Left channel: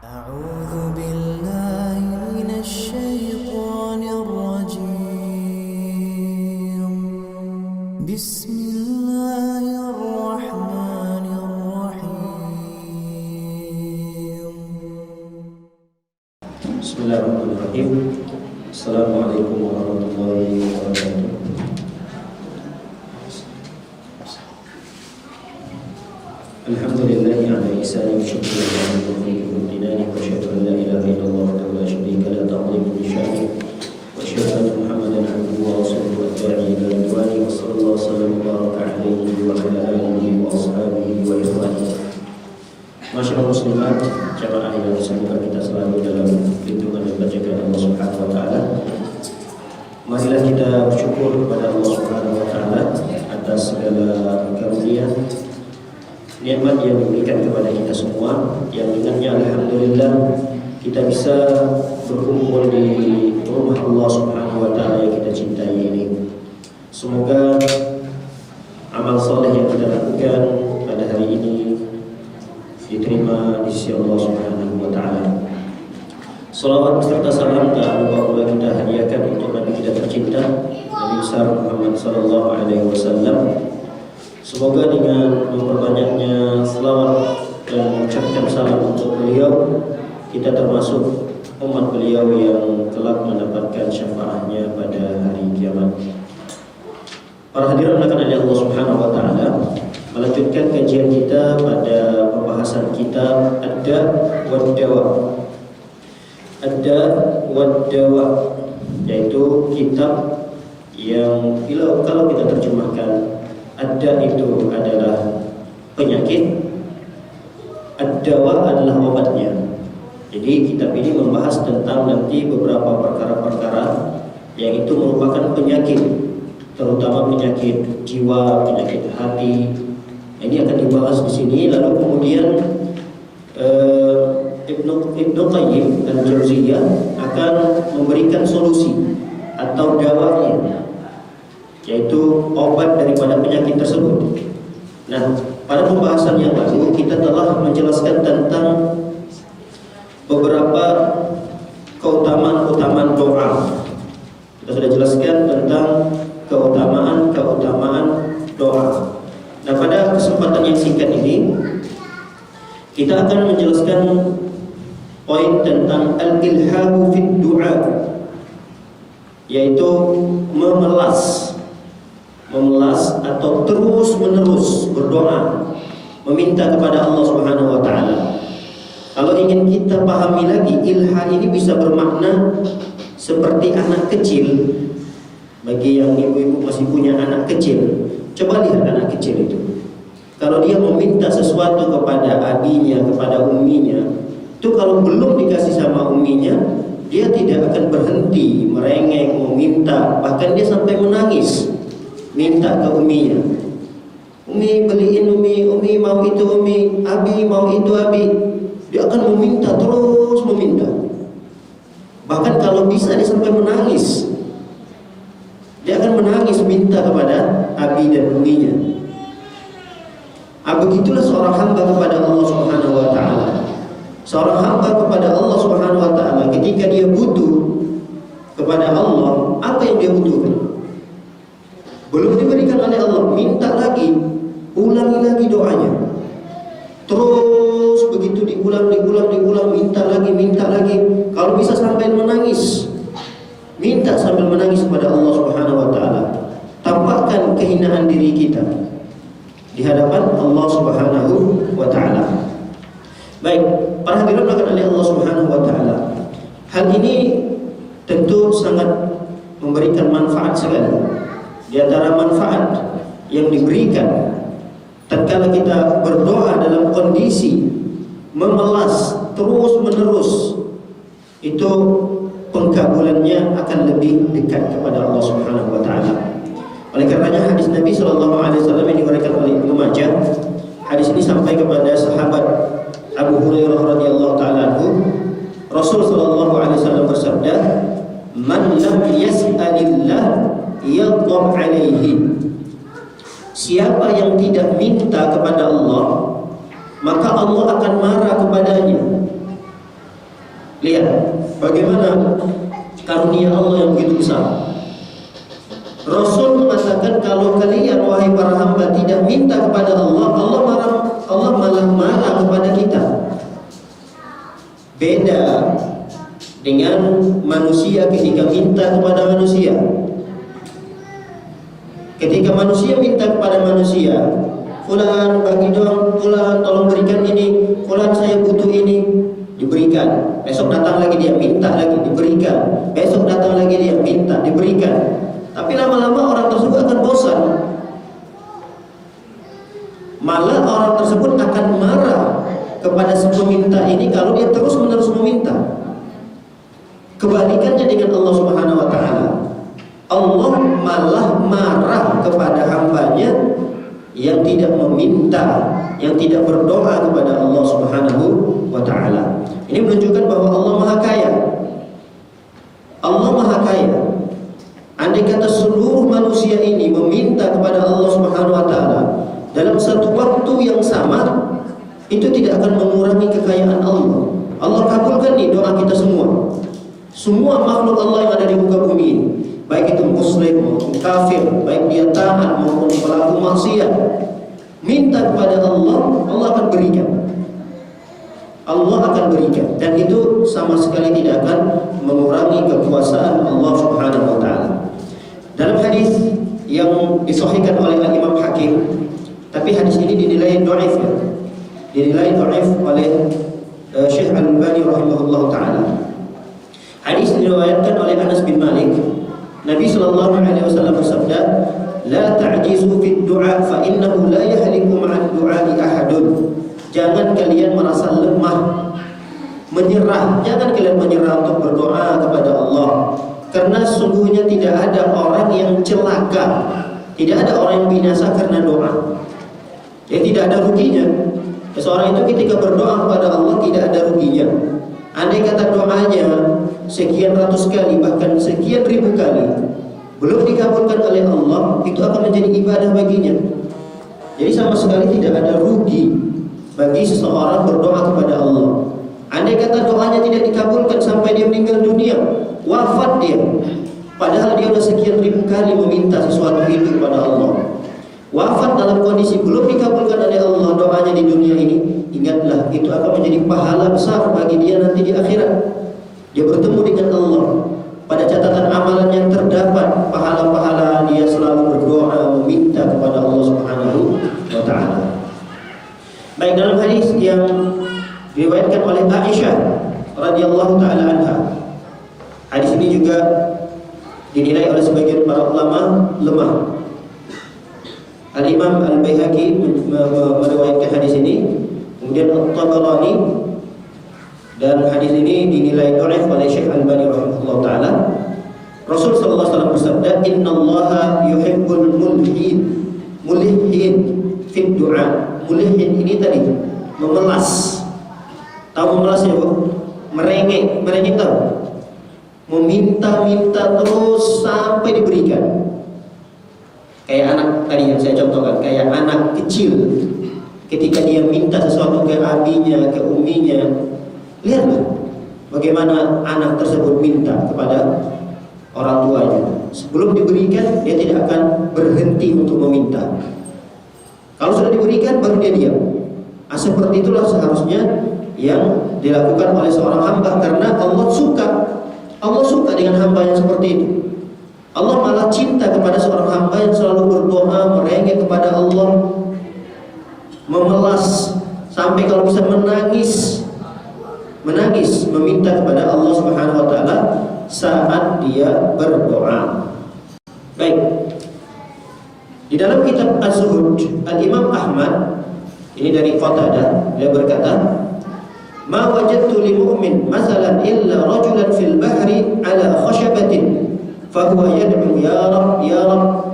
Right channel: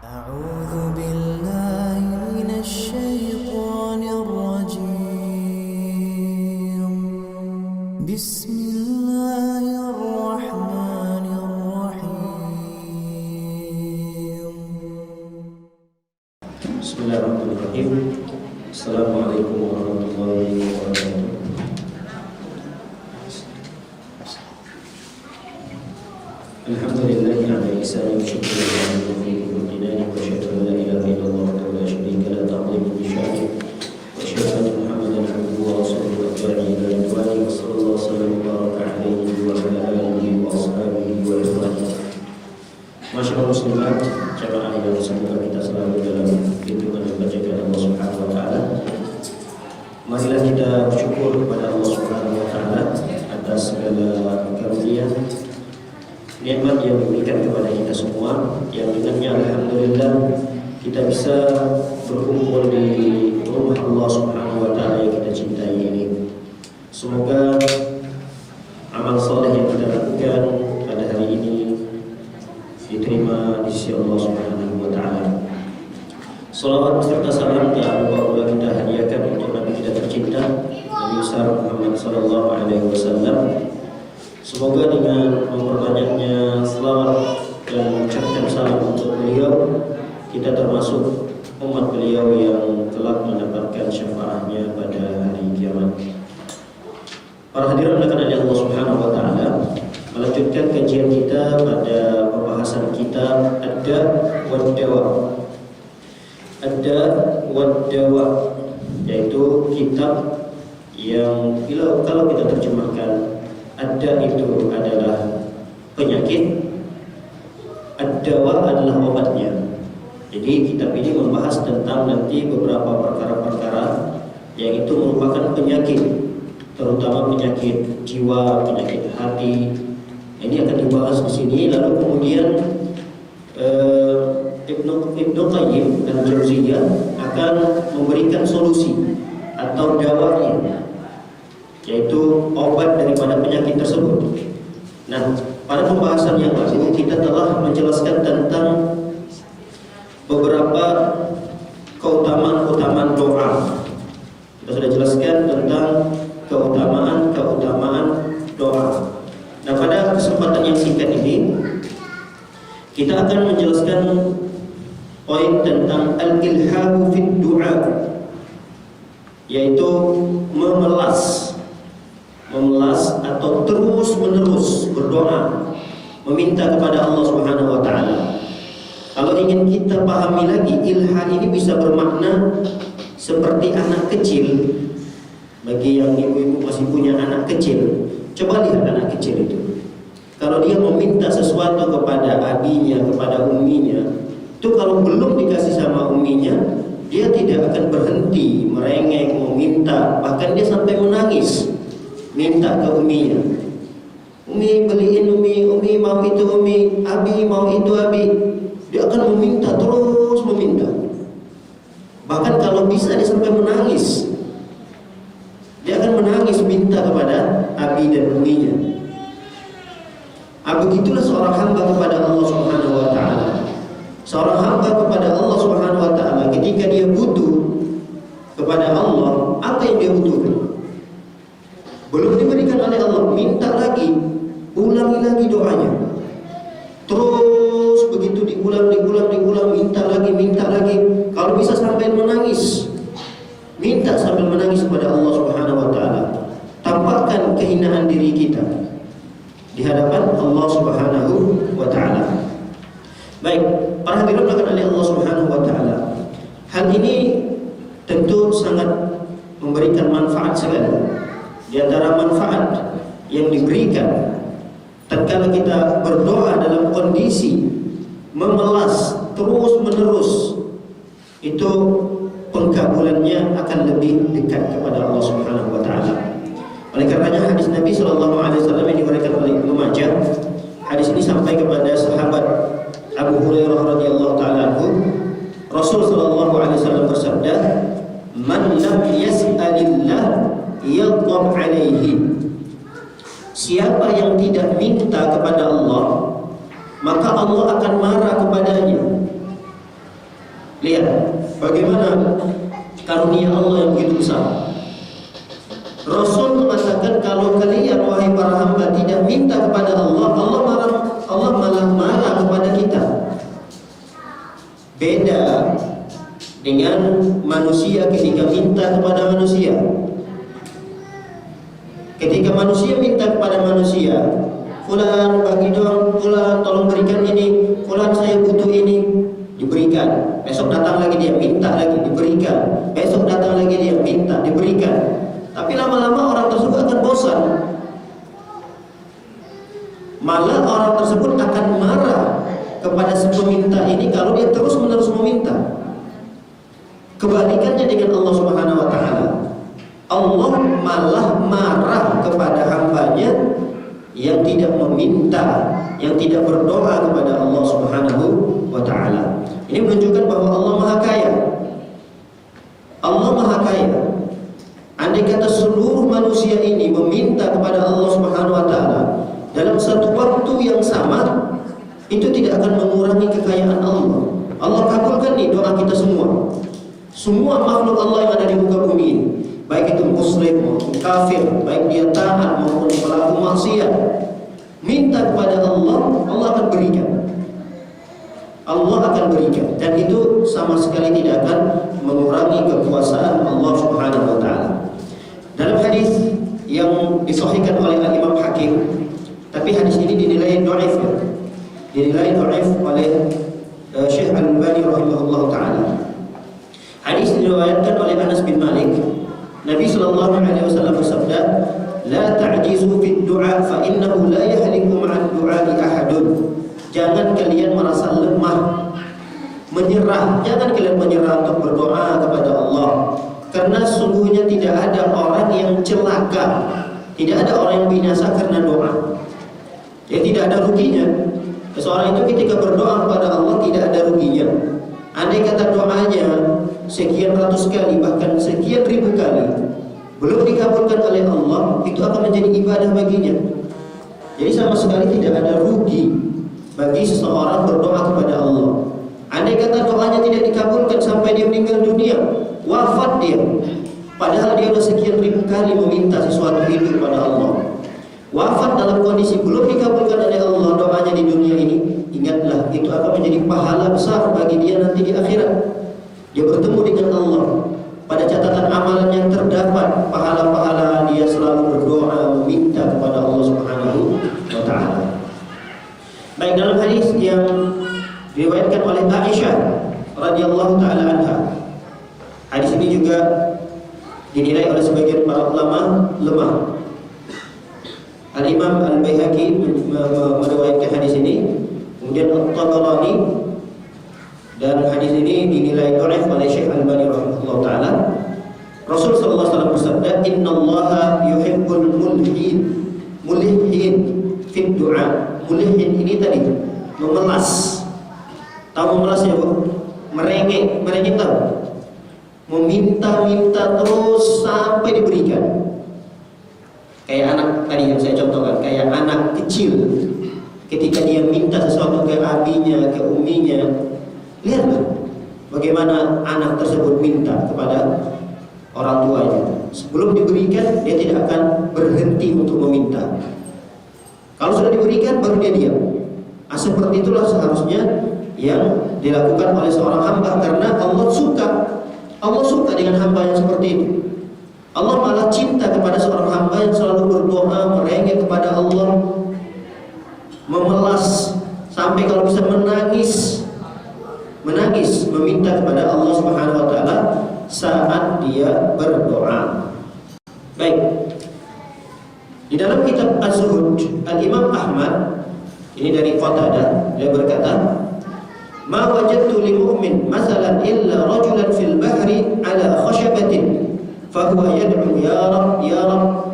أعوذ بالله من الشيطان الرجيم بسم الله الرحمن الرحيم Bismillahirrahmanirrahim. Assalamualaikum warahmatullahi wabarakatuh. Alhamdulillahi ala ihsani wa syukri wa tawfiqi wa dinani wa asyhadu an la ilaha illallah wa la syarika la ta'zimu li sya'ni wa asyhadu anna Muhammadan abduhu wa rasuluhu ad-da'i ila ridwani wa sallallahu sallam wa baraka alaihi wa ala alihi wa ashabihi wa ikhwanihi. Masyaallah muslimat, jamaah yang semoga kita selalu dalam lindungan dan penjagaan Allah Subhanahu wa taala. Marilah kita bersyukur kepada Allah Subhanahu wa taala atas segala karunia nikmat yang diberikan kepada kita semua, yang dengannya alhamdulillah kita bisa berkumpul di rumah Allah Subhanahu wa taala yang kita cintai ini. Semoga amal saleh yang kita lakukan pada hari ini diterima di sisi Allah Subhanahu wa taala. Salawat serta salam tak lupa kita hadiahkan untuk Nabi kita tercinta, Nabi besar Muhammad sallallahu alaihi wasallam. Semoga dengan memperbanyaknya selawat dan mengucapkan salam untuk beliau, kita termasuk umat beliau yang kelak mendapatkan syafaatnya pada hari kiamat. Para hadirin yang dimuliakan Allah Subhanahu wa taala, melanjutkan kajian kita pada pembahasan kitab Ad-Da' wad-Dawa. Ad-Da' wad-Dawa yaitu kitab yang kalau kita terjemahkan, Ad-Da' itu adalah penyakit, Ad-Dawa adalah obatnya. Jadi kitab ini membahas tentang nanti beberapa perkara-perkara yang itu merupakan penyakit, terutama penyakit jiwa, penyakit hati. Ini akan dibahas di sini. Lalu kemudian Ibnu Qayyim al-Jauziyah akan memberikan solusi atau dawanya, yaitu obat daripada penyakit tersebut. Nah, pada pembahasan yang lalu kita telah menjelaskan tentang beberapa keutamaan doa. Kita sudah jelaskan tentang keutamaan doa. Nah, pada kesempatan yang singkat ini kita akan menjelaskan poin tentang al-ilhahu fid du'a, yaitu memelas atau terus-menerus berdoa, meminta kepada Allah Subhanahu wa taala. Kalau ingin kita pahami lagi, ilha ini bisa bermakna seperti anak kecil. Bagi yang ibu-ibu masih punya anak kecil, coba lihat anak kecil itu. Kalau dia meminta sesuatu kepada abinya, kepada umminya, itu kalau belum dikasih sama umminya, dia tidak akan berhenti merengek meminta, bahkan dia sampai menangis minta ke umminya. Umi beliin, umi mau itu, umi abi mau itu, abi. Dia akan meminta, terus meminta. Bahkan kalau bisa dia sampai menangis. Dia akan menangis minta kepada abi dan umminya. Begitulah seorang hamba kepada Allah Subhanahu wa taala. Seorang hamba kepada Allah Subhanahu wa taala ketika dia butuh kepada Allah, apa yang dia butuhkan? Belum diberikan oleh Allah, minta lagi, ulangi lagi doanya. Terus begitu diulang, minta lagi. Kalau bisa sampai menangis, minta sambil menangis kepada Allah Subhanahu wa taala. Tampakkan kehinaan diri kita di hadapan Allah Subhanahu wa taala. Baik, para hadirin dimuliakan oleh Allah Subhanahu wa taala. Hal ini tentu sangat memberikan manfaat sekali. Di antara manfaat yang diberikan tatkala kita berdoa dalam kondisi memelas terus-menerus, itu pengkabulannya akan lebih dekat kepada Allah Subhanahu wa taala. Oleh karenanya hadis Nabi sallallahu alaihi wasallam yang diriwayatkan oleh Ibnu Majah, hadis ini sampai kepada sahabat Abu Hurairah radhiyallahu taala anhu, Rasul sallallahu alaihi wasallam bersabda, "Man lam yas'alillah yaghdab alaihi." Siapa yang tidak minta kepada Allah, maka Allah akan marah kepadanya. Lihat bagaimana karunia Allah yang begitu besar. Rasul mengatakan, kalau kalian wahai para hamba tidak minta kepada Allah, Allah malah marah kepada kita. Beda dengan manusia ketika minta kepada manusia. Ketika manusia minta kepada manusia, fulan bagi dong, fulan tolong berikan ini, fulan saya butuh ini, diberikan. Besok datang lagi dia minta lagi, diberikan. Besok datang lagi dia minta, diberikan. Tapi lama-lama orang tersebut akan bosan. Malah orang tersebut akan marah kepada si peminta ini kalau dia terus-menerus meminta. Kebalikannya dengan Allah Subhanahu wa taala. Allah malah marah kepada hambanya yang tidak meminta, yang tidak berdoa kepada Allah Subhanahu wa taala. Ini menunjukkan bahwa Allah Maha Kaya. Allah Maha Kaya. Andai kata seluruh manusia ini meminta kepada Allah Subhanahu wa taala dalam satu waktu yang sama, itu tidak akan mengurangi kekayaan Allah. Allah kabulkan nih doa kita semua. Semua makhluk Allah yang ada di muka bumi ini, baik itu muslim maupun kafir, baik dia taat maupun pelaku maksiat, minta kepada Allah, Allah akan berikan. Allah akan berikan, dan itu sama sekali tidak akan mengurangi kekuasaan Allah Subhanahu wa taala. Dalam hadis yang disahihkan oleh Imam Hakim, tapi hadis ini dinilai dhaif, dinilai dhaif oleh Syekh Al-Albani rahimahullah taala. Hadis diriwayatkan oleh Anas bin Malik. Nabi sallallahu alaihi wasallam bersabda, "La ta'jizu fid du'a fa innahu la yahliku ma'ad du'a'i ahadun." Jangan kalian merasa lemah, menyerah. Jangan kalian menyerah untuk berdoa kepada Allah, karena sungguhnya tidak ada orang yang celaka, tidak ada orang yang binasa karena doa. Ya, tidak ada ruginya. Seseorang itu ketika berdoa kepada Allah tidak ada ruginya. Andai kata doanya sekian ratus kali, bahkan sekian ribu kali, belum dikabulkan oleh Allah, itu akan menjadi ibadah baginya. Jadi sama sekali tidak ada rugi bagi seseorang berdoa kepada Allah. Andai kata doanya tidak dikabulkan sampai dia meninggal dunia, wafat dia, padahal dia sudah sekian ribu kali meminta sesuatu itu kepada Allah, wafat dalam kondisi belum dikabulkan oleh Allah doanya di dunia ini, ingatlah itu akan menjadi pahala besar bagi dia nanti di akhirat. Dia bertemu dengan Allah. Pada catatan amalannya terdapat pahala-pahala dia selalu berdoa meminta kepada Allah Subhanahu wa taala. Baik, dalam hadis yang diriwayatkan oleh Aisyah radhiyallahu taala anha, hadis ini juga dinilai oleh sebagian para ulama lemah. Al-Imam Al-Baihaqi meriwayatkan hadis ini, kemudian At-Tabarani, dan hadis ini dinilai dhaif oleh Syekh Al-Albani rahimahullah taala. Rasul sallallahu alaihi wasallam bersabda, "Innallaha yuhibbul mulhin fi du'a." Mulhin ini tadi memelas. Tahu memelas ya, Bu? Merengek tahu? Meminta-minta terus sampai diberikan. Kayak anak tadi yang saya contohkan, kayak anak kecil ketika dia minta sesuatu ke abinya, ke uminya, lihatlah bagaimana anak tersebut minta kepada orang tuanya. Sebelum diberikan, dia tidak akan berhenti untuk meminta. Kalau sudah diberikan, baru dia diam. Seperti itulah seharusnya yang dilakukan oleh seorang hamba, karena Allah suka dengan hamba yang seperti itu. Allah malah cinta kepada seorang hamba yang selalu berdoa, merengek kepada Allah, memelas, sampai kalau bisa menangis, meminta kepada Allah Subhanahu wa taala saat dia berdoa. Baik. Di dalam kitab Az-Zuhud, Al-Imam Ahmad, ini dari Qatadah, dia berkata, "Ma wajadtu li mu'min masalan illa rajulan fil bahri ala khashabatin fa huwa yad'u ya Rabb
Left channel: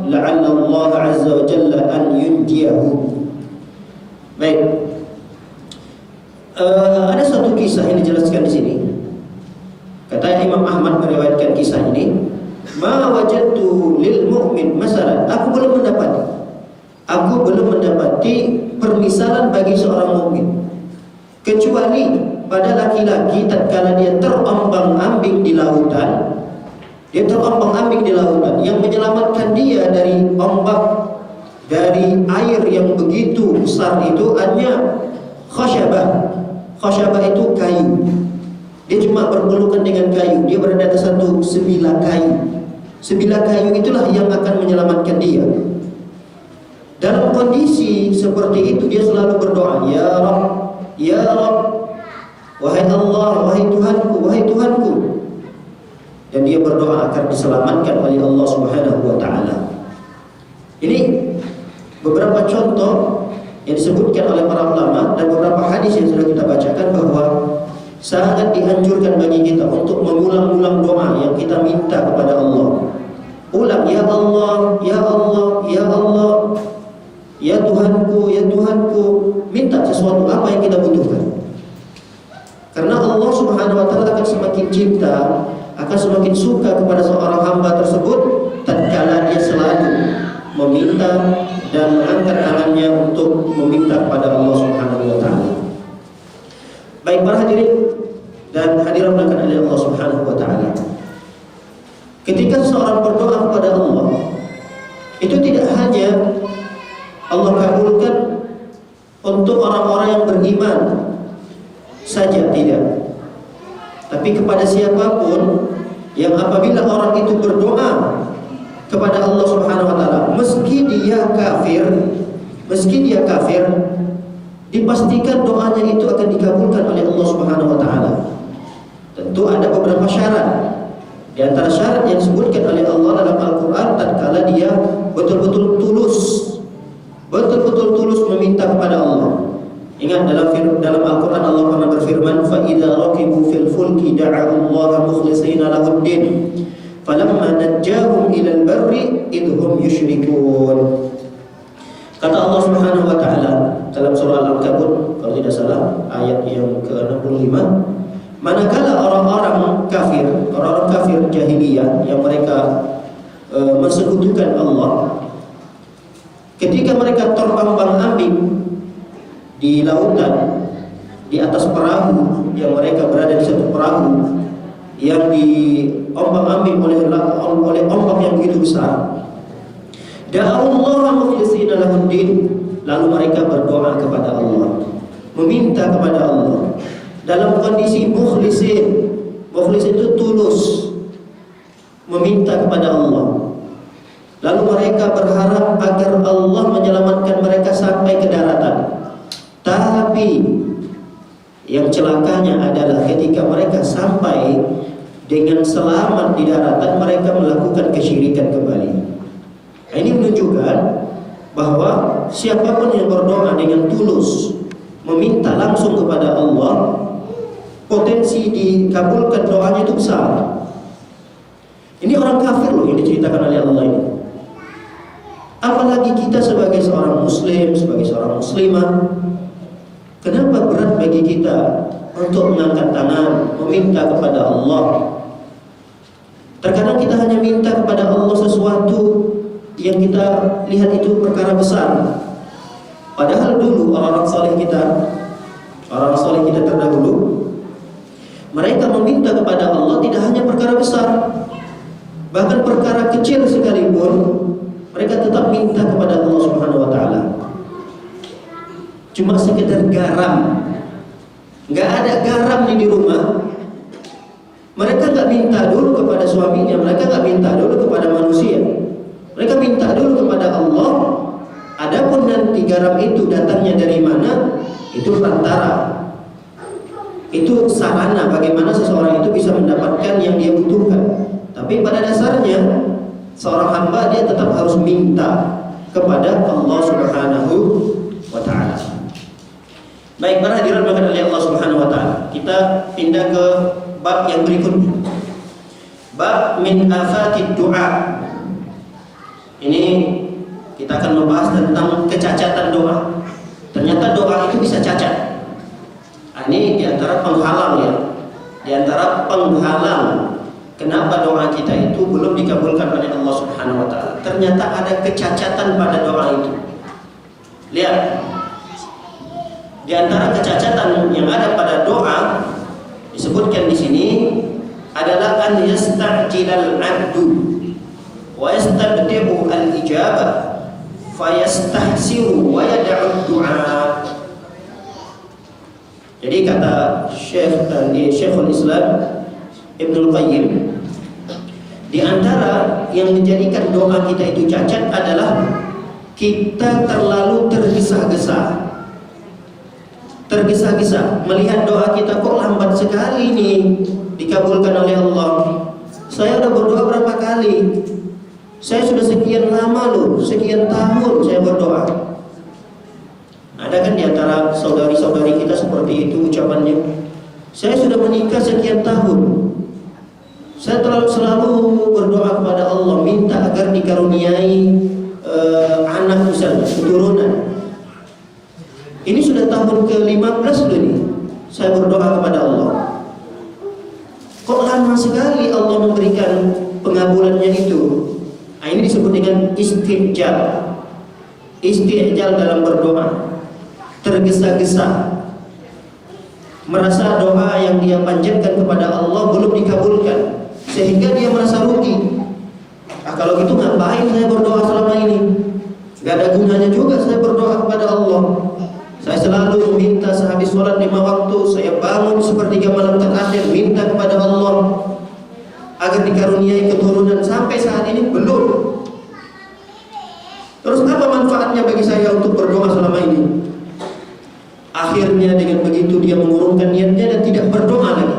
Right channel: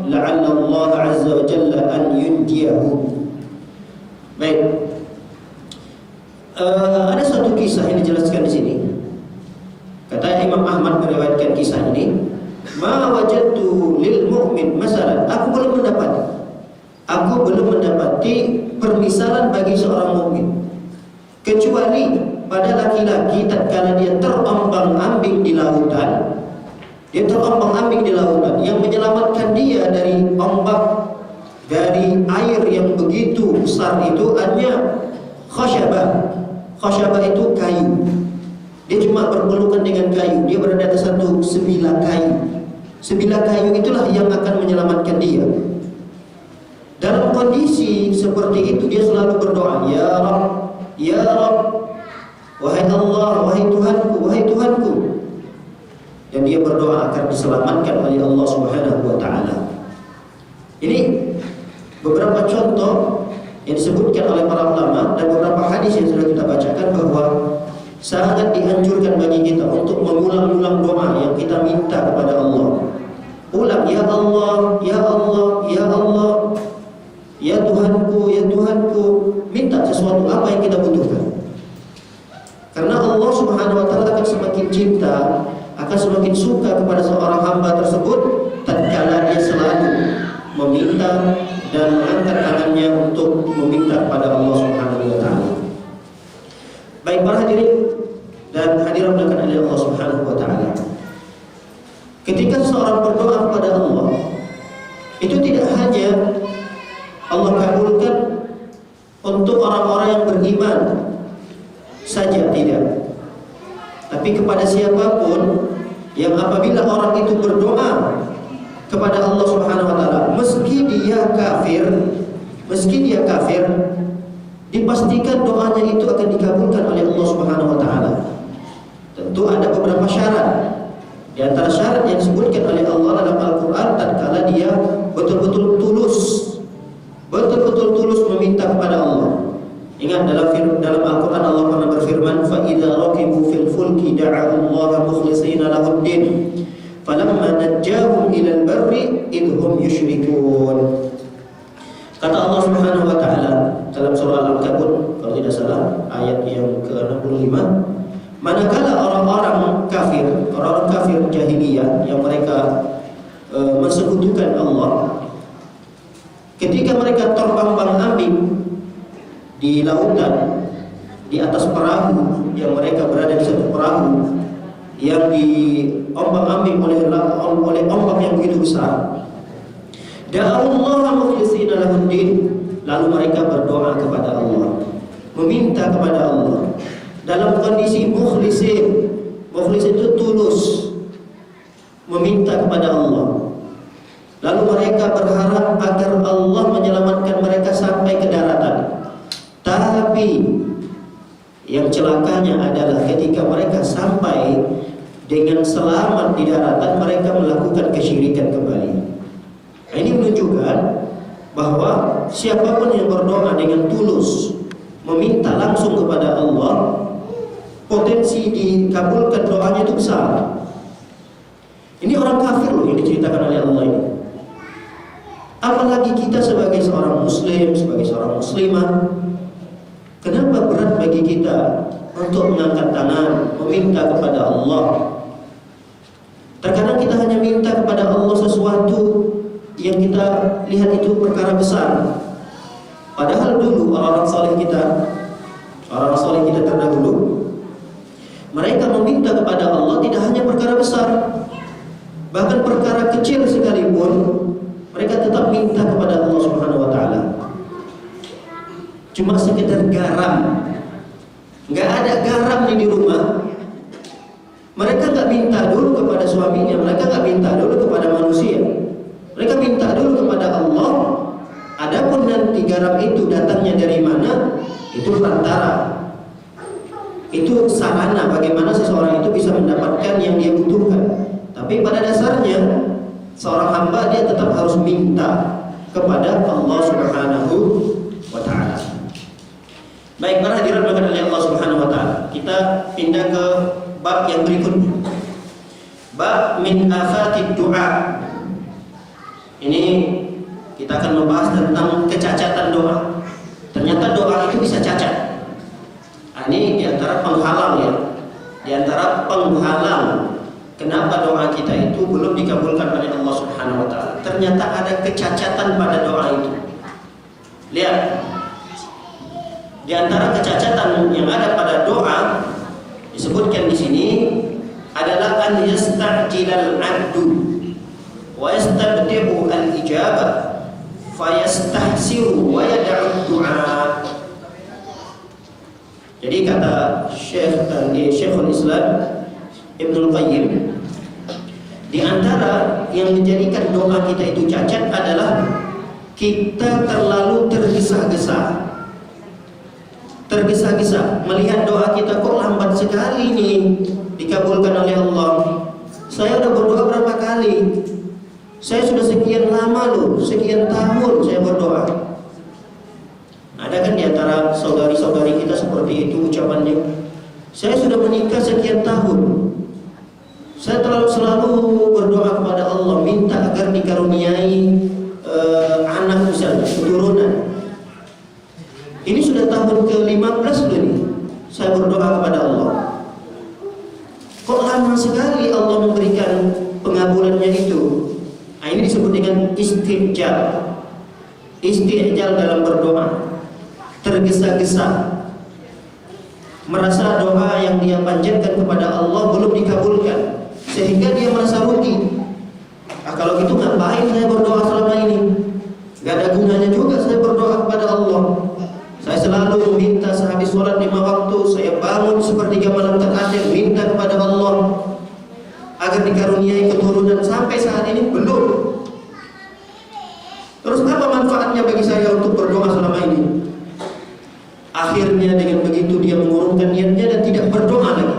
la'alla Allah 'azza wa jalla an yunjiyahu." Baik. Ada suatu kisah yang dijelaskan di sini. Kata Imam Ahmad meriwayatkan kisah ini, "Ma wajadtu lil mu'min masalan." Aku belum mendapati permisalan bagi seorang mukmin, kecuali pada laki-laki tatkala dia terombang-ambing di lautan. Dia terombang-ambing di lautan. Yang menyelamatkan dia dari ombak, dari air yang begitu besar itu hanya khasyabah. Khasyabah itu kayu. Dia cuma berpelukan dengan kayu. Dia berada di satu sebilah kayu. Sebilah kayu itulah yang akan menyelamatkan dia. Dalam kondisi seperti itu dia selalu berdoa, Ya Rabb, Ya Rabb, wahai Allah, wahai Tuhanku, wahai Tuhanku. Dan dia berdoa akan diselamatkan oleh Allah Subhanahu wa taala. Ini beberapa contoh yang disebutkan oleh para ulama dan beberapa hadis yang sudah kita bacakan bahwa sangat dianjurkan bagi kita untuk mengulang-ulang doa yang kita minta kepada Allah. Ulang, Ya Allah, Ya Allah, Ya Allah, Ya Tuhanku, Ya Tuhanku. Minta sesuatu apa yang kita butuhkan. Karena Allah Subhanahu wa taala akan semakin cinta, akan semakin suka kepada seorang hamba tersebut tatkala dia selalu meminta dan mengangkat tangannya untuk meminta kepada Allah Subhanahu wa taala. Baik para hadirin dan hadirat yang oleh Allah Subhanahu wa taala. Ketika seorang berdoa kepada Allah, itu tidak hanya Allah kabulkan untuk orang-orang yang beriman saja, tidak. Tapi kepada siapapun yang apabila orang itu berdoa kepada Allah Subhanahu wa taala, meski dia kafir, dipastikan doanya itu akan dikabulkan oleh Allah Subhanahu wa taala. Tentu ada beberapa syarat. Di antara syarat yang disebutkan oleh Allah dalam Al-Qur'an, tatkala dia betul-betul tulus meminta kepada Allah. Ingat dalam Al-Quran Allah pernah berfirman, فَإِذَا رَكِبُوا فِي الْفُلْكِ دَعَوُا اللَّهَ مُخْلِصِينَ لَهُ الدِّينَ فَلَمَّا نَجَّاهُمْ إِلَى الْبَرِّ إِذْ هُمْ يُشْرِكُونَ. Kata Allah Subhanahu wa taala dalam surah Al-Ankabut kalau tidak salah ayat yang ke-65, manakala orang-orang kafir jahiliyah yang mereka mensekutukan Allah, ketika mereka terombang-ambing di lautan, di atas perahu yang mereka berada di satu perahu yang diombang-ambing oleh ombak yang begitu besar. Da'allaha mukhlishina lahuddin, lalu mereka berdoa kepada Allah, meminta kepada Allah dalam kondisi mukhlisin. Mukhlis itu tulus, meminta kepada Allah. Lalu mereka berharap agar Allah menyelamatkan mereka sampai ke daratan. Tapi yang celakanya adalah ketika mereka sampai dengan selamat di daratan, mereka melakukan kesyirikan kembali. Nah, ini menunjukkan bahwa siapapun yang berdoa dengan tulus, meminta langsung kepada Allah, potensi dikabulkan doanya itu besar. Ini orang kafir loh yang diceritakan oleh Allah ini. Apalagi kita sebagai seorang muslim, sebagai seorang muslimah, kenapa berat bagi kita untuk mengangkat tangan, meminta kepada Allah? Terkadang kita hanya minta kepada Allah sesuatu yang kita lihat itu perkara besar. Padahal dulu orang-orang saleh kita terdahulu, mereka meminta kepada Allah tidak hanya perkara besar, bahkan perkara kecil sekalipun mereka tetap minta kepada Allah Subhanahu wa taala. Cuma sekedar garam, nggak ada garam di rumah, mereka nggak minta dulu kepada suaminya, mereka nggak minta dulu kepada manusia, mereka minta dulu kepada Allah. Adapun nanti garam itu datangnya dari mana, itu perantara, itu sarana bagaimana seseorang itu bisa mendapatkan yang dia butuhkan. Tapi pada dasarnya seorang hamba dia tetap harus minta kepada Allah Subhanahu wa taala. Baik, para hadirin berkata oleh Allah Subhanahu wa taala. Kita pindah ke bab yang berikutnya. Bab min afatid du'a. Ini kita akan membahas tentang kecacatan doa. Ternyata doa itu bisa cacat. Nah, ini diantara penghalang ya. Diantara penghalang kenapa doa kita itu belum dikabulkan oleh Allah Subhanahu wa taala. Ternyata ada kecacatan pada doa itu. Lihat. Di antara kecacatan yang ada pada doa Disebutkan di sini adalah an yasta'jilal 'abdu wa yastabdi'u al-ijabah fayastahsiru wa yad'u du'a. Jadi kata Syekhul Islam Ibnul Qayyim, di antara yang menjadikan doa kita itu cacat adalah kita terlalu tergesa-gesa melihat doa kita kok lambat sekali nih dikabulkan oleh Allah. Saya sudah berdoa berapa kali? Saya sudah sekian lama loh, sekian tahun saya berdoa. Ada kan di antara saudari-saudari kita seperti itu ucapannya. Saya sudah menikah sekian tahun. Saya selalu berdoa kepada Allah, minta agar dikaruniai anak misalnya, keturunan. Ini sudah tahun ke-15 loh nih, saya berdoa kepada Allah. Kok lama sekali Allah memberikan pengabulannya itu? Nah, ini disebut dengan istijal. Istijal dalam berdoa, tergesa-gesa, merasa doa yang dia panjatkan kepada Allah belum dikabulkan, sehingga dia merasa rugi. Kalau gitu ngapain saya berdoa selama ini? Gak ada gunanya juga saya berdoa kepada Allah. Saya selalu meminta sehabis sholat 5 waktu, saya bangun sepertiga malam terakhir minta kepada Allah agar dikaruniai keturunan, sampai saat ini belum. Terus apa manfaatnya bagi saya untuk berdoa selama ini? Akhirnya dengan begitu dia mengurungkan niatnya dan tidak berdoa lagi.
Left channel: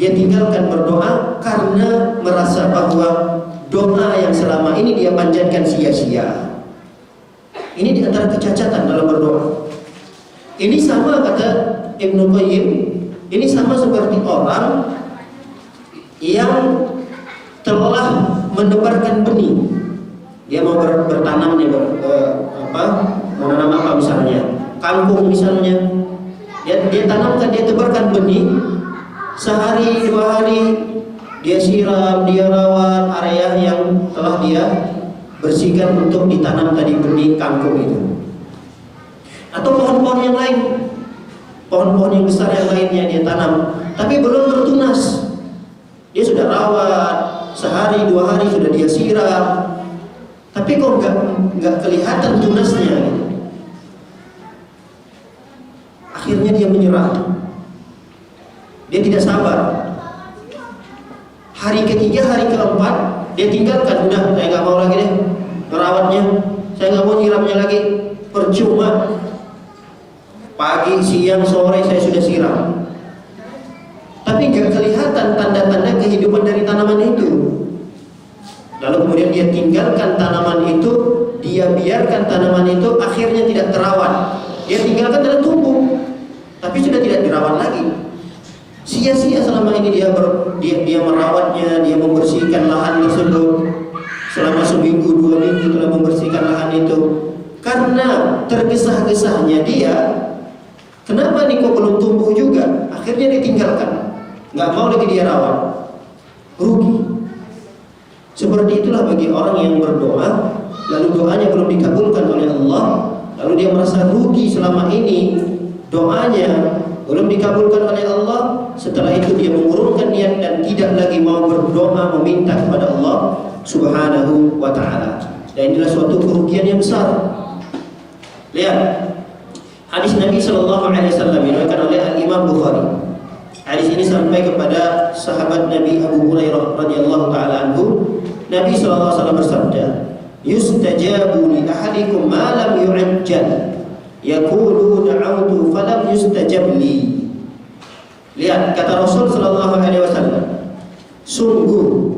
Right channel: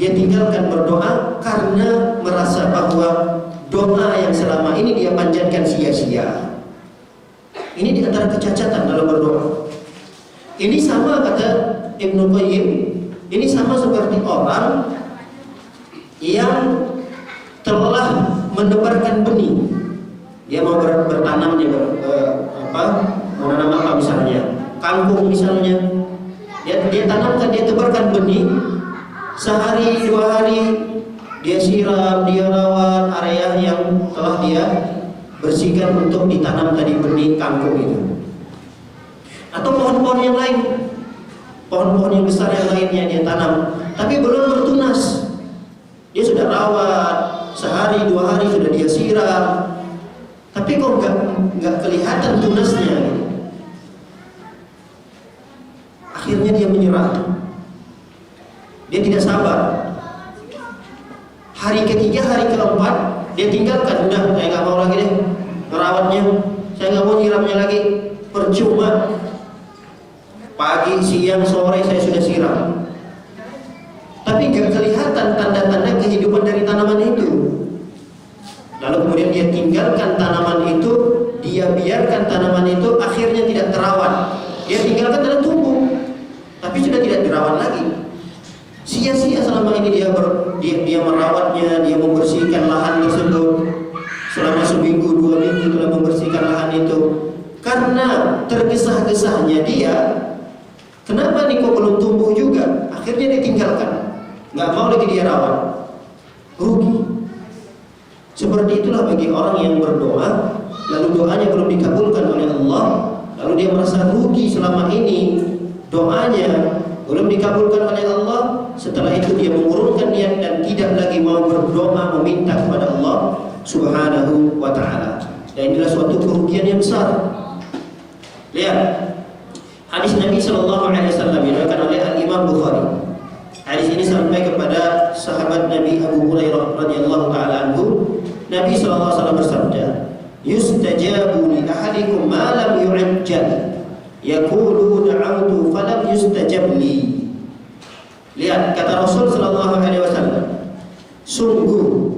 Dia tinggalkan berdoa karena merasa bahwa doa yang selama ini dia panjatkan sia-sia. Ini di antara kecacatan dalam berdoa. Ini sama kata Ibnu Qayyim, ini sama seperti orang yang telah menebarkan benih. Dia mau bertanam, dia menanam apa misalnya, kangkung misalnya. Dia tanamkan, dia tebarkan benih. Sehari 2 hari dia siram, dia rawat area yang telah dia bersihkan untuk ditanam tadi benih kangkung itu. Atau pohon-pohon yang lain, pohon-pohon yang besar yang lainnya dia tanam, tapi belum bertunas. Dia sudah rawat, sehari 2 hari sudah dia siram, tapi kok nggak kelihatan tunasnya. Akhirnya dia menyerah. Dia tidak sabar. Hari ketiga, hari keempat, dia tinggalkan. Udah, saya nggak mau lagi deh merawatnya, saya nggak mau nyiramnya lagi. Percuma. Pagi, siang, sore saya sudah siram, tapi nggak kelihatan tanda-tanda kehidupan dari tanaman itu. Lalu kemudian dia tinggalkan tanaman itu, dia biarkan tanaman itu akhirnya tidak terawat. Dia tinggalkan dan tumbuh, tapi sudah tidak dirawat lagi. Sia-sia selama ini dia merawatnya, dia membersihkan lahan tersebut. Selama 1 minggu, 2 minggu telah membersihkan lahan itu. Karena tergesa-gesahnya dia, kenapa nih kok belum tumbuh juga? Akhirnya dia tinggalkan, nggak mau lagi dia rawat. Rugi. Seperti itulah bagi orang yang berdoa, lalu doanya belum dikabulkan oleh Allah, lalu dia merasa rugi selama ini, doanya belum dikabulkan oleh Allah. Setelah itu dia mengurungkan niat dan tidak lagi mau berdoa meminta kepada Allah Subhanahu wa ta'ala. Dan inilah suatu kerugian yang besar. Lihat hadis Nabi sallallahu alaihi wasallam diriwayatkan oleh Al-Imam Bukhari. Hadis ini sampai kepada sahabat Nabi Abu Hurairah radhiyallahu taala anhu. Nabi sallallahu alaihi wasallam bersabda, "Yustajabu li ahadikum ma lam yu'ajjal. Yaqulu da'awtu falam yustajab li." Lihat kata Rasul sallallahu alaihi wasallam, sungguh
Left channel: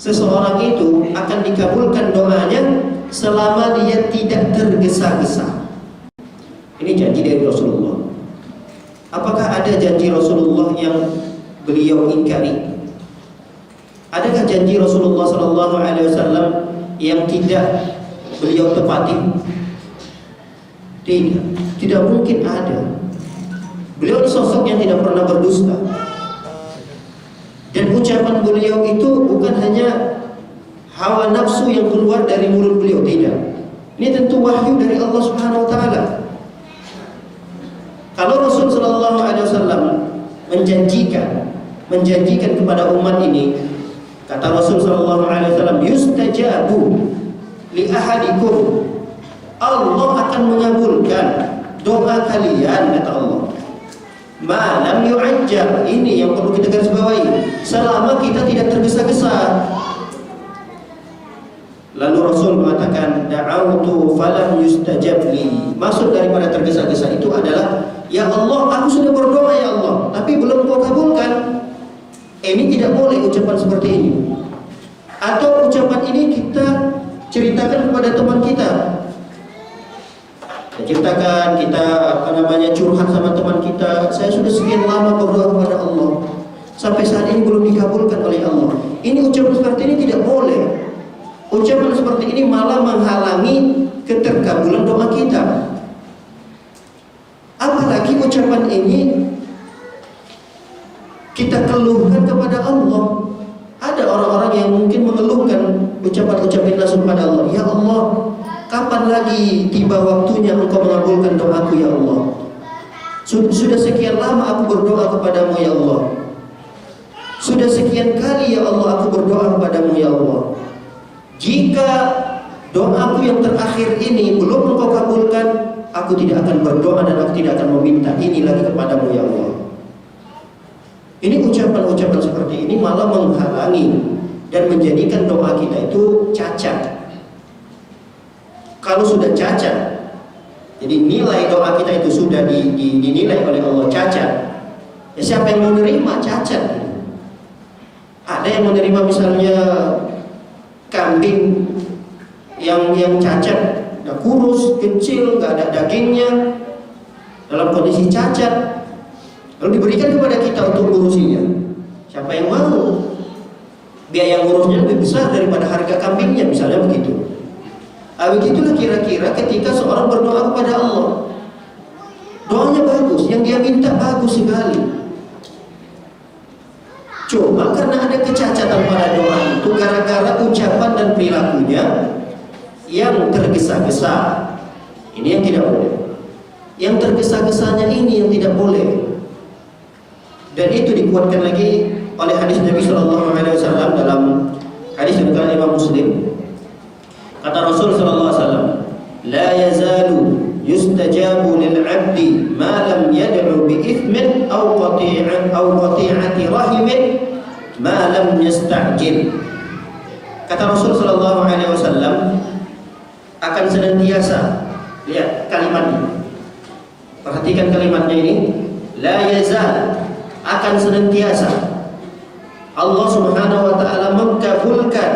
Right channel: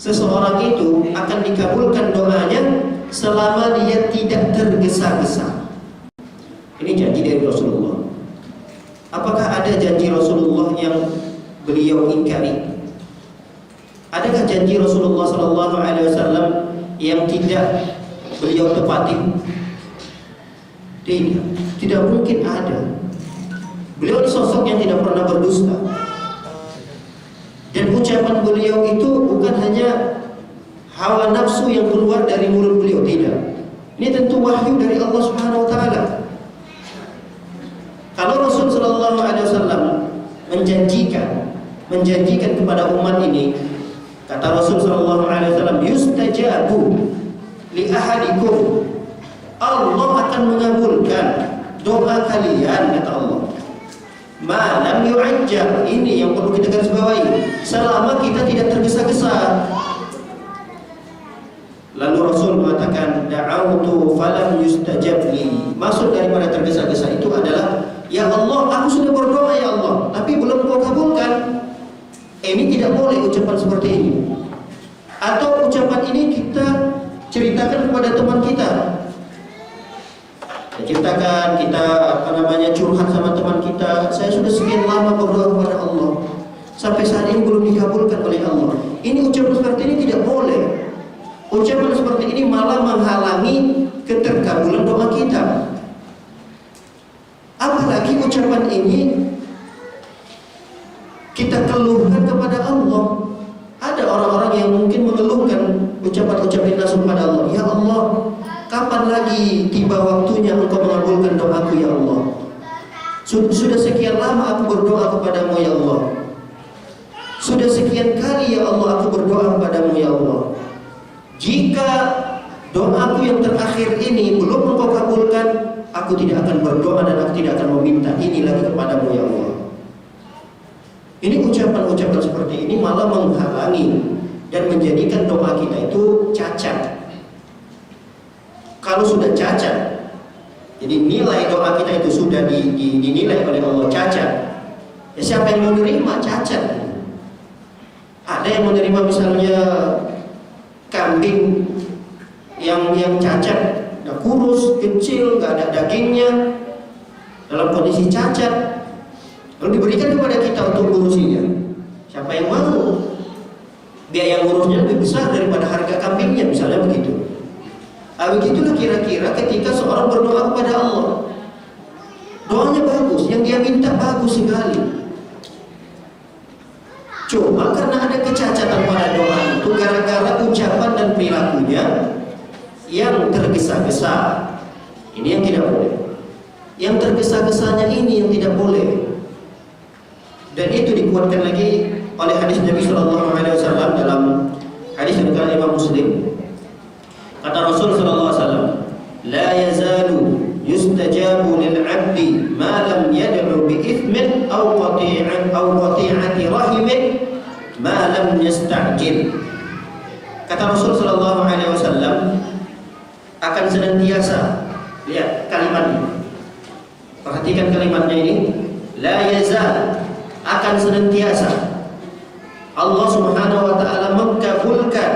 seseorang itu akan dikabulkan doanya selama dia tidak tergesa-gesa. Ini janji dari Rasulullah. Apakah ada janji Rasulullah yang beliau ingkari? Adakah janji Rasulullah sallallahu alaihi wasallam yang tidak beliau tepati? Tidak mungkin ada. Beliau sosok yang tidak pernah berdusta. Dan ucapan beliau itu bukan hanya hawa nafsu yang keluar dari mulut beliau, tidak. Ini tentu wahyu dari Allah Subhanahu wa taala. Kalau Rasul sallallahu alaihi wasallam menjanjikan kepada umat ini, kata Rasul sallallahu alaihi wasallam, yustajabu li ahadikum, Allah akan mengabulkan doa kalian, kata Allah. Malam yu'ajjal, ini yang perlu kita garis bawahi, selama kita tidak tergesa-gesa. Lalu Rasul mengatakan, da'autu falam yustajab li. Maksud daripada tergesa-gesa itu adalah, ya Allah, aku sudah berdoa ya Allah, tapi belum kau kabulkan. Ini tidak boleh ucapan seperti ini. Atau ucapan ini kita ceritakan kepada teman kita. Ceritakan kita curhat sama teman kita, saya sudah sekian lama berdoa kepada Allah, sampai saat ini belum dikabulkan oleh Allah. Ini ucapan seperti ini tidak boleh. Ucapan seperti ini malah menghalangi keterkabulan doa kita. Apalagi ucapan ini kita keluhkan kepada Allah. Ada orang-orang yang mungkin mengeluhkan ucapan-ucapan langsung kepada Allah. Ya Allah, kapan lagi tiba waktunya Engkau mengabulkan doaku ya Allah? Sudah sekian lama aku berdoa kepadamu ya Allah. Sudah sekian kali ya Allah aku berdoa kepadamu ya Allah. Jika doaku yang terakhir ini belum Engkau kabulkan, aku tidak akan berdoa dan aku tidak akan meminta ini lagi kepadamu ya Allah. Ini ucapan-ucapan seperti ini malah menghalangi dan menjadikan doa kita itu cacat. Kalau sudah cacat, jadi nilai doa kita itu sudah dinilai oleh Allah cacat. Ya siapa yang menerima cacat? Ada yang menerima misalnya kambing yang cacat, kurus, kecil, nggak ada dagingnya, dalam kondisi cacat, lalu diberikan kepada kita untuk ngurusinya. Siapa yang mau? Biaya ngurusnya lebih besar daripada harga kambingnya, misalnya begitu. Begitulah kira-kira ketika seorang berdoa kepada Allah, doanya bagus, yang dia minta bagus sekali. Cuma karena ada kecacatan pada doa itu, gara-gara ucapan dan perilakunya yang tergesa-gesa, ini yang tidak boleh. Yang tergesa-gesanya ini yang tidak boleh. Dan itu dikuatkan lagi oleh hadis Nabi Sallallahu Alaihi Wasallam dalam hadis yang dikatakan Imam Muslim. Kata Rasul Sallallahu Alaihi Wasallam, la yazalu yustajabu lil 'abdi ma lam yad'u bi ithmin aw qati'ati rahimin ma lam yasta'jil. Kata Rasul Sallallahu Alaihi Wasallam, akan senantiasa, lihat kalimatnya, perhatikan kalimatnya ini, la yazal, akan senantiasa Allah Subhanahu wa taala mengabulkan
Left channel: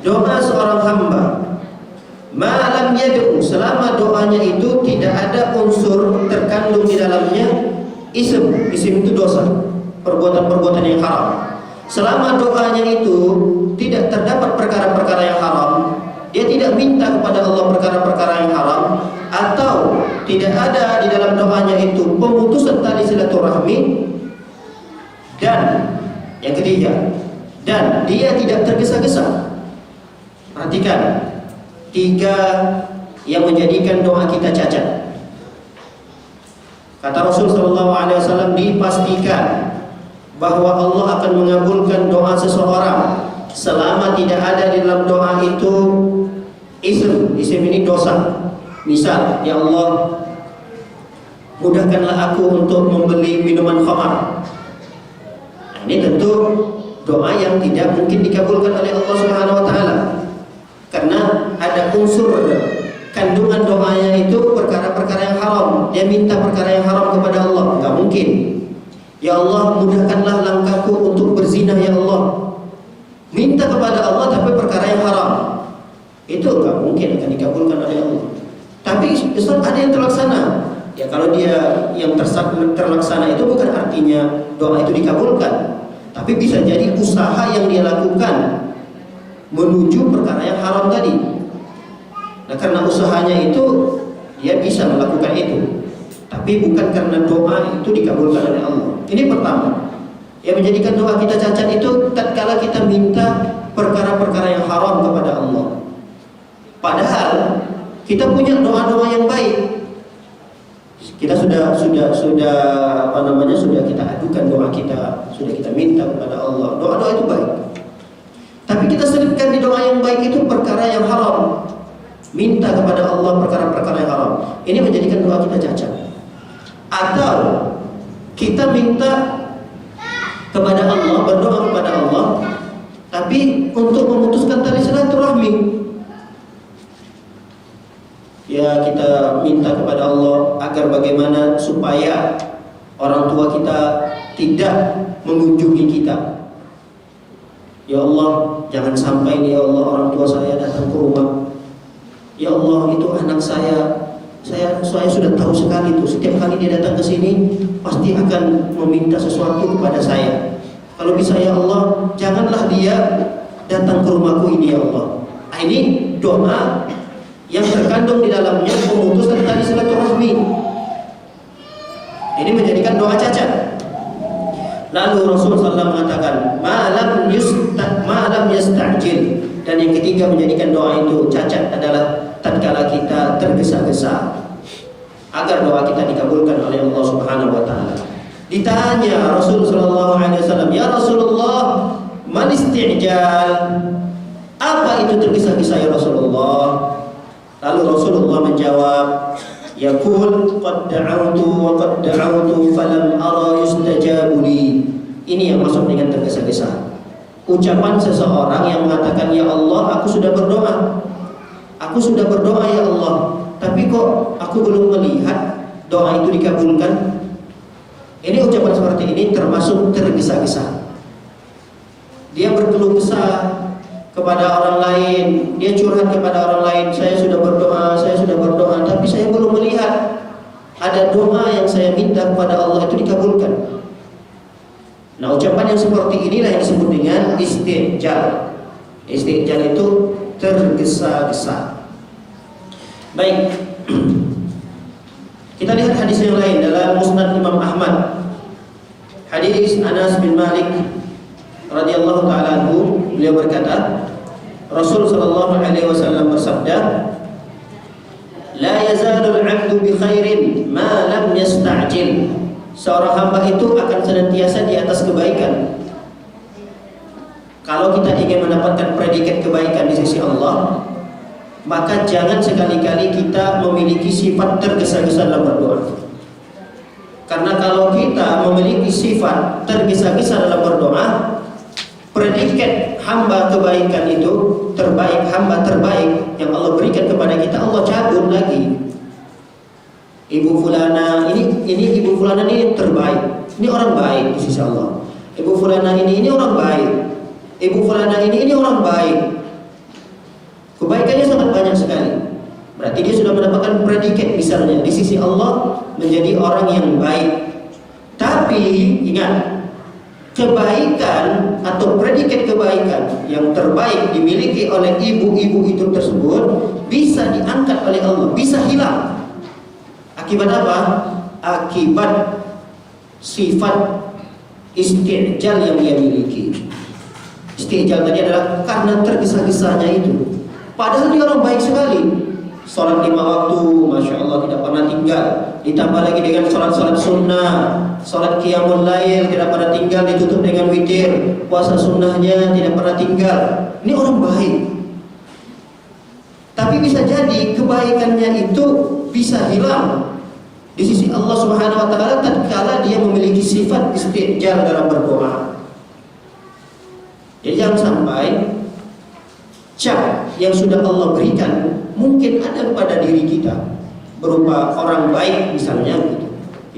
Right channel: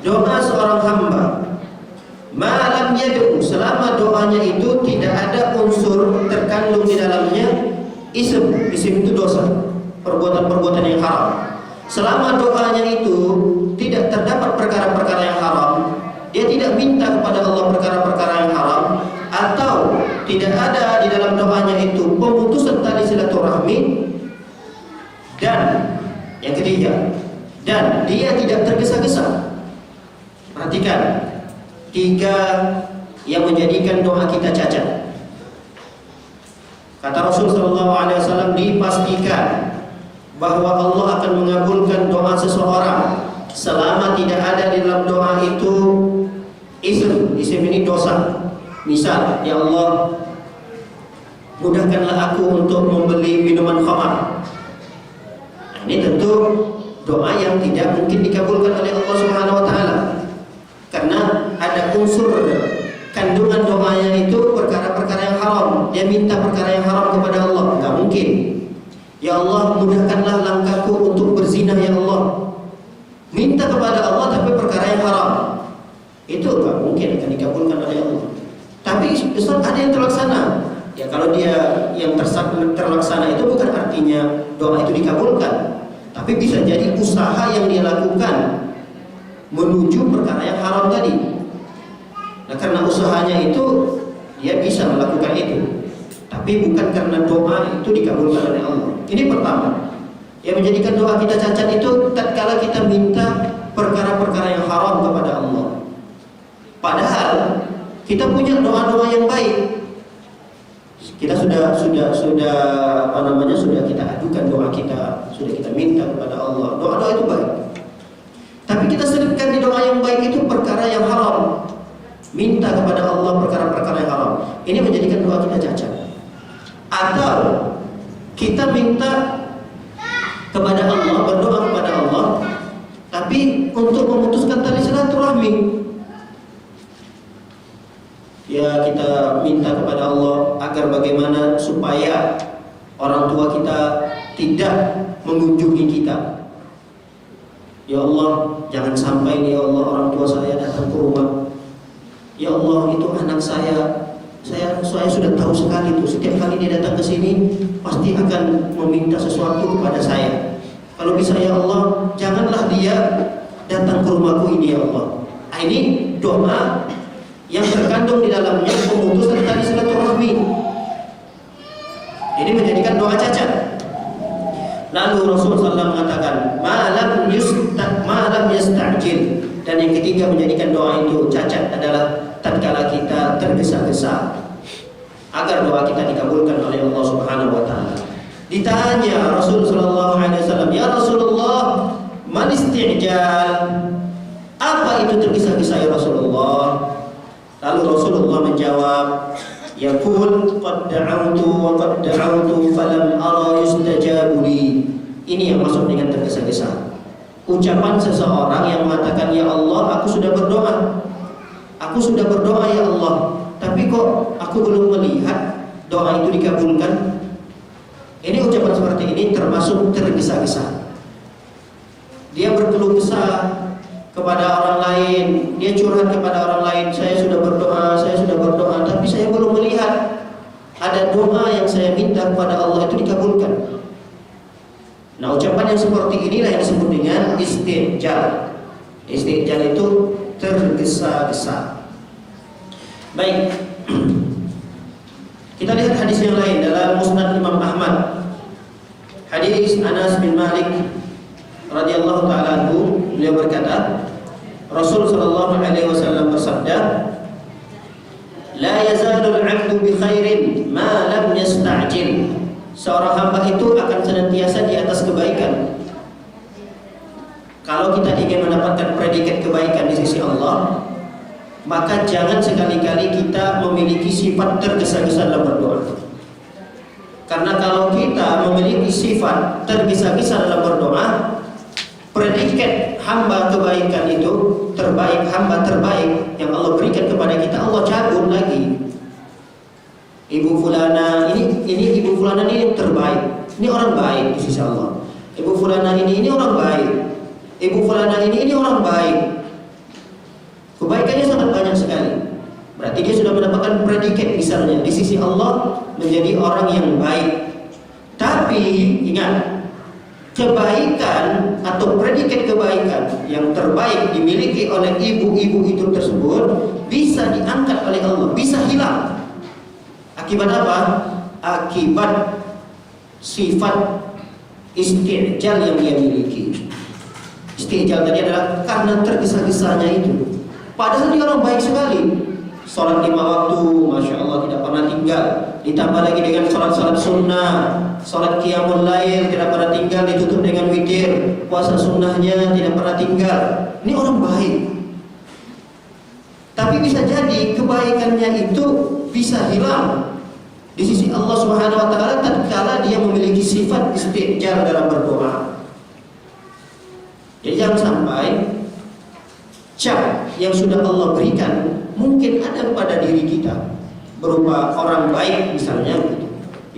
doa seorang hamba malam yad'u, selama doanya itu tidak ada unsur terkandung di dalamnya ism itu dosa, perbuatan-perbuatan yang haram. Selama doanya itu tidak terdapat perkara-perkara yang haram, dia tidak minta kepada Allah perkara-perkara yang haram, atau tidak ada di dalam doanya itu pemutusan tali silaturahmi, dan yang ketiga, dan dia tidak tergesa-gesa. Perhatikan, 3 yang menjadikan doa kita cacat. Kata Rasul Sallallahu Alaihi Wasallam, dipastikan bahwa Allah akan mengabulkan doa seseorang selama tidak ada di dalam doa itu ism ini dosa. Misal, ya Allah, mudahkanlah aku untuk membeli minuman khamar. Nah, ini tentu doa yang tidak mungkin dikabulkan oleh Allah Subhanahu wa taala. Karena ada unsur kandungan doanya itu perkara-perkara yang haram. Dia minta perkara yang haram kepada Allah, enggak mungkin. Ya Allah, mudahkanlah langkahku untuk berzina ya Allah. Minta kepada Allah tapi perkara yang haram, itu enggak mungkin akan dikabulkan oleh Allah. Tapi Ustaz, ada yang terlaksana. Ya kalau dia yang terlaksana itu bukan artinya doa itu dikabulkan, tapi bisa jadi usaha yang dia lakukan menuju perkara yang haram tadi. Nah, karena usahanya itu dia bisa melakukan itu, tapi bukan karena doa itu dikabulkan oleh Allah. Ini pertama, yang menjadikan doa kita cacat itu tatkala kita minta perkara-perkara yang haram kepada Allah. Padahal kita punya doa-doa yang baik. Kita sudah sudah kita adukan doa kita, sudah kita minta kepada Allah. Doa-doa itu baik. Tapi kita selipkan di doa yang baik itu perkara yang haram. Minta kepada Allah perkara-perkara yang haram. Ini menjadikan doa kita cacat. Atau kita minta kepada Allah, berdoa kepada Allah, tapi untuk memutuskan tali silaturahmi. Ya, kita minta kepada Allah agar bagaimana supaya orang tua kita tidak mengunjungi kita. Ya Allah, jangan sampai nih ya Allah orang tua saya datang ke rumah. Ya Allah, itu anak saya sudah tahu sekali itu. Setiap kali dia datang ke sini pasti akan meminta sesuatu kepada saya. Kalau bisa ya Allah, janganlah dia datang ke rumahku ini ya Allah. Ini doa yang terkandung di dalamnya pemutusan tali silaturahmi. Ini menjadikan doa cacat. Lalu Rasulullah SAW mengatakan, malam yasta'jil. Dan yang ketiga menjadikan doa itu cacat adalah tatkala kita tergesa-gesa agar doa kita dikabulkan oleh Allah Subhanahu wa taala. Ditanya Rasulullah SAW, ya Rasulullah, man isti'jal? Apa itu tergesa-gesa ya Rasulullah? Lalu Rasulullah menjawab, yaqul qad da'awtu wa qad da'awtu falam ara yustajabu li. Ini yang masuk dengan tergesa-gesa. Ucapan seseorang yang mengatakan, ya Allah, aku sudah berdoa. Aku sudah berdoa ya Allah, tapi kok aku belum melihat doa itu dikabulkan. Ini ucapan seperti ini termasuk tergesa-gesa. Dia berkeluh kesah kepada orang lain, dia curhat kepada orang lain, saya sudah berdoa, tapi saya belum melihat ada doa yang saya minta kepada Allah itu dikabulkan. Nah, ucapan yang seperti inilah yang disebut dengan istijal. Istijal itu tergesa-gesa. Baik, kita lihat hadis yang lain dalam Musnad Imam Ahmad. Hadis Anas bin Malik radhiyallahu taala anhu, beliau berkata, Rasul sallallahu alaihi wasallam bersabda, la yazalul 'abdu bi khairin ma lam yasta'jil. Seorang hamba itu akan senantiasa di atas kebaikan. Kalau kita ingin mendapatkan predikat kebaikan di sisi Allah, maka jangan sekali-kali kita memiliki sifat tergesa-gesa dalam berdoa. Karena kalau kita memiliki sifat tergesa-gesa dalam berdoa, predikat hamba kebaikan itu terbaik, hamba terbaik yang Allah berikan kepada kita, Allah cabut lagi. Ibu fulana ini ibu fulana ini terbaik. Ini orang baik di sisi Allah. Ibu fulana ini orang baik. Ibu fulana ini orang baik. Kebaikannya sangat banyak sekali. Berarti dia sudah mendapatkan predikat misalnya di sisi Allah menjadi orang yang baik. Tapi ingat, kebaikan atau predikat kebaikan yang terbaik dimiliki oleh ibu-ibu itu tersebut bisa diangkat oleh Allah, bisa hilang. Akibat apa? Akibat sifat istijal yang dia miliki. Istijal tadi adalah karena tergesa-gesanya itu. Padahal dia orang baik sekali. Sholat 5 waktu, Masya Allah tidak pernah tinggal. Ditambah lagi dengan sholat-sholat sunnah, sholat qiyamul lail tidak pernah tinggal, ditutup dengan witir. Puasa sunnahnya tidak pernah tinggal. Ini orang baik. Tapi bisa jadi kebaikannya itu bisa hilang di sisi Allah Subhanahu wa taala tatkala dia memiliki sifat istijal dalam berdoa. Jadi jangan sampai cap yang sudah Allah berikan mungkin ada pada diri kita berupa orang baik misalnya gitu.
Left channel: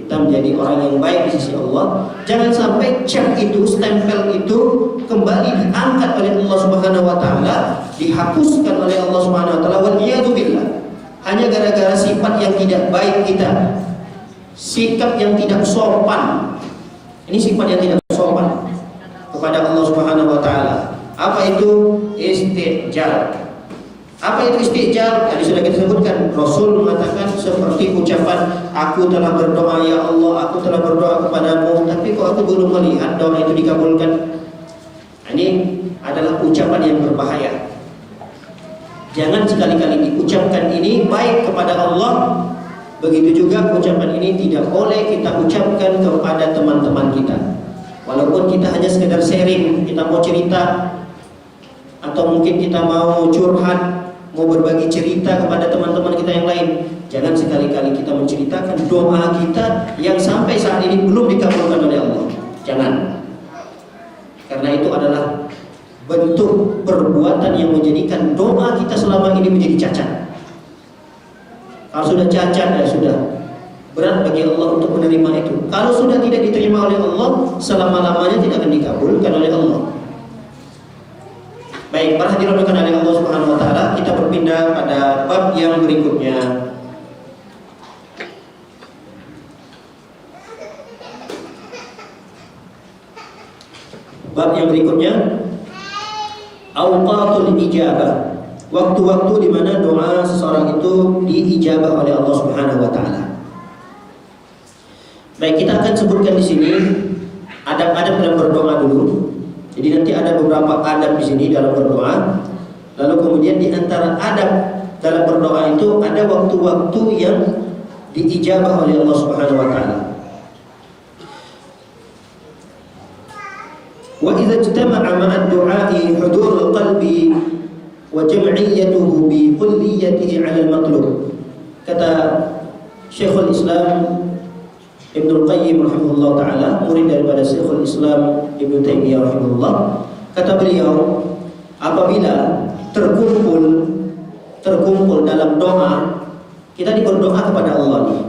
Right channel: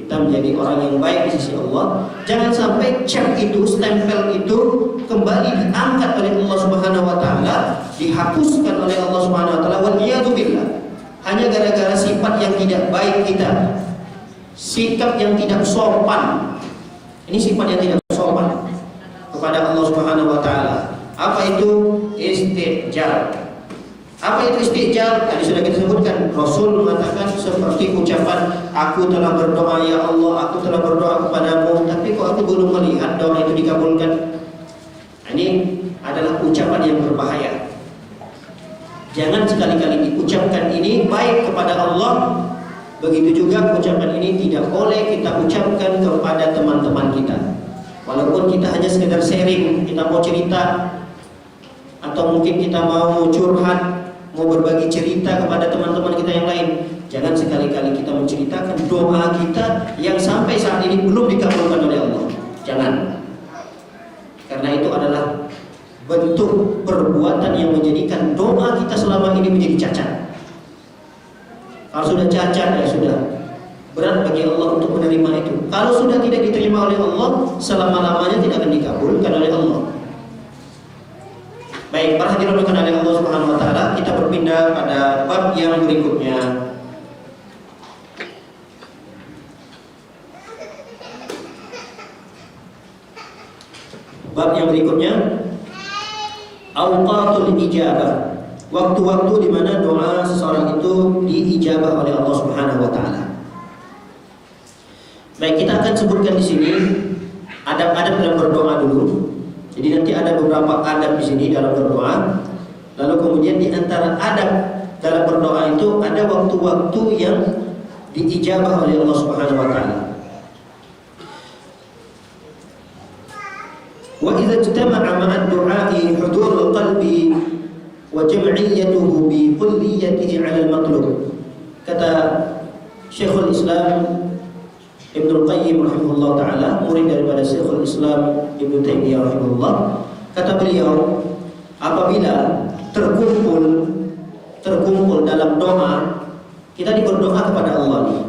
Kita menjadi orang yang baik di sisi Allah. Jangan sampai cap itu, stempel itu kembali diangkat oleh Allah Subhanahu wa taala, dihapuskan oleh Allah Subhanahu wa taala, wal iyadu billah. Hanya gara-gara sifat yang tidak baik kita, sikap yang tidak sopan. Ini sifat yang tidak sopan kepada Allah Subhanahu wa taala. Apa itu istijal? Apa itu istijal? Tadi sudah kita sebutkan. Rasul mengatakan seperti ucapan, aku telah berdoa ya Allah, aku telah berdoa kepadamu, tapi kok aku belum melihat doa itu dikabulkan. Ini adalah ucapan yang berbahaya. Jangan sekali-kali diucapkan ini baik kepada Allah, Begitu juga ucapan ini tidak boleh kita ucapkan kepada teman-teman kita. Walaupun kita hanya sekedar sharing, kita mau cerita, atau mungkin kita mau curhat, mau berbagi cerita kepada teman-teman kita yang lain, jangan sekali-kali kita menceritakan doa kita yang sampai saat ini belum dikabulkan oleh Allah. Jangan. Karena itu adalah bentuk perbuatan yang menjadikan doa kita selama ini menjadi cacat. Kalau sudah cacat, ya sudah berat bagi Allah untuk menerima itu. Kalau sudah tidak diterima oleh Allah, selama-lamanya tidak akan dikabulkan oleh Allah. Baik, para hadirin oleh Allah Subhanahu wa taala, kita berpindah pada bab yang berikutnya. Bab yang berikutnya, awqatul ijabah. Waktu-waktu di mana doa seseorang itu diijabah oleh Allah Subhanahu wa taala. Baik, kita akan sebutkan di sini adab-adab dalam berdoa dulu. Jadi nanti ada beberapa adab di sini dalam berdoa. Lalu kemudian di antara adab dalam berdoa itu ada waktu-waktu yang diijabah oleh Allah Subhanahu wa taala. Wa idza ijtama'a ma'a ad-du'a'i hudurul qalbi wa jam'iyyatuhu bi kulliyatihi 'ala al-matlub. Kata Syekhul Islam Ibnu Qayyim rahimahullah taala, murid daripada Syekhul Islam Ibnu Taimiyah rahimahullah, kata beliau, apabila terkumpul dalam doa, kita berdoa kepada Allah nih.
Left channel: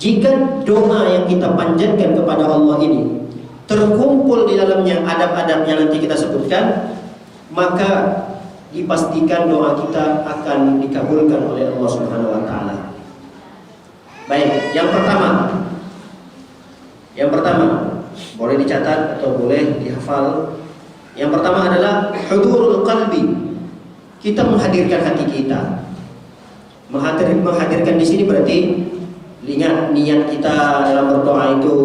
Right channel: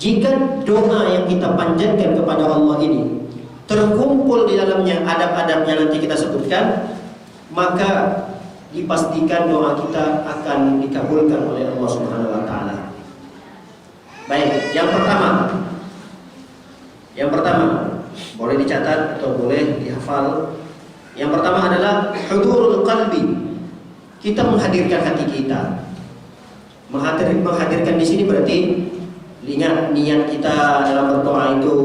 Jika doa yang kita panjatkan kepada Allah ini terkumpul di dalamnya adab-adab yang nanti kita sebutkan, maka dipastikan doa kita akan dikabulkan oleh Allah Subhanahu wa taala. Baik, yang pertama boleh dicatat atau boleh dihafal. Yang pertama adalah hudurul qalbi. Kita menghadirkan hati kita. Menghadirkan di sini berarti ingat niat kita dalam berdoa itu,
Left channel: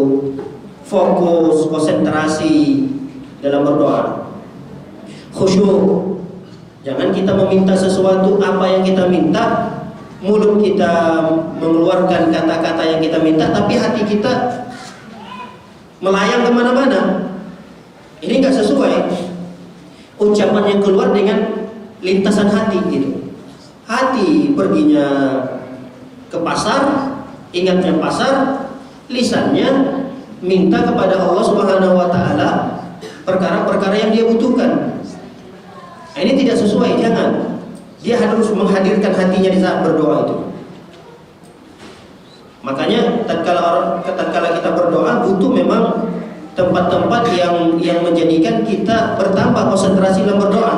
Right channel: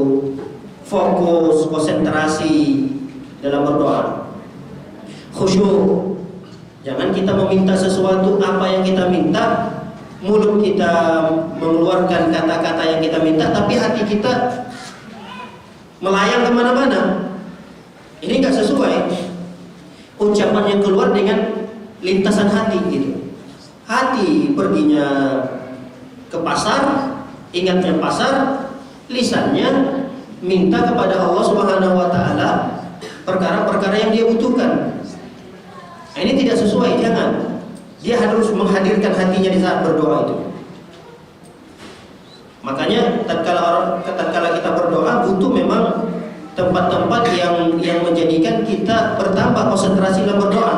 fokus, konsentrasi dalam berdoa, khusyuk. Jangan kita meminta sesuatu apa yang kita minta, mulut kita mengeluarkan kata-kata yang kita minta, tapi hati kita melayang kemana-mana. Ini nggak sesuai. Ucapan yang keluar dengan lintasan hati gitu. Hati perginya ke pasar, ingatnya pasar, lisannya minta kepada Allah Subhanahu wa taala perkara-perkara yang dia butuhkan. Nah, ini tidak sesuai, jangan. Dia harus menghadirkan hatinya di saat berdoa itu. Makanya tatkala kita berdoa butuh memang tempat-tempat yang menjadikan kita bertambah konsentrasi dalam berdoa.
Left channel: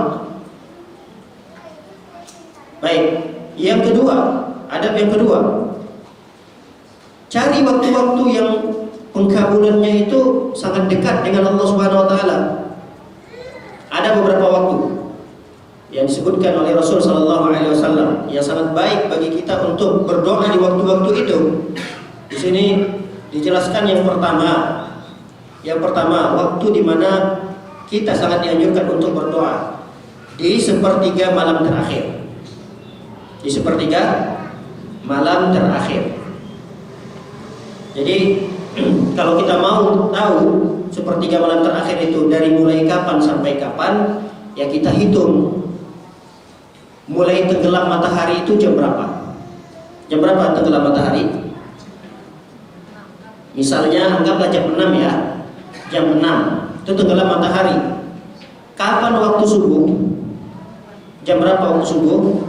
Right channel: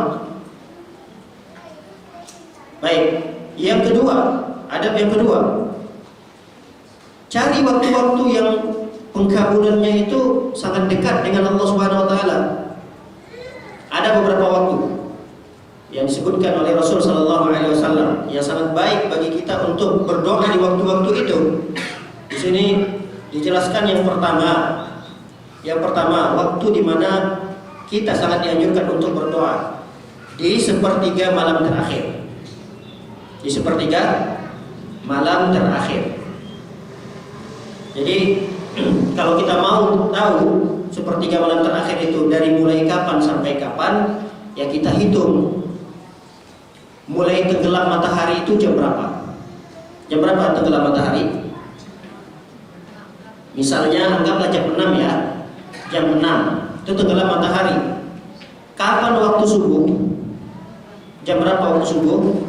Baik, yang kedua, adab yang kedua, cari waktu-waktu yang pengkabulannya itu sangat dekat dengan Allah Subhanahu wa taala. Ada beberapa waktu yang disebutkan oleh Rasul sallallahu alaihi wasallam yang sangat baik bagi kita untuk berdoa di waktu-waktu itu. Di sini dijelaskan yang pertama waktu di mana kita sangat dianjurkan untuk berdoa di sepertiga malam terakhir. Di sepertiga malam terakhir. Jadi kalau kita mau tahu sepertiga malam terakhir itu dari mulai kapan sampai kapan, ya kita hitung. Mulai tenggelam matahari itu jam berapa? Jam berapa tenggelam matahari? Misalnya anggaplah jam 6 ya. Jam 6 itu tenggelam matahari. Kapan waktu subuh? Jam berapa waktu subuh?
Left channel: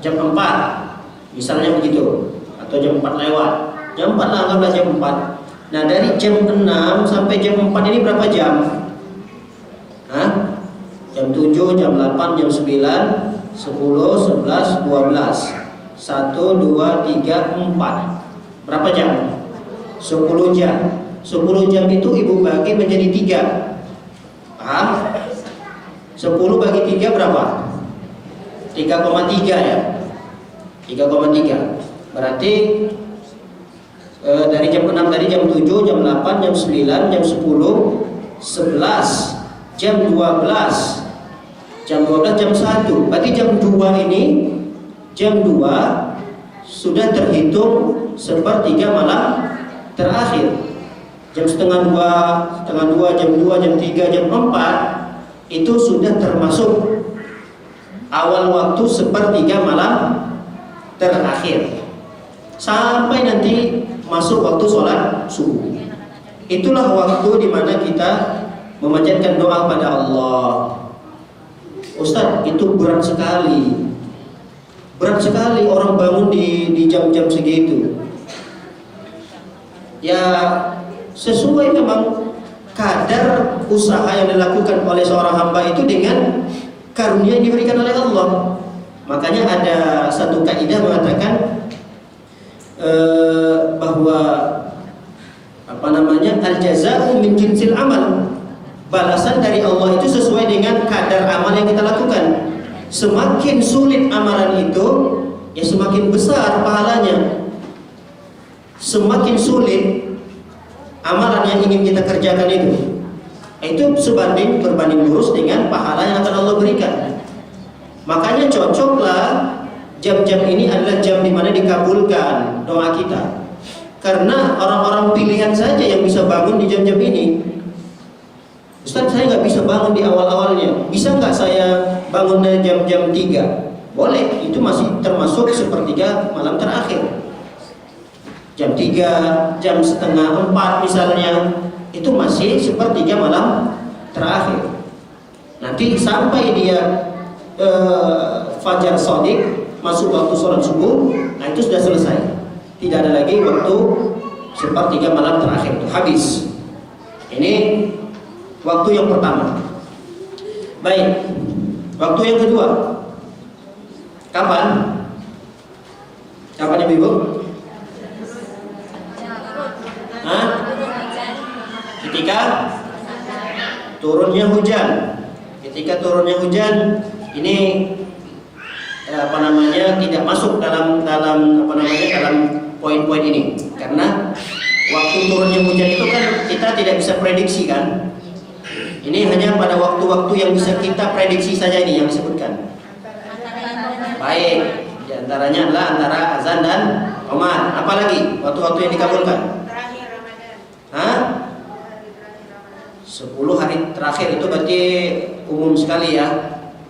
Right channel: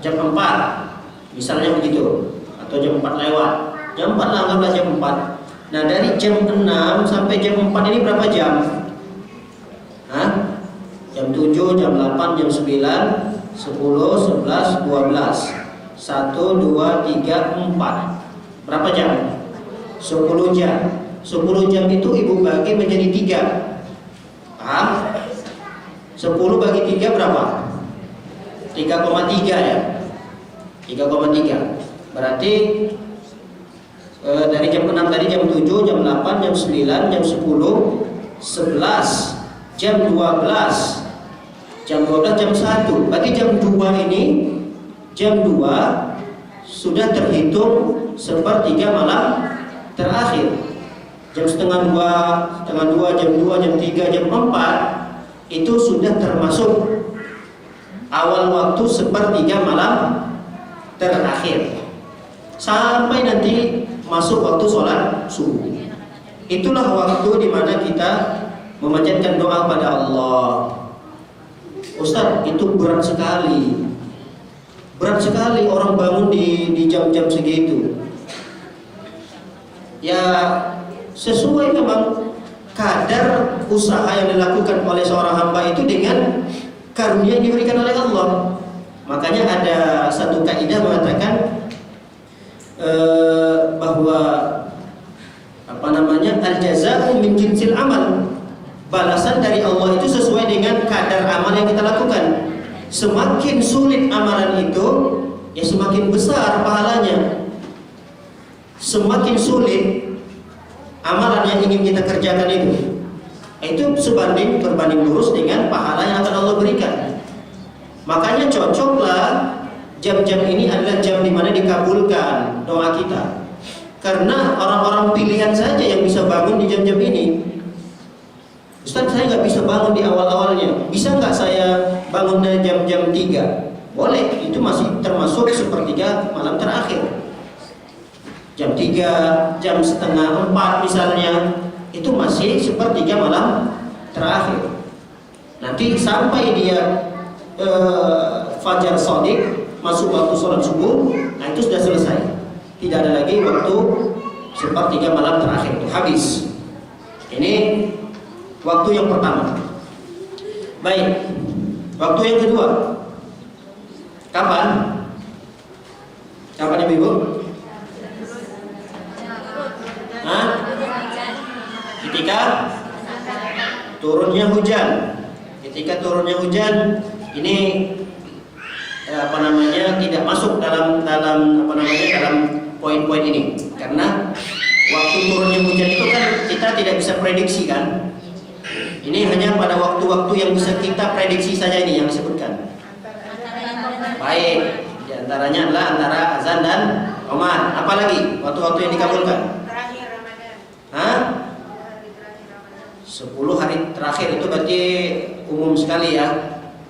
Jam 4. Misalnya begitu. Atau jam 4 lewat. Jam 4 lah, anggaplah jam 4. Nah, dari jam 6 sampai jam 4 ini berapa jam? Hah? Jam 7, jam 8, jam 9, 10, 11, 12, 1, 2, 3, 4. Berapa jam? 10 jam. 10 jam itu ibu bagi menjadi 3. Paham? 10 bagi 3 berapa? 3,3 ya. 3,3. Berarti dari jam 6 tadi jam 7, jam 8, jam 9, jam 10, 11, jam 12, jam 12, jam 1. Berarti jam 2 ini, jam 2, sudah terhitung sepertiga malam terakhir. Jam setengah dua, jam 2, jam 3, jam 4 itu sudah termasuk awal waktu sepertiga malam terakhir. Sampai nanti masuk waktu sholat subuh. Itulah waktu di mana kita memanjatkan doa pada Allah. Ustaz, itu berat sekali. Berat sekali orang bangun di jam-jam segitu. Ya sesuai memang kadar usaha yang dilakukan oleh seorang hamba itu dengan karunia yang diberikan oleh Allah. Makanya ada satu kaidah mengatakan bahwa al-jazā'u min jinsil amal. Balasan dari Allah itu sesuai dengan kadar amal yang kita lakukan. Semakin sulit amalan itu, ya semakin besar pahalanya. Semakin sulit amalan yang ingin kita kerjakan itu berbanding lurus dengan pahala yang akan Allah berikan. Makanya cocoklah jam-jam ini adalah jam di mana dikabulkan doa kita. Karena orang-orang pilihan saja yang bisa bangun di jam-jam ini. Ustaz, saya nggak bisa bangun di awal-awalnya. Bisa nggak saya bangun dari jam-jam 3? Boleh, itu masih termasuk sepertiga malam terakhir. Jam 3, jam setengah 4 misalnya, itu masih sepertiga malam terakhir. Nanti sampai dia fajar shadiq, masuk waktu sholat subuh, nah itu sudah selesai. Tidak ada lagi waktu sepertiga malam terakhir, itu habis. Ini waktu yang pertama. Baik, waktu yang kedua. Kapan? Kapan Ibu? Hah? Ketika turunnya hujan. Ketika turunnya hujan, ini tidak masuk dalam poin-poin ini. Karena waktu turunnya hujan itu kan kita tidak bisa prediksi kan. Ini hanya pada waktu-waktu yang bisa kita prediksi saja ini yang disebutkan. Baik, di antaranya adalah antara azan dan qomat. Apalagi waktu-waktu yang dikabulkan? Terakhir Ramadan. Hah? 10 hari terakhir itu berarti umum sekali ya.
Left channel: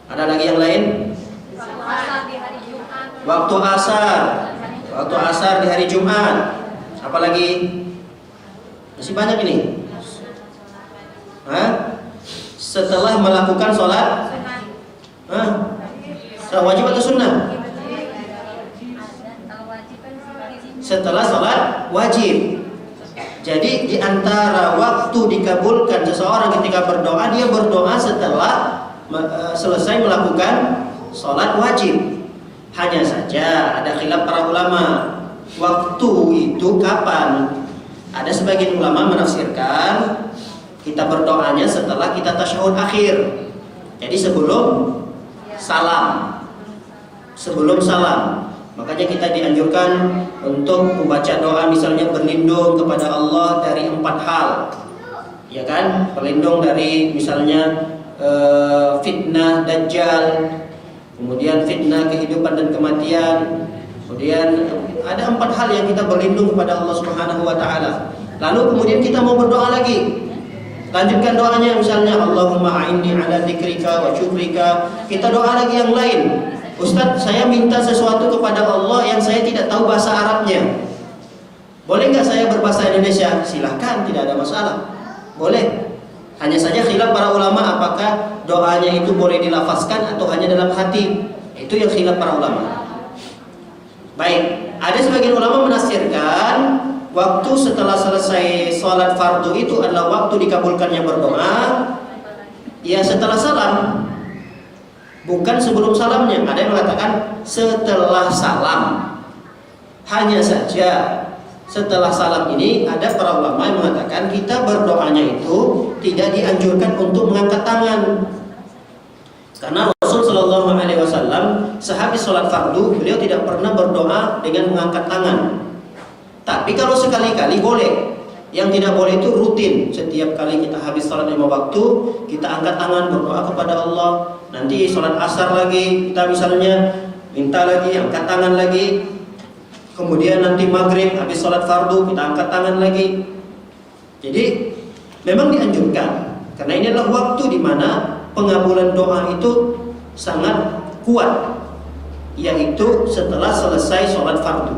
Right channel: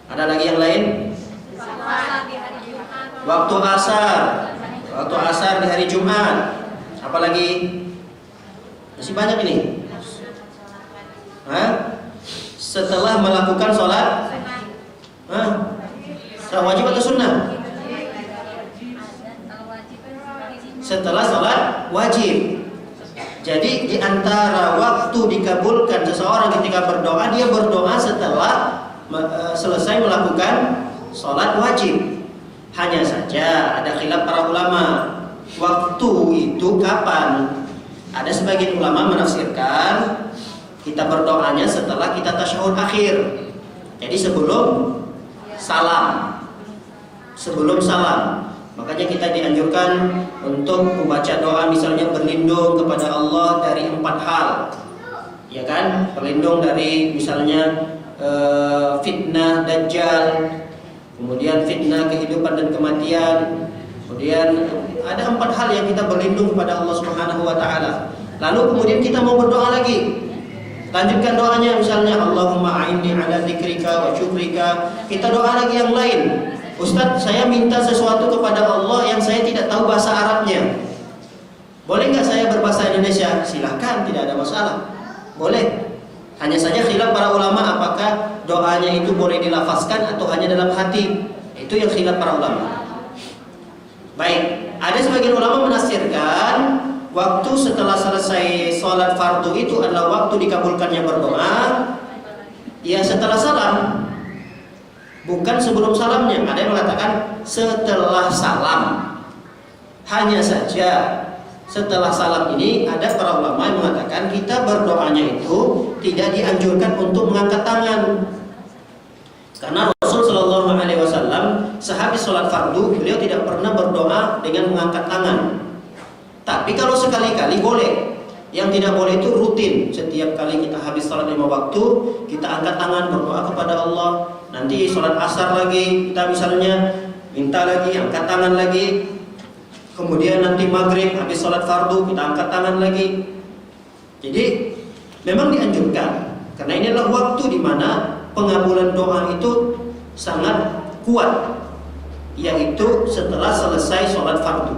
Ada lagi yang lain? Waktu asar. Waktu asar di hari Jumat. Apalagi? Masih banyak ini. Hah? Setelah melakukan sholat, sholat wajib atau sunnah? Setelah sholat wajib. Jadi di antara waktu dikabulkan seseorang ketika berdoa, dia berdoa setelah selesai melakukan sholat wajib. Hanya saja ada khilaf para ulama. Waktu itu kapan? Ada sebagian ulama menafsirkan kita berdoanya setelah kita tasyahud akhir. Jadi sebelum salam. Sebelum salam. Makanya kita dianjurkan untuk membaca doa misalnya berlindung kepada Allah dari 4 hal. Ya kan? Berlindung dari misalnya fitnah Dajjal, kemudian fitnah kehidupan dan kematian. Kemudian ada 4 hal yang kita berlindung kepada Allah Subhanahu wa taala. Lalu kemudian kita mau berdoa lagi. Lanjutkan doanya misalnya Allahumma a'inni ala dzikrika wa syukrika. Kita doa lagi yang lain. Ustaz, saya minta sesuatu kepada Allah yang saya tidak tahu bahasa Arabnya. Boleh nggak saya berbahasa Indonesia? Silahkan, tidak ada masalah. Boleh. Hanya saja khilaf para ulama apakah doanya itu boleh dilafazkan atau hanya dalam hati. Itu yang khilaf para ulama. Baik, ada sebagian ulama menafsirkan waktu setelah selesai sholat fardu itu adalah waktu dikabulkannya berdoa. Ya setelah salam. Bukan sebelum salamnya. Ada yang mengatakan setelah salam. Hanya saja setelah salam ini ada para ulama yang mengatakan kita berdoanya itu tidak dianjurkan untuk mengangkat tangan. Karena Rasul Shallallahu Alaihi Wasallam sehabis sholat fardu beliau tidak pernah berdoa dengan mengangkat tangan. Tapi kalau sekali-kali boleh. Yang tidak boleh itu rutin. Setiap kali kita habis sholat 5 waktu, kita angkat tangan berdoa kepada Allah. Nanti sholat asar lagi, kita misalnya minta lagi, angkat tangan lagi. kemudian nanti maghrib habis sholat fardu kita angkat tangan lagi. Jadi memang dianjurkan karena ini adalah waktu di mana pengabulan doa itu sangat kuat, yaitu setelah selesai sholat fardu.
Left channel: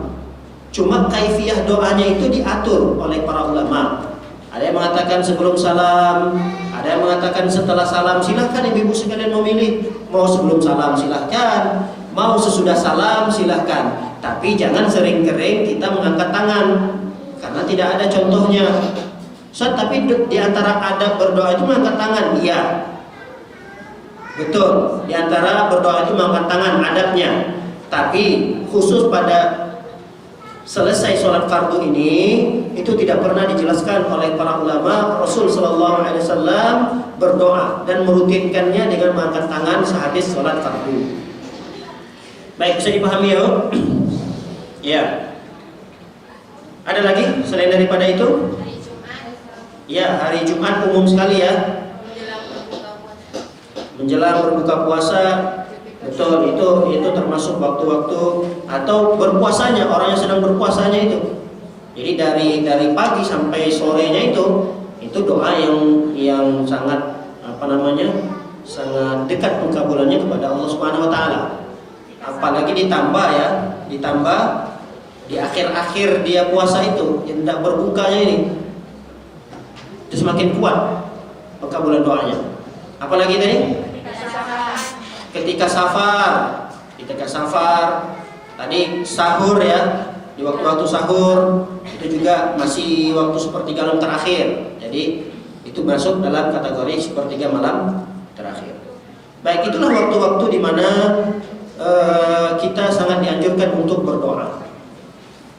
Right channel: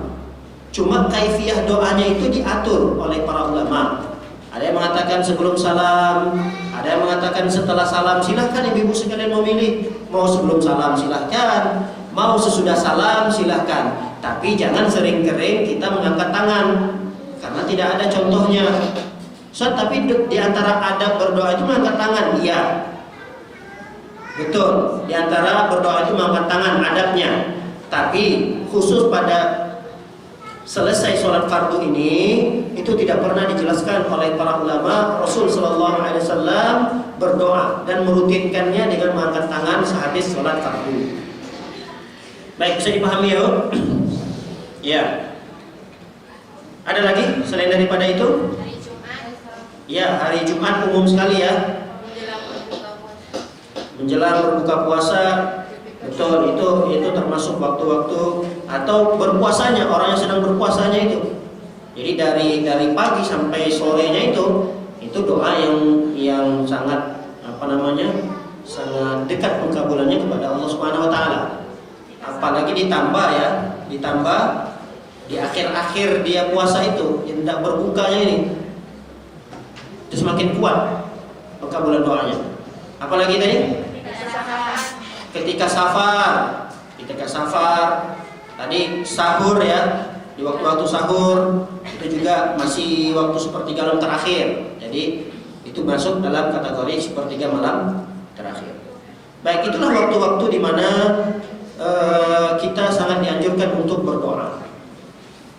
Cuma kaifiyah doanya itu diatur oleh para ulama. Ada yang mengatakan sebelum salam, ada yang mengatakan setelah salam. Silahkan ibu-ibu sekalian memilih, mau sebelum salam silahkan, mau sesudah salam silahkan. Tapi jangan sering-sering kita mengangkat tangan, karena tidak ada contohnya. Tapi di antara adab berdoa itu mengangkat tangan, iya. Betul, di antara berdoa itu mengangkat tangan adabnya. Tapi khusus pada selesai sholat fardu ini itu tidak pernah dijelaskan oleh para ulama. Rasul Shallallahu Alaihi Wasallam berdoa dan merutinkannya dengan mengangkat tangan sehabis sholat fardu. Baik, bisa dipahami ya? Ya. Ada lagi selain daripada itu? Ya, hari Jumat umum sekali ya. Menjelang berbuka puasa. Betul, itu termasuk waktu-waktu atau berpuasanya, orang yang sedang berpuasanya itu. Jadi dari pagi sampai sorenya itu doa yang sangat sangat dekat pengabulannya kepada Allah Subhanahu wa taala. Apalagi ditambah di akhir-akhir dia puasa itu, yang tidak berbukanya ini. Itu semakin kuat pengabulan doanya. Apalagi tadi? Ketika safar, tadi sahur ya, di waktu-waktu sahur itu juga masih waktu sepertiga malam terakhir. Jadi itu masuk dalam kategori sepertiga malam terakhir. Baik, itulah waktu-waktu di mana kita sangat dianjurkan untuk berdoa.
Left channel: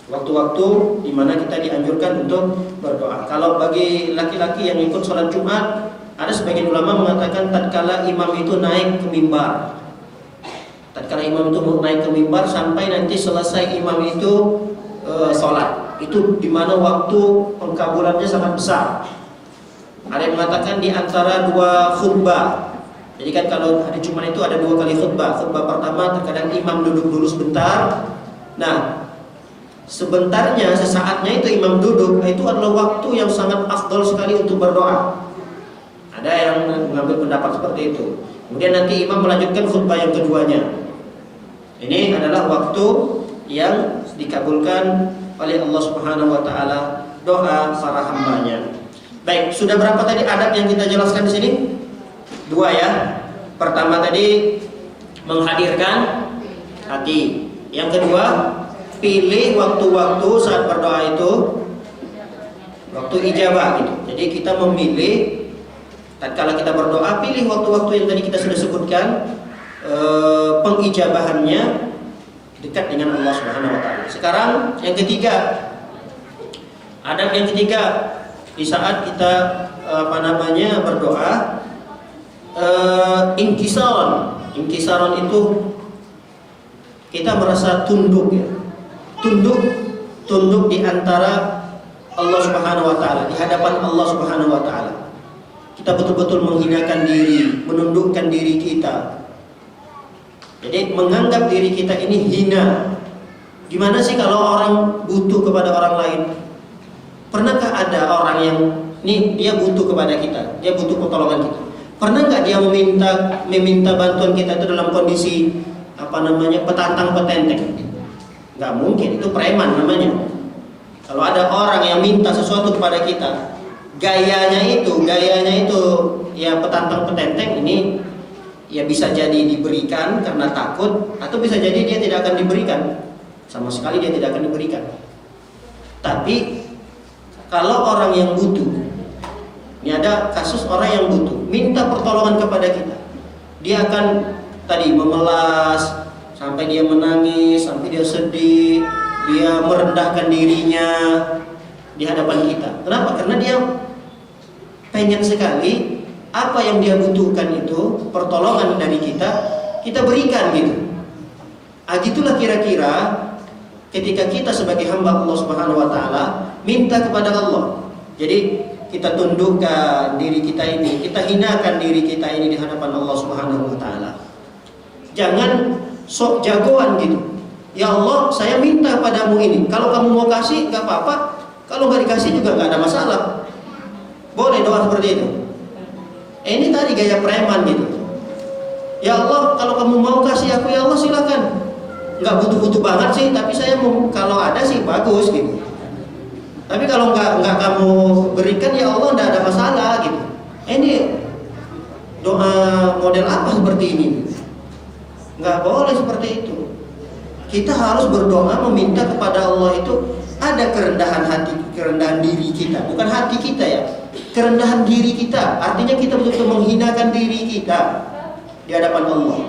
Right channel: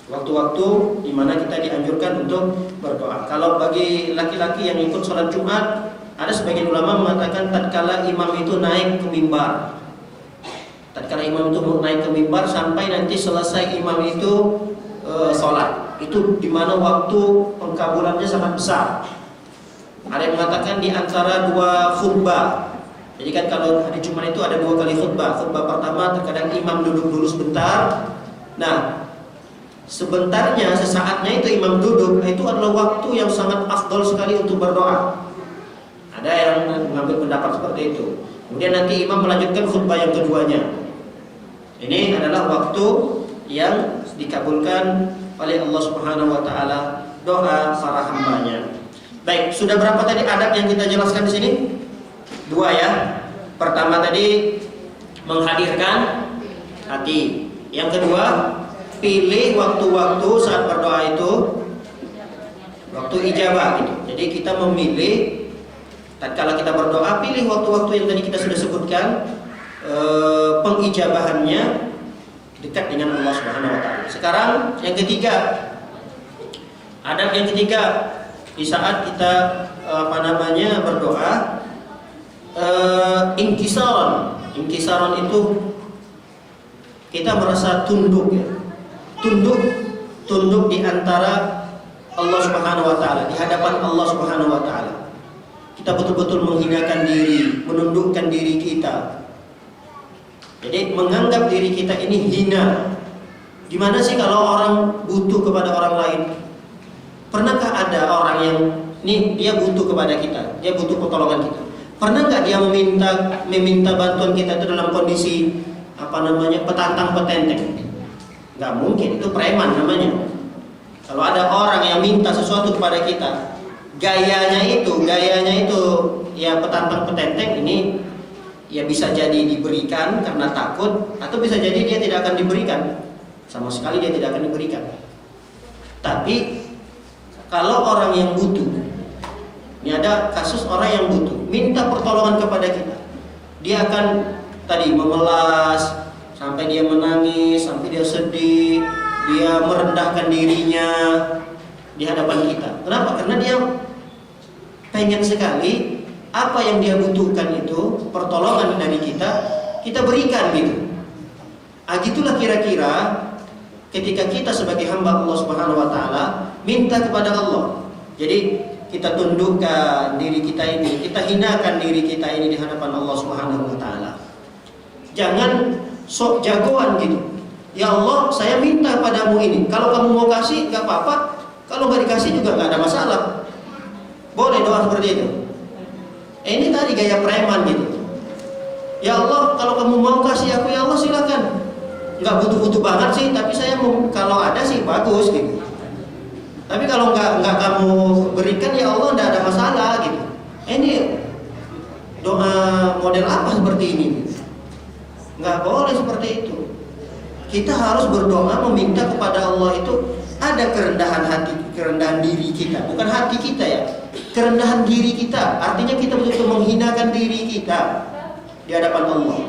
Waktu-waktu di mana kita dianjurkan untuk berdoa. Kalau bagi laki-laki yang ikut sholat Jumat, ada sebagian ulama mengatakan tatkala imam itu naik ke mimbar. Tatkala imam itu naik ke mimbar sampai nanti selesai imam itu sholat. Itu di mana waktu pengkabulannya sangat besar. Ada yang mengatakan di antara dua khutbah. Jadi kan kalau hari Jumat itu ada dua kali khutbah. Khutbah pertama terkadang imam duduk dulu sebentar. Nah, sebentarnya, sesaatnya itu imam duduk, itu adalah waktu yang sangat afdal sekali untuk berdoa. Ada yang mengambil pendapat seperti itu. Kemudian nanti imam melanjutkan khutbah yang keduanya. Ini adalah waktu yang dikabulkan oleh Allah Subhanahu wa taala doa para hambanya. Baik, sudah berapa tadi adab yang kita jelaskan di sini? Dua ya. Pertama tadi menghadirkan hati. Yang kedua, pilih waktu-waktu saat berdoa itu waktu ijabah gitu. Jadi kita memilih tatkala kita berdoa, pilih waktu-waktu yang tadi kita sudah sebutkan, pengijabahannya dekat dengan Allah Subhanahu wa taala. Sekarang yang ketiga, adab yang ketiga di saat kita berdoa, inkisaron itu kita merasa tunduk ya. Tunduk di antara Allah Subhanahu wa taala, di hadapan Allah Subhanahu wa taala. Kita betul-betul menghinakan diri, menundukkan diri kita. Jadi menganggap diri kita ini hina. Gimana sih kalau orang butuh kepada orang lain? Pernahkah ada orang yang dia butuh kepada kita, dia butuh pertolongan kita? Pernah nggak dia meminta bantuan kita itu dalam kondisi petantang petenteng? Nggak mungkin, itu preman namanya. Kalau ada orang yang minta sesuatu kepada kita, gayanya itu ya petantang petenteng, ini ya bisa jadi diberikan karena takut, atau bisa jadi dia tidak akan diberikan. Sama sekali dia tidak akan diberikan. Tapi kalau orang yang butuh, ini ada kasus orang yang butuh, minta pertolongan kepada kita, dia akan tadi memelas sampai dia menangis, sampai dia sedih, dia merendahkan dirinya di hadapan kita. Kenapa? Karena dia pengen sekali apa yang dia butuhkan itu, pertolongan dari kita berikan gitu. Gitulah kira-kira ketika kita sebagai hamba Allah Subhanahu wa taala minta kepada Allah. Jadi kita tundukkan diri kita ini, kita hinakan diri kita ini di hadapan Allah Subhanahu wa taala. Jangan sok jagoan gitu. Ya Allah, saya minta padamu ini. Kalau kamu mau kasih, nggak apa-apa. Kalau nggak dikasih juga nggak ada masalah. Boleh doa seperti itu. Ini tadi gaya preman gitu. Ya Allah, kalau kamu mau kasih aku, ya Allah silakan. Nggak butuh-butuh banget sih, tapi saya mau, kalau ada sih bagus gitu. Tapi kalau nggak kamu berikan, ya Allah nggak ada masalah gitu. Ini doa model apa seperti ini? Nggak boleh seperti itu. Kita harus berdoa meminta kepada Allah itu ada kerendahan hati, kerendahan diri kita, bukan hati kita ya, kerendahan diri kita. Artinya kita betul-betul menghinakan diri kita di hadapan Allah.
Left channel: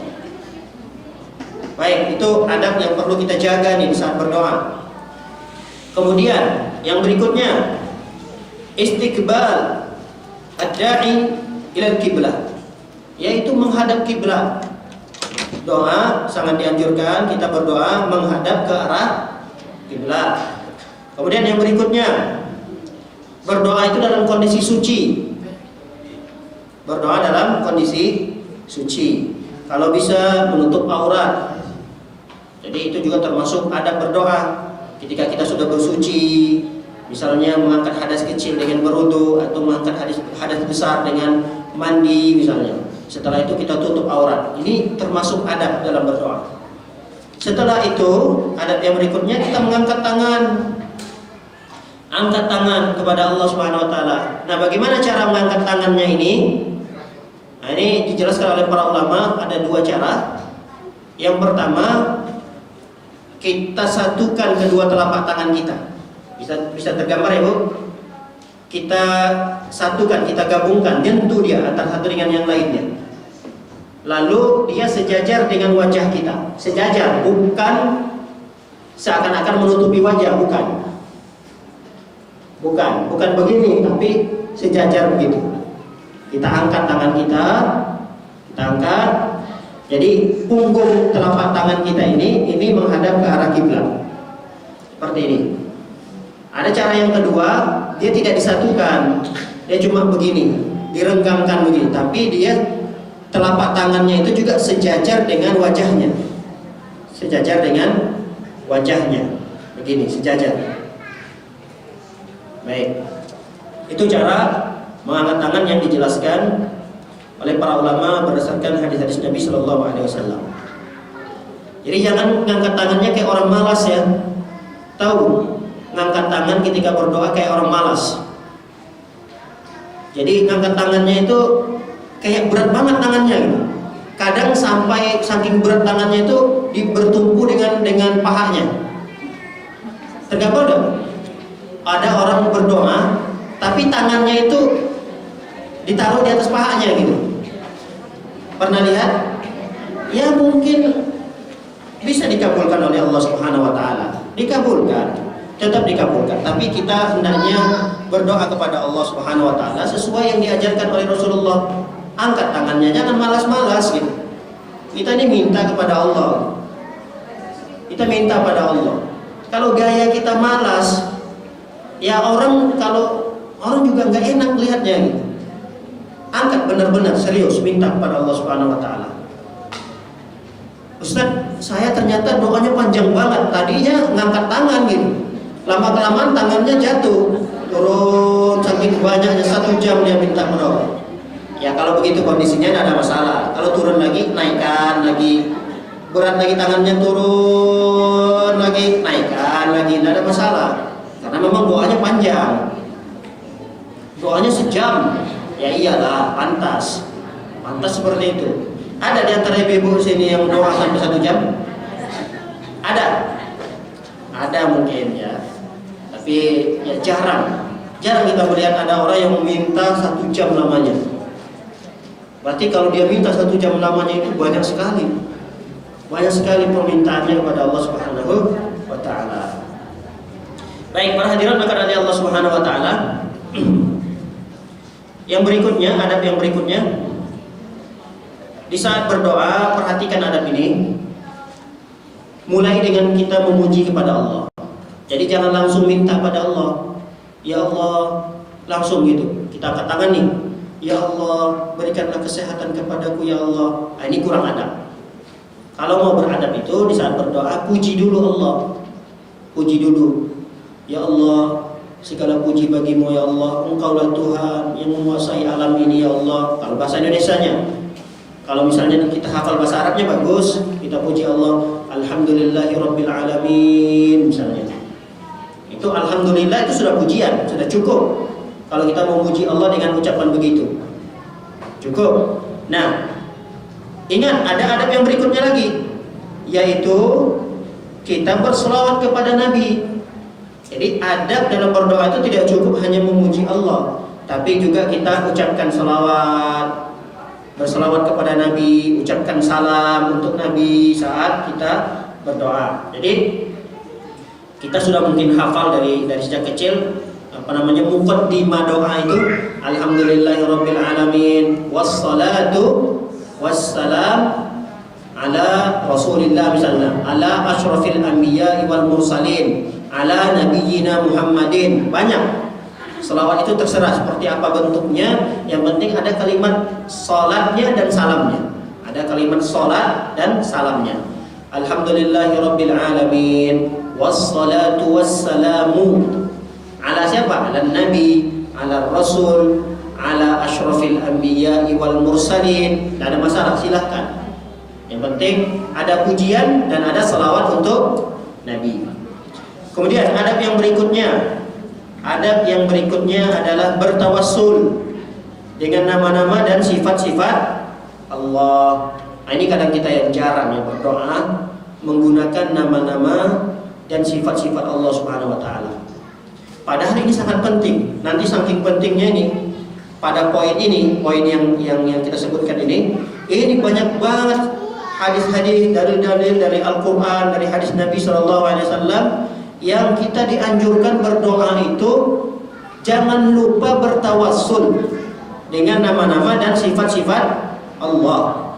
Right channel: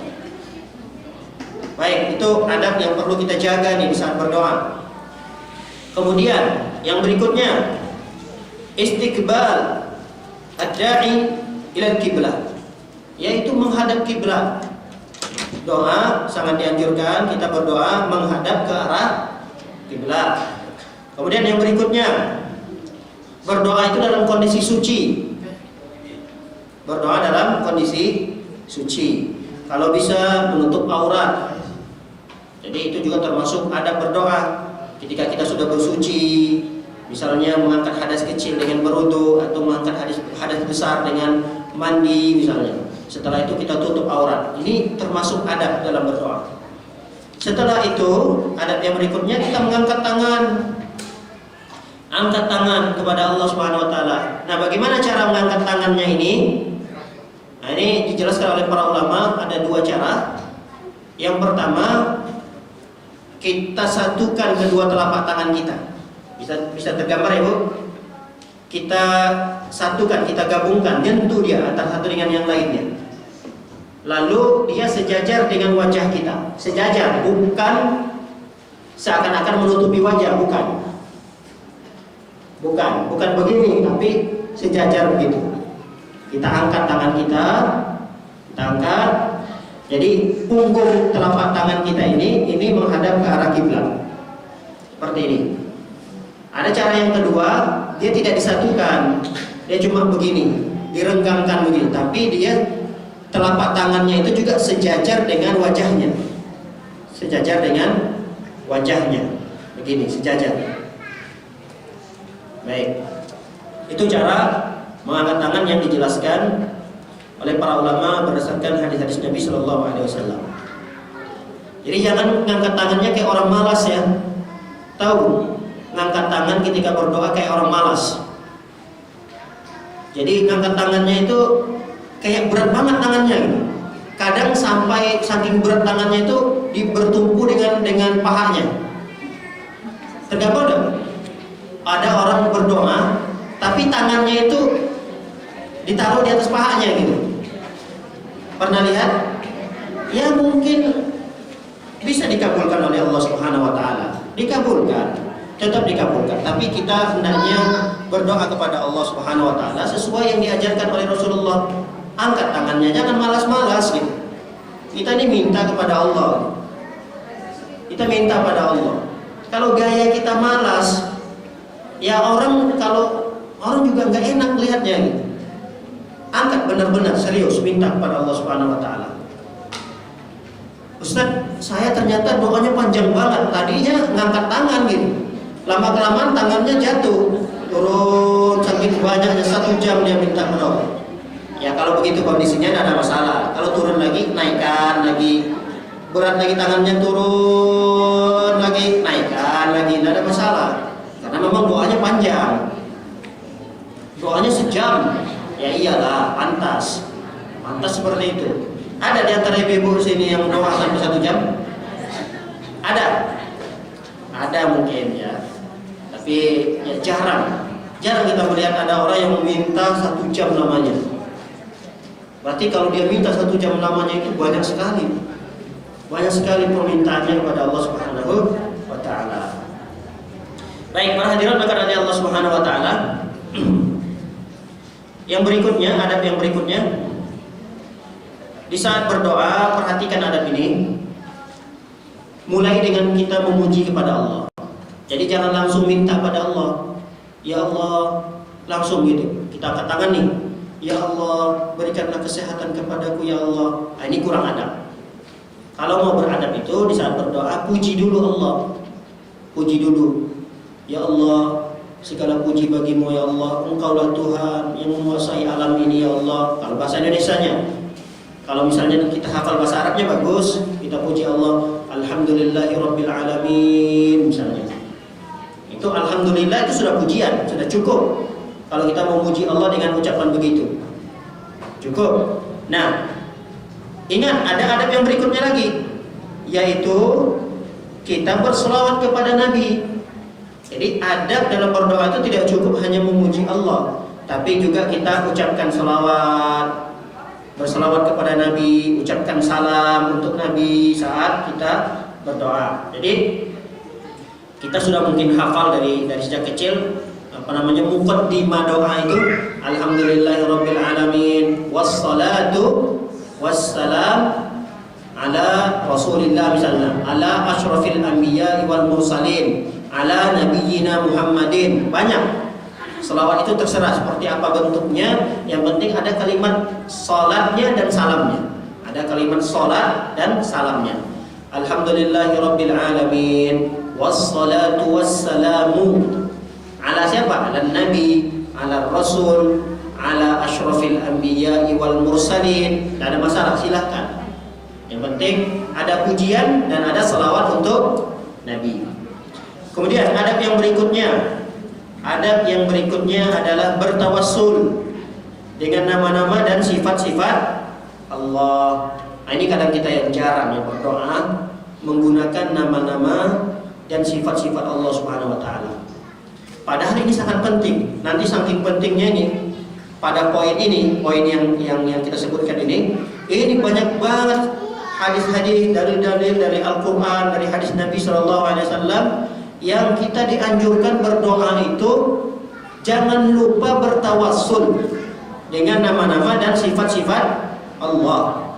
Baik, itu adab yang perlu kita jaga nih saat berdoa. Kemudian yang berikutnya, istiqbal ad-da'i ila al-qiblah, yaitu menghadap kiblat. Doa sangat dianjurkan kita berdoa menghadap ke arah kiblat. Kemudian yang berikutnya, berdoa itu dalam kondisi suci. Berdoa dalam kondisi suci. Kalau bisa menutup aurat. Jadi itu juga termasuk adab berdoa. Ketika kita sudah bersuci, misalnya mengangkat hadas kecil dengan berwudu atau mengangkat hadas besar dengan mandi misalnya. Setelah itu kita tutup aurat. Ini termasuk adab dalam berdoa. Setelah itu, adab yang berikutnya kita mengangkat tangan. Angkat tangan kepada Allah Subhanahu wa taala. Nah, bagaimana cara mengangkat tangannya ini? Nah, ini dijelaskan oleh para ulama, ada dua cara. Yang pertama, kita satukan kedua telapak tangan kita. Bisa tergambar ya, Bu? Kita satukan, kita gabungkan, nyentuh dia antara satu dengan yang lainnya. Lalu dia sejajar dengan wajah kita. Sejajar, bukan seakan-akan menutupi wajah, bukan. Bukan begini, tapi sejajar begitu. Kita angkat tangan kita angkat. Jadi punggung telapak tangan kita ini menghadap ke arah kiblat. Seperti ini. Ada cara yang kedua, dia tidak disatukan. Dia cuma begini, direnggangkan begini, tapi dia telapak tangannya itu juga sejajar dengan wajahnya. Sejajar dengan wajahnya. Begini, sejajar. Baik. Itu cara mengangkat tangan yang dijelaskan oleh para ulama berdasarkan hadis-hadis Nabi Shallallahu Alaihi Wasallam. Jadi jangan ngangkat tangannya kayak orang malas ya. Tahu, ngangkat tangan ketika berdoa kayak orang malas. Jadi ngangkat tangannya itu kayak berat banget tangannya gitu. Kadang sampai saking berat tangannya itu bertumpu dengan pahanya. Tergambar enggak? Ada orang berdoa tapi tangannya itu ditaruh di atas pahanya gitu. Pernah lihat? Ya mungkin bisa dikabulkan oleh Allah Subhanahu wa taala. Dikabulkan, tetap dikabulkan. Tapi kita hendaknya berdoa kepada Allah Subhanahu wa taala sesuai yang diajarkan oleh Rasulullah. Angkat tangannya, jangan malas-malas gitu. Kita ini minta kepada Allah. Kita minta pada Allah. Kalau gaya kita malas, ya kalau orang juga nggak enak lihatnya gitu. Angkat benar-benar serius minta kepada Allah Subhanahu wa taala. Ustaz, saya ternyata doanya panjang banget. Tadinya ngangkat tangan gitu. Lama-kelamaan tangannya jatuh. Turun saking banyaknya 1 jam dia minta berdoa. Ya kalau begitu kondisinya tidak ada masalah. Kalau turun lagi, naikkan lagi. Berat lagi tangannya, turun lagi, naikkan lagi, tidak ada masalah. Karena memang doanya panjang. Doanya sejam. Ya iyalah, pantas seperti itu. Ada di antara ibu-ibu sini yang doa sampai 1 jam? Ada mungkin ya. Tapi ya jarang kita melihat ada orang yang meminta 1 jam lamanya. Berarti kalau dia minta 1 jam lamanya itu banyak sekali permintaannya kepada Allah Subhanahu wa taala. Baik, para hadirin maka dari Allah Subhanahu wa taala. Yang berikutnya, adab yang berikutnya, di saat berdoa perhatikan adab ini. Mulai dengan kita memuji kepada Allah. Jadi jangan langsung minta pada Allah. Ya Allah, langsung gitu. Kita angkat tangan nih. Ya Allah, berikanlah kesehatan kepadaku ya Allah. Nah, ini kurang adab. Kalau mau beradab itu di saat berdoa, puji dulu Allah. Puji dulu. Ya Allah, segala puji bagimu ya Allah. Engkaulah Tuhan yang menguasai alam ini ya Allah. Kalau bahasa Indonesianya. Kalau misalnya kita hafal bahasa Arabnya bagus, kita puji Allah. Alhamdulillahirabbil alamin misalnya. Itu alhamdulillah itu sudah pujian, sudah cukup. Kalau kita mau puji Allah dengan ucapan begitu. Cukup. Nah, ingat ada adab yang berikutnya lagi, yaitu kita berselawat kepada Nabi. Jadi adab dalam berdoa itu tidak cukup hanya memuji Allah, tapi juga kita ucapkan selawat, berselawat kepada Nabi, ucapkan salam untuk Nabi saat kita berdoa. Jadi kita sudah mungkin hafal dari sejak kecil muqaddimah doa itu, alhamdulillahirabbil alamin wassalatu wassalam ala rasulillah misalnya, ala asyrafil anbiya wal mursalin, ala nabiyyina Muhammadin. Banyak selawat itu terserah seperti apa bentuknya, yang penting ada kalimat salatnya dan salamnya. Ada kalimat salat dan salamnya. Alhamdulillahirabbil alamin wassalatu wassalamu ala siapa? Ala nabi, ala rasul, ala asyrafil anbiya wal mursalin. Tidak ada masalah, silahkan. Yang penting ada pujian dan ada salawat untuk Nabi. Kemudian adab yang berikutnya adalah bertawassul dengan nama-nama dan sifat-sifat Allah. Nah, ini kadang kita yang jarang ya berdoa menggunakan nama-nama dan sifat-sifat Allah Subhanahu wa taala. Padahal ini sangat penting. Nanti saking pentingnya ini, pada poin yang kita sebutkan ini banyak banget hadis-hadis, dalil-dalil dari Al-Qur'an, dari hadis Nabi SAW yang kita dianjurkan berdoa itu jangan lupa bertawassul dengan nama-nama dan sifat-sifat Allah.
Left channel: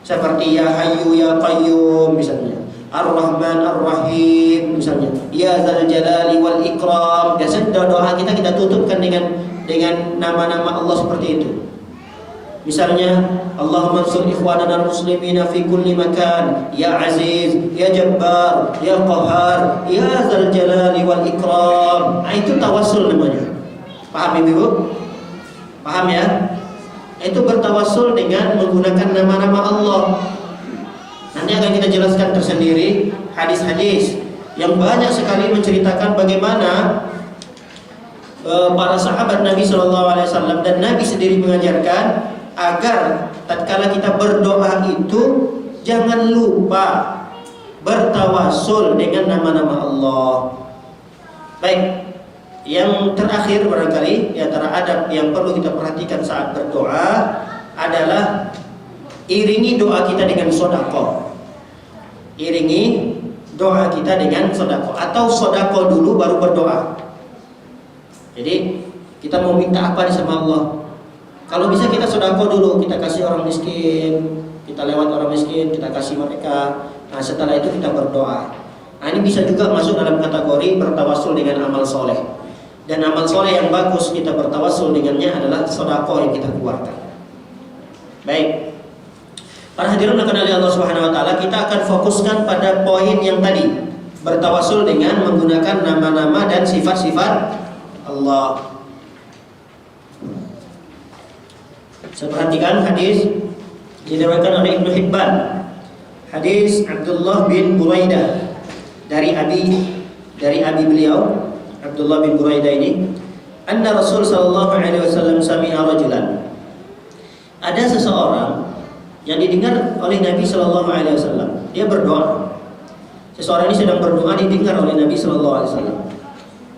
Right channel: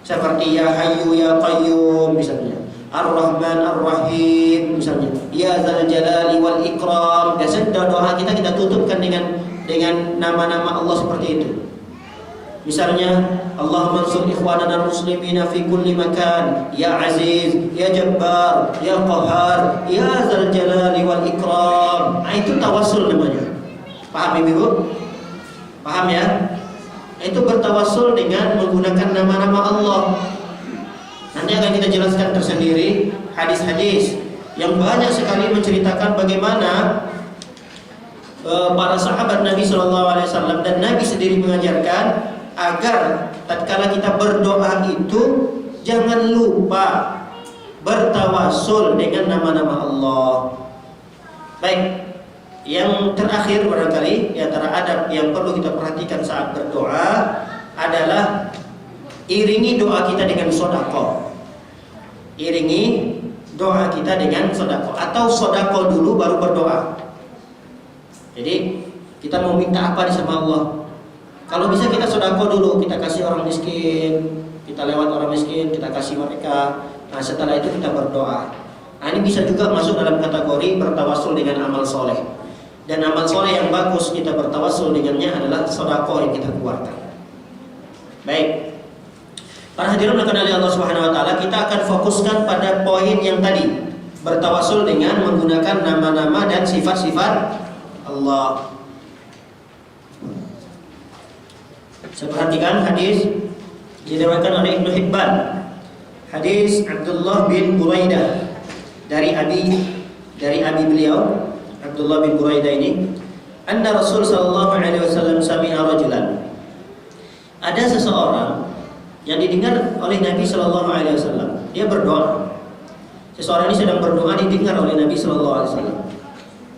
Seperti Ya Hayyu Ya Qayyum misalnya, Ar-Rahman Ar-Rahim misalnya, Ya Dzal Jalali wal Ikram. Biasanya doa kita tutupkan dengan nama-nama Allah seperti itu. Misalnya, Allahumma ansur ikhwanana muslimina fi kulli makan, Ya Aziz, Ya Jabbar, Ya Qahhar, Ya Dzal Jalali wal Ikram. Nah, itu tawassul namanya. Paham Ibu? Paham ya? Itu bertawassul dengan menggunakan nama-nama Allah. Nanti akan kita jelaskan tersendiri hadis-hadis yang banyak sekali menceritakan bagaimana para sahabat Nabi SAW dan Nabi sendiri mengajarkan agar tatkala kita berdoa itu jangan lupa bertawassul dengan nama-nama Allah. Baik, yang terakhir barangkali di antara adab yang perlu kita perhatikan saat berdoa adalah iringi doa kita dengan sedekah. Iringi doa kita dengan sedekah, atau sedekah dulu baru berdoa. Jadi kita mau minta apa sama Allah? Kalau bisa kita sedekah dulu, kita kasih orang miskin, kita lewat orang miskin, kita kasih mereka. Nah, setelah itu kita berdoa. Nah, ini bisa juga masuk dalam kategori bertawassul dengan amal soleh. Dan amal soleh yang bagus kita bertawassul dengannya adalah sedekah yang kita keluarkan. Baik, para hadirin yang oleh Allah Subhanahu wa taala, kita akan fokuskan pada poin yang tadi, bertawassul dengan menggunakan nama-nama dan sifat-sifat Allah. Saya perhatikan hadis diriwayatkan oleh Ibnu Hibban, hadis Abdullah bin Buraidah dari abi beliau Abdullah bin Buraidah ini, anna Rasul sallallahu alaihi wasallam sami'a rajulan. Ada seseorang yang didengar oleh Nabi sallallahu alaihi wasallam. Dia berdoa. Seseorang ini sedang berdoa, didengar oleh Nabi sallallahu alaihi wasallam.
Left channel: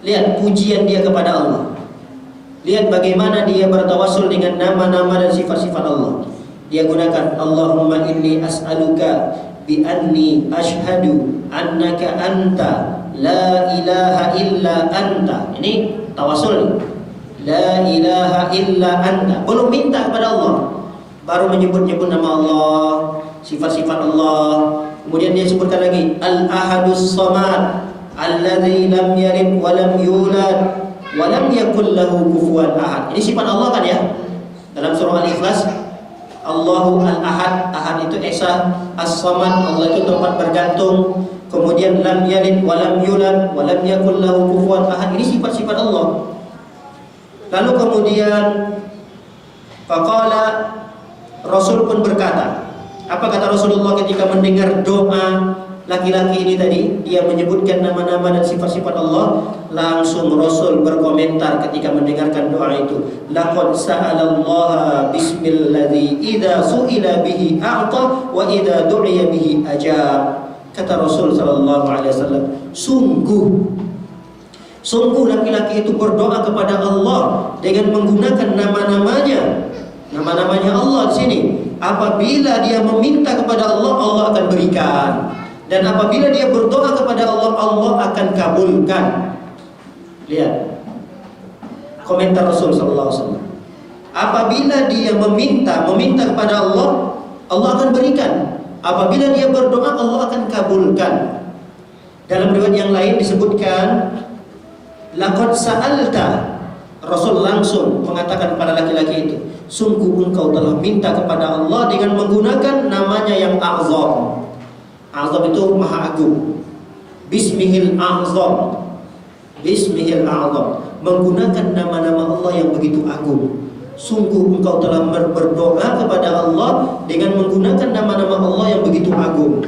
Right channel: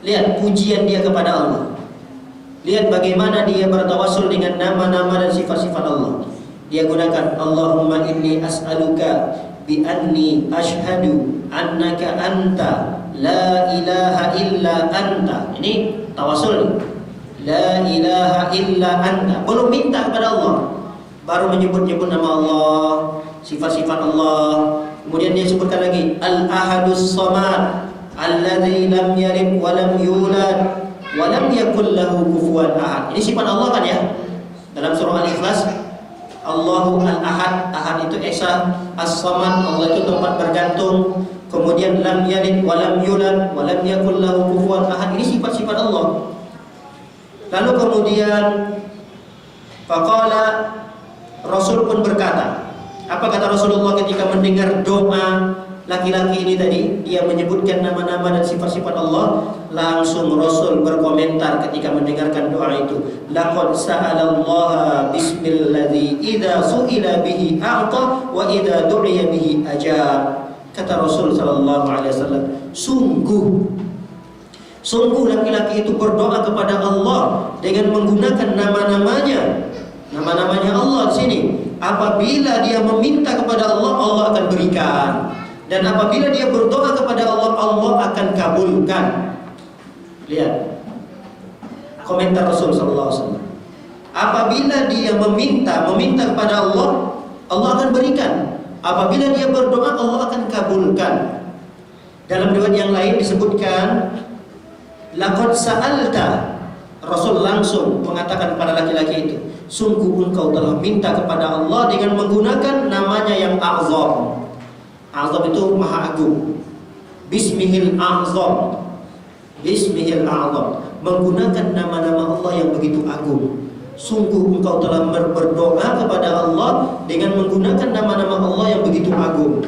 Lihat pujian dia kepada Allah. Lihat bagaimana dia bertawassul dengan nama-nama dan sifat-sifat Allah. Dia gunakan Allahumma inni as'aluka bi anni ashhadu annaka anta la ilaha illa anta. Ini tawassul nih. La ilaha illa anta. Belum minta kepada Allah, baru menyebut-nyebut nama Allah, sifat-sifat Allah. Kemudian dia sebutkan lagi Al-Ahadus Samad, alladzi lam yalid wa lam yulad wa lam yakul lahu kufuwan ahad. Ini sifat Allah kan ya? Dalam surah Al-Ikhlas, Allahu al-ahad, ahad itu esa, as-samad, Allah itu tempat bergantung. Kemudian lam yalid wa lam yulad wa lam yakul lahu kufuwan ahad. Ini sifat-sifat Allah. Lalu kemudian faqala, Rasul pun berkata, apa kata Rasulullah ketika mendengar doa laki-laki ini tadi? Dia menyebutkan nama-nama dan sifat-sifat Allah. Langsung Rasul berkomentar ketika mendengarkan doa itu, laqad sa'alallaha bismilladzi idza su'ila bihi a'ta wa idza du'iya bihi ajab. Kata Rasul sallallahu alaihi wasallam, sungguh laki-laki itu berdoa kepada Allah dengan menggunakan nama-namanya. Nama-namanya Allah di sini. Apabila dia meminta kepada Allah, Allah akan berikan. Dan apabila dia berdoa kepada Allah, Allah akan kabulkan. Lihat komentar Rasul sallallahu alaihi wasallam. Apabila dia meminta kepada Allah, Allah akan berikan. Apabila dia berdoa, Allah akan kabulkan. Dalam riwayat yang lain disebutkan, laqad sa'alta, Rasul langsung mengatakan kepada laki-laki itu, sungguh engkau telah minta kepada Allah dengan menggunakan namanya yang a'zam. A'zam itu maha agung. Bismihil a'zam. Bismihil a'zam, menggunakan nama-nama Allah yang begitu agung. Sungguh engkau telah berdoa kepada Allah dengan menggunakan nama-nama Allah yang begitu agung.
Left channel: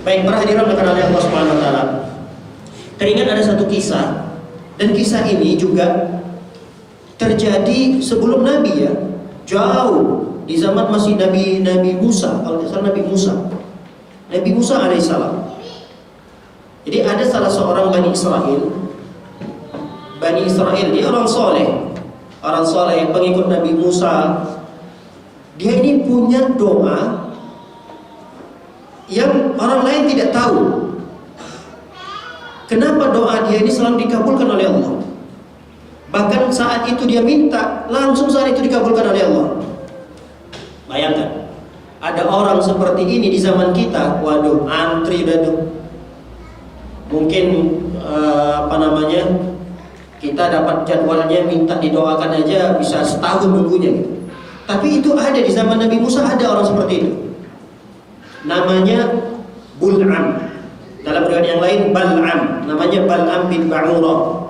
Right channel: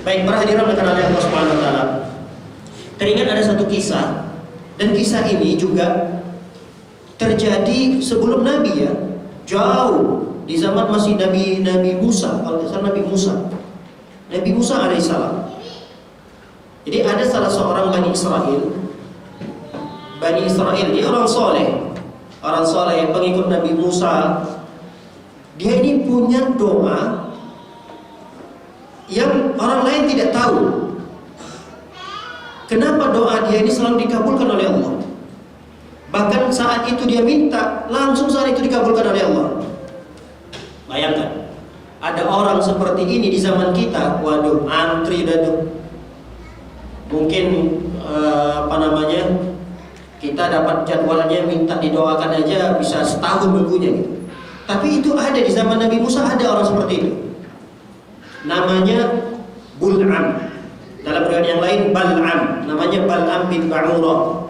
Baik, para hadirin oleh Allah Subhanahu wa taala. Teringat ada satu kisah, dan kisah ini juga terjadi sebelum Nabi ya, jauh di zaman masih Nabi Musa, kalau tidak salah Nabi Musa alaihissalam. Jadi ada salah seorang Bani Israel, dia orang soleh, pengikut Nabi Musa. Dia ini punya doa yang orang lain tidak tahu. Kenapa doa dia ini selalu dikabulkan oleh Allah? Bahkan saat itu dia minta, langsung saat itu dikabulkan oleh Allah. Bayangkan, ada orang seperti ini di zaman kita. Waduh, antri dah tuh. Mungkin kita dapat jadwalnya minta didoakan aja bisa setahun nunggunya gitu. Tapi itu ada di zaman Nabi Musa, ada orang seperti itu. Namanya Bul'am. Dalam riwayat yang lain Bal'am, namanya Bal'am bin Ba'urah.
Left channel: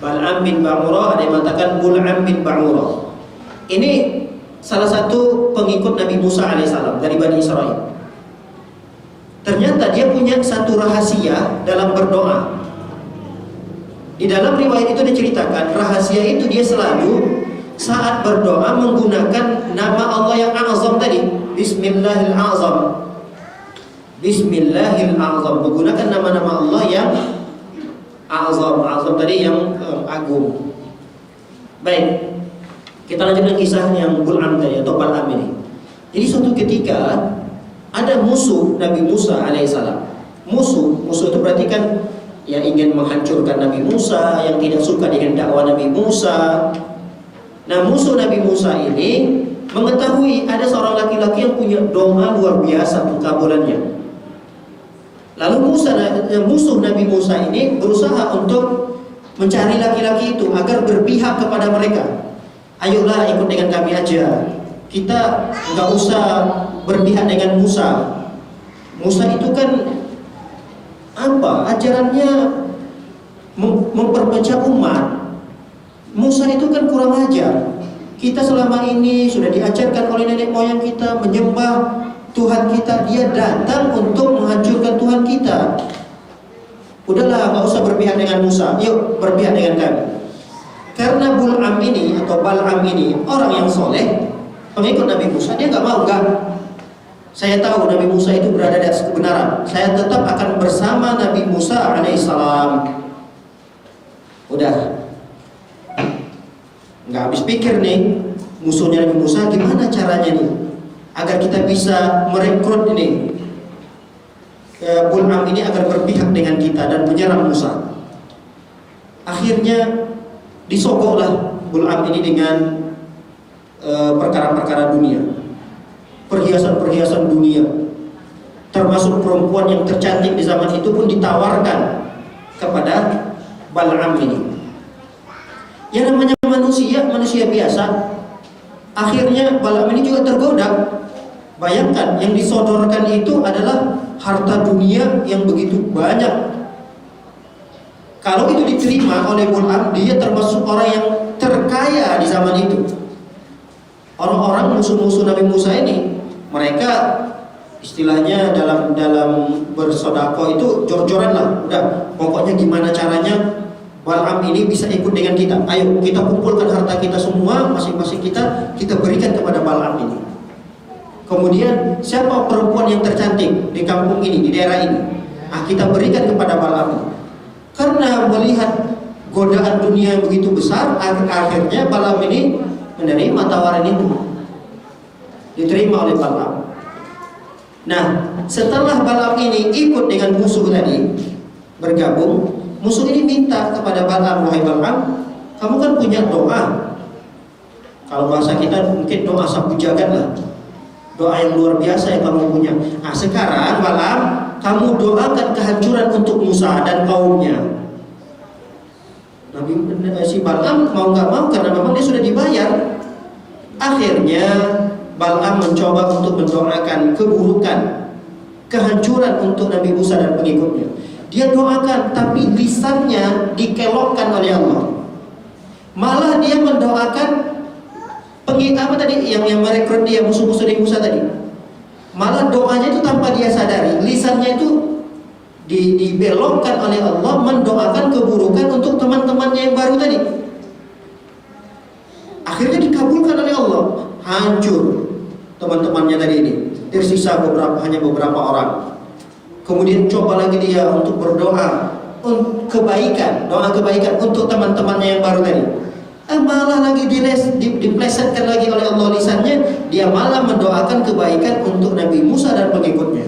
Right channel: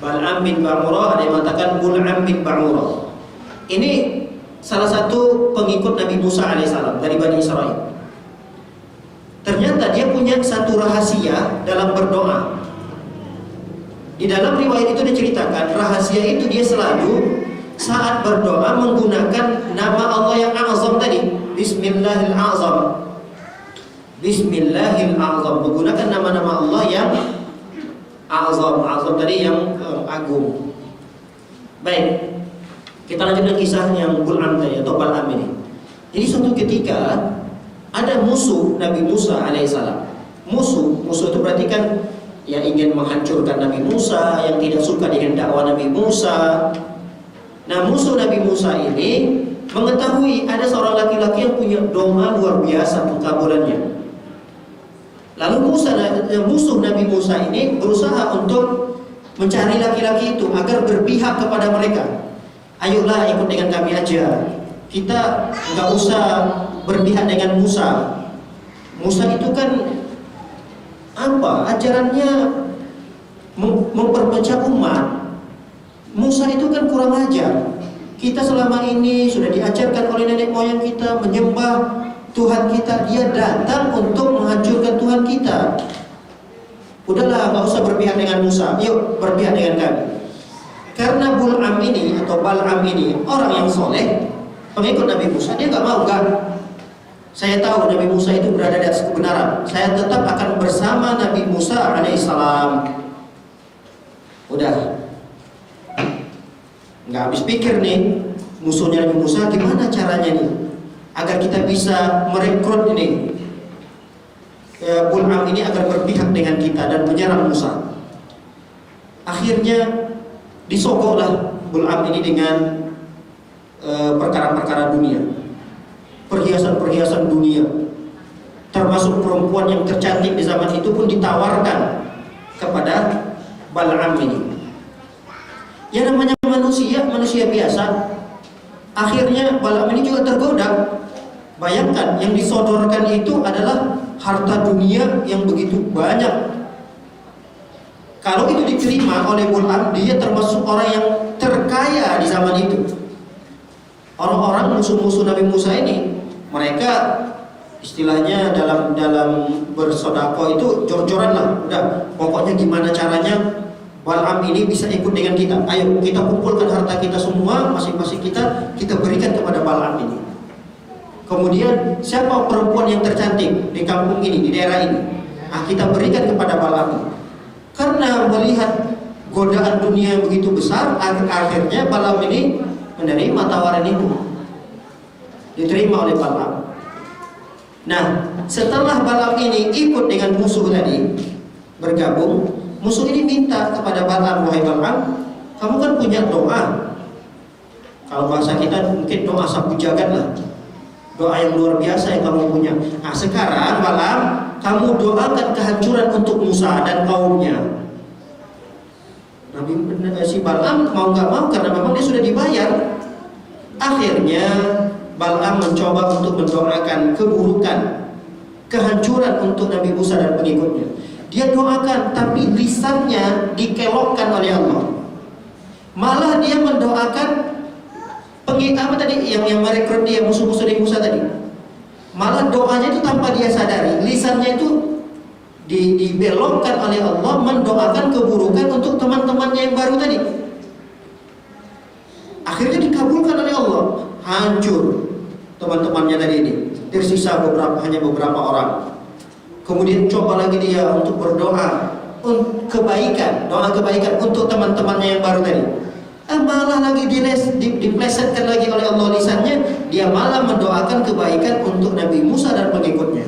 Bal'am bin Ba'urah, ada yang mengatakan Bul'am bin Ba'urah. Ini salah satu pengikut Nabi Musa alaihissalam dari Bani Israel. Ternyata dia punya satu rahasia dalam berdoa. Di dalam riwayat itu diceritakan, rahasia itu dia selalu saat berdoa menggunakan nama Allah yang azam tadi, Bismillahil Azam. Bismillahil Azam, menggunakan nama-nama Allah yang azam tadi yang agung. Baik, kita lanjutkan kisah yang Bul'am tadi atau Bal'am ini. Jadi suatu ketika ada musuh Nabi Musa alaihissalam. Musuh itu berarti kan yang ingin menghancurkan Nabi Musa, yang tidak suka dengan dakwah Nabi Musa. Nah, musuh Nabi Musa ini mengetahui ada seorang laki-laki yang punya doa luar biasa pengkabulannya. Lalu musuh Nabi Musa ini berusaha untuk mencari laki-laki itu agar berpihak kepada mereka. Ayolah ikut dengan kami aja. Kita nggak usah berpihak dengan Musa. Musa itu kan ajarannya memperpecah umat. Musa itu kan kurang ajar. Kita selama ini sudah diajarkan oleh nenek moyang kita menyembah Tuhan kita, dia datang untuk menghancurkan Tuhan kita. Udahlah, nggak usah berpihak dengan Musa, yuk berpihak dengan kami. Karena Bul'am ini atau Bal'am ini orang yang soleh, pengikut Nabi Musa, dia nggak mau. Saya tahu Nabi Musa itu berada di atas kebenaran. Saya tetap akan bersama Nabi Musa alaihissalam. Udah, nggak habis pikir nih musuhnya Nabi Musa, gimana caranya nih agar kita bisa merekrut ini Bul'am ini agar berpihak dengan kita dan menyerang Musa. Akhirnya disogoklah Bul'am ini dengan perkara-perkara dunia, perhiasan-perhiasan dunia, termasuk perempuan yang tercantik di zaman itu pun ditawarkan kepada Bal'am ini. Ya namanya manusia biasa, Akhirnya Balaam ini juga tergoda. Bayangkan, yang disodorkan itu adalah harta dunia yang begitu banyak. Kalau itu diterima oleh Balaam, dia termasuk orang yang terkaya di zaman itu. Orang-orang musuh-musuh Nabi Musa ini, mereka istilahnya dalam bersodako itu jor-joran lah. Udah, pokoknya gimana caranya Balaam ini bisa ikut dengan kita. Ayo kita kumpulkan harta kita semua, masing-masing kita berikan kepada Balaam ini. Kemudian siapa perempuan yang tercantik di kampung ini, di daerah ini, kita berikan kepada Balaam. Karena melihat godaan dunia yang begitu besar, akhirnya Balaam ini menerima tawaran itu, diterima oleh Balaam. Nah, setelah Balaam ini ikut dengan musuh tadi, bergabung, musuh ini minta kepada Balaam, wahai Balaam, kamu kan punya doa. Kalau bahasa kita mungkin doa sapu jagat lah, doa yang luar biasa yang kamu punya. Nah, sekarang Balaam, kamu doakan kehancuran untuk Musa dan kaumnya. Si Balaam mau nggak mau, karena memang dia sudah dibayar. Akhirnya Balaam mencoba untuk mendoakan keburukan, kehancuran untuk Nabi Musa dan pengikutnya. Dia doakan, tapi lisannya dikelokkan oleh Allah. Malah dia mendoakan yang merekrut dia, musuh-musuh Nabi Musa tadi. Malah doanya itu tanpa dia sadari, lisannya itu dibelokkan oleh Allah mendoakan keburukan untuk teman-temannya yang baru tadi. Akhirnya dikabulkan oleh Allah, hancur teman-temannya tadi ini, tersisa hanya beberapa orang. Kemudian coba lagi dia untuk berdoa kebaikan, doa kebaikan untuk teman-temannya yang baru tadi. Malah lagi diplesetkan lagi oleh Allah lisannya, dia malah mendoakan kebaikan untuk Nabi Musa dan pengikutnya.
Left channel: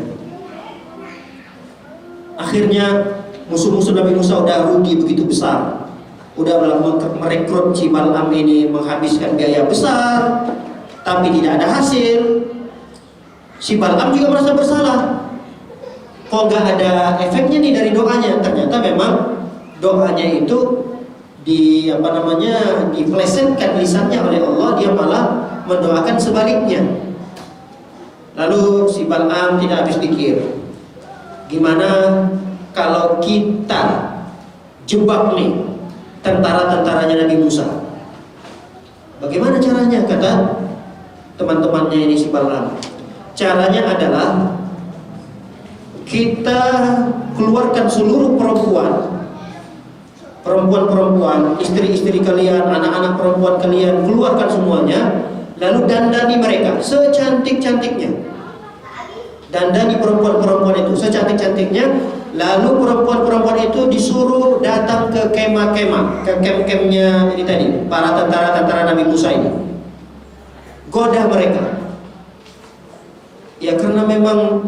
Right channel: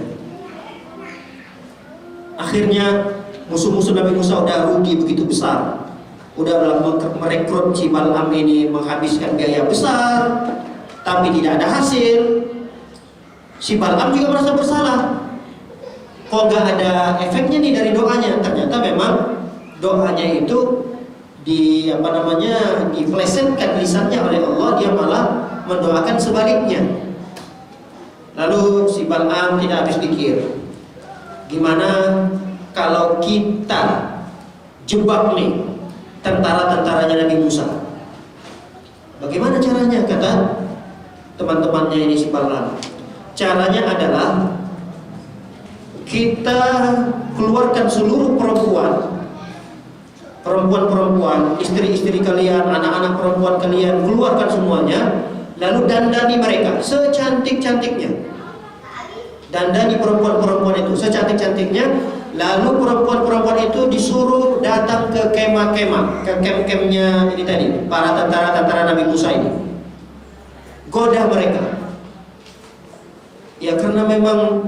Akhirnya musuh-musuh Nabi Musa udah rugi begitu besar, udah merekrut si Balaam ini, menghabiskan biaya besar, tapi tidak ada hasil. Si Balaam juga merasa bersalah, kok gak ada efeknya nih dari doanya. Ternyata memang doanya itu diplesetkan lisannya oleh Allah, dia malah mendoakan sebaliknya. Lalu si Balaam tidak habis pikir, gimana kalau kita jebak nih tentara-tentaranya Nabi Musa? Bagaimana caranya? Kata teman-temannya ini si Balaam, caranya adalah kita keluarkan seluruh perempuan, istri-istri kalian, anak-anak perempuan kalian, keluarkan semuanya, lalu dandani mereka secantik-cantiknya. Dandani perempuan-perempuan itu secantik-cantiknya, lalu perempuan-perempuan itu disuruh datang ke kemah-kemah, ke kem-kemnya ini tadi, para tentara-tentara Nabi Musa ini. Goda mereka. Ya karena memang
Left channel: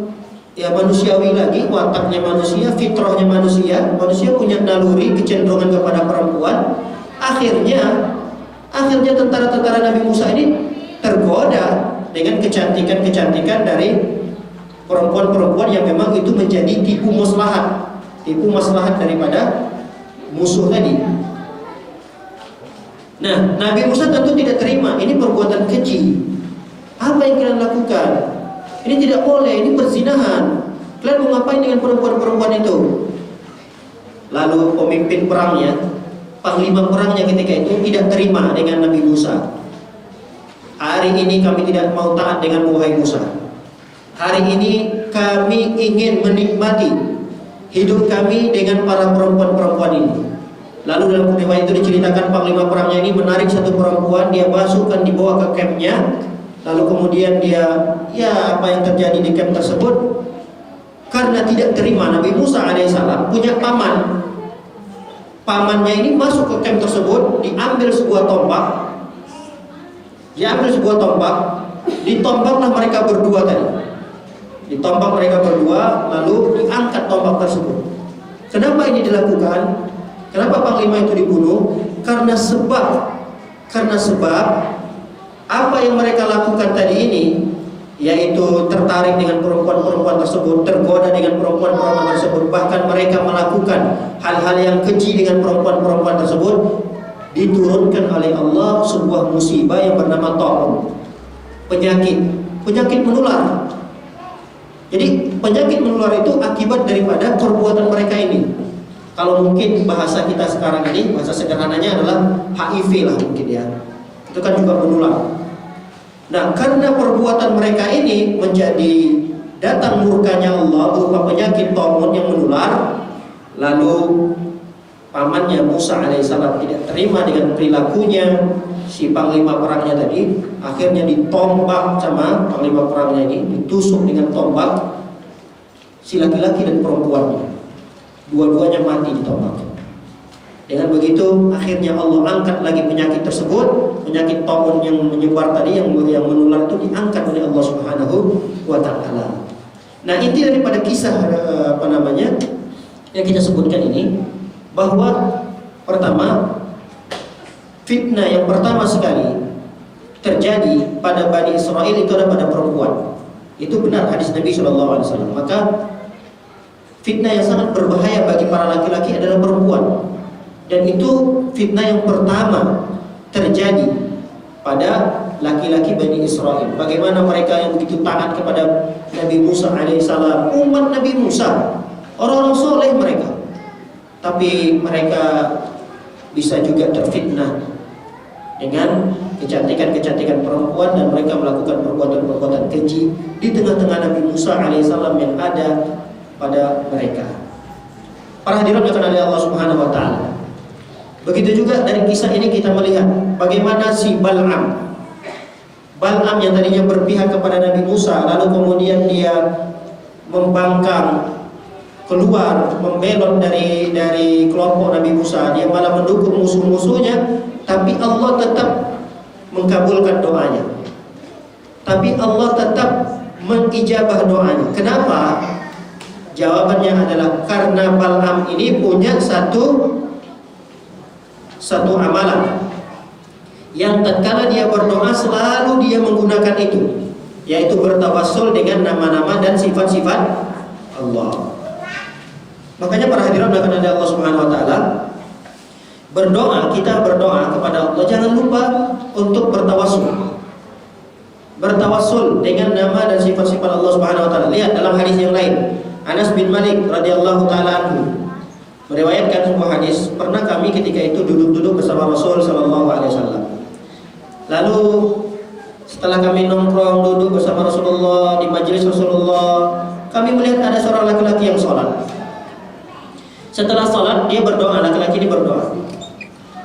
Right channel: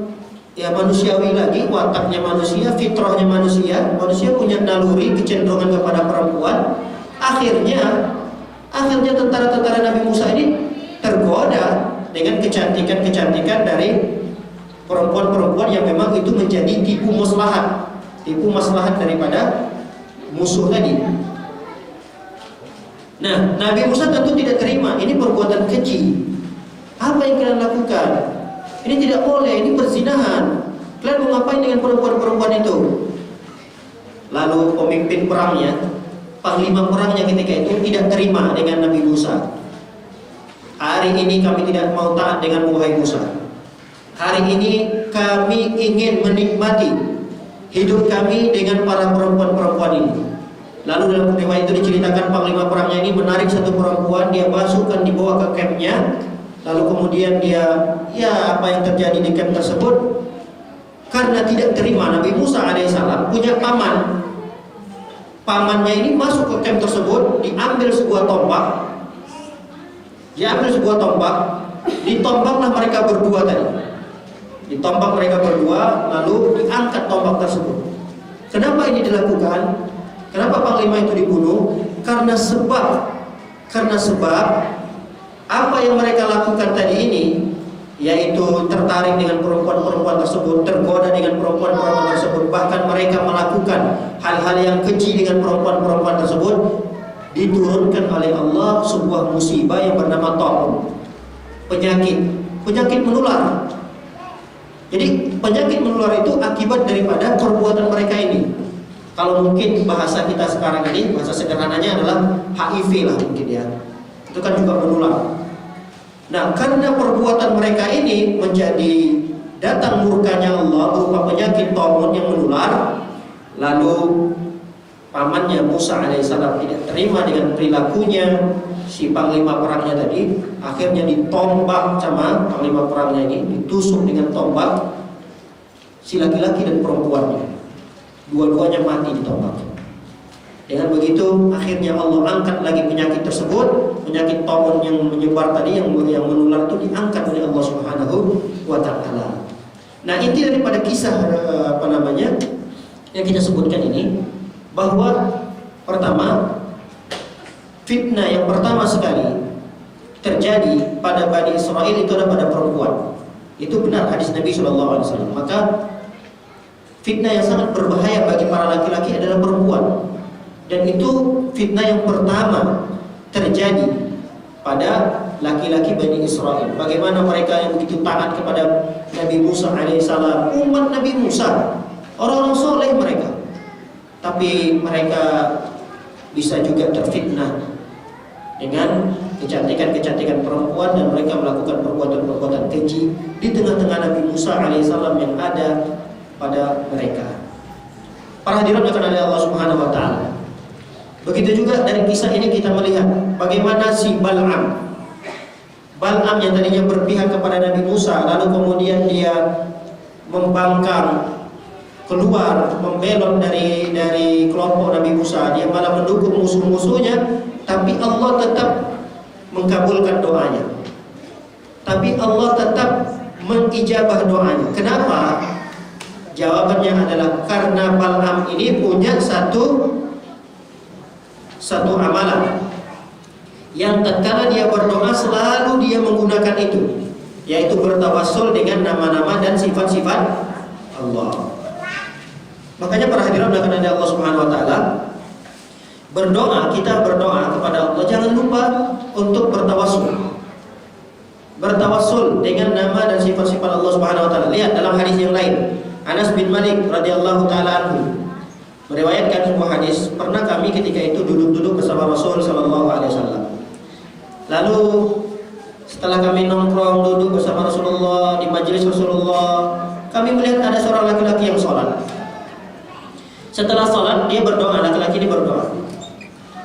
manusiawi lagi, wataknya manusia, fitrahnya manusia punya naluri kecenderungan kepada perempuan. Akhirnya tentara-tentara Nabi Musa ini tergoda dengan kecantikan dari perempuan-perempuan yang memang itu menjadi tipu maslahat daripada musuh tadi. Nah, Nabi Musa tentu tidak terima, ini perbuatan keji. Apa yang kalian lakukan? Ini tidak boleh, ini perzinahan. Kalian mau ngapain dengan perempuan-perempuan itu? Lalu pemimpin perangnya, panglima perangnya ketika itu tidak terima dengan Nabi Musa. Hari ini kami tidak mau taat dengan wahai Musa. Hari ini kami ingin menikmati hidup kami dengan para perempuan-perempuan ini. Lalu dalam riwayat itu diceritakan panglima perangnya ini menarik satu perempuan, dia masukkan, dibawa ke campnya. Lalu kemudian dia, apa yang terjadi di camp tersebut, karena tidak terima, Nabi Musa alaihissalam punya paman. Pamannya ini masuk ke camp tersebut, diambil sebuah tombak, ditombaklah mereka berdua tadi. Ditombak mereka berdua, lalu diangkat tombak tersebut. Kenapa ini dilakukan? Kenapa panglima itu dibunuh? Karena sebab apa yang mereka lakukan tadi ini, yaitu tertarik dengan perempuan-perempuan tersebut, tergoda dengan perempuan-perempuan tersebut, bahkan mereka melakukan hal-hal yang keji dengan perempuan-perempuan tersebut. diturunkan oleh Allah sebuah musibah yang bernama ta'un, penyakit menular. Jadi penyakit menular itu akibat daripada perbuatan mereka ini. Kalau mungkin bahasa kita sekarang ini, bahasa sederhananya adalah HIV lah mungkin ya. Itu kan juga menular. Nah, karena perbuatan mereka ini menjadi datang murkanya Allah berupa penyakit ta'un yang menular, lalu pamannya Musa alaihissalam tidak terima dengan perilakunya si panglima perangnya tadi, akhirnya ditombak sama panglima perangnya ini, ditusuk dengan tombak si laki-laki dan perempuannya, dua-duanya mati ditombak. Dengan begitu akhirnya Allah angkat lagi penyakit tersebut, penyakit ta'un yang menyebar tadi, yang menular itu diangkat oleh Allah Subhanahu wa taala. Nah, inti daripada kisah yang kita sebutkan ini, bahwa pertama, fitnah yang pertama sekali terjadi pada Bani Israel itu adalah pada perempuan. Itu benar hadis Nabi SAW. Maka fitnah yang sangat berbahaya bagi para laki-laki adalah perempuan. Dan itu fitnah yang pertama terjadi pada laki-laki Bani Israel. Bagaimana mereka yang begitu taat kepada Nabi Musa alaihissalam, umat Nabi Musa, orang-orang soleh mereka. Tapi mereka bisa juga terfitnah dengan kecantikan-kecantikan perempuan, dan mereka melakukan perbuatan-perbuatan keji di tengah-tengah Nabi Musa alaihissalam yang ada pada mereka. Para hadirin yang oleh Allah Subhanahu wa taala. Begitu juga dari kisah ini kita melihat bagaimana si Bal'am yang tadinya berpihak kepada Nabi Musa, lalu kemudian dia membangkang keluar, membelot dari kelompok Nabi Musa, dia malah mendukung musuh-musuhnya, tapi Allah tetap mengkabulkan doanya. Tapi Allah tetap mengijabah doanya. Kenapa? Jawabannya adalah karena Bal'am ini punya satu amalan yang tatkala dia berdoa selalu dia menggunakan itu, yaitu bertawassul dengan nama-nama dan sifat-sifat Allah. Makanya para hadirin yang Allah Subhanahu wa taala, kita berdoa kepada Allah jangan lupa untuk bertawassul. Bertawassul dengan nama dan sifat-sifat Allah Subhanahu wa taala. Lihat dalam hadis yang lain, Anas bin Malik radhiyallahu taala anhu meriwayatkan sebuah hadis, pernah kami ketika itu duduk-duduk bersama Rasul sallallahu alaihi wasallam. Lalu setelah kami nongkrong duduk bersama Rasulullah di majelis Rasulullah, kami melihat ada seorang laki-laki yang sholat. Setelah sholat dia berdoa, laki-laki ini berdoa,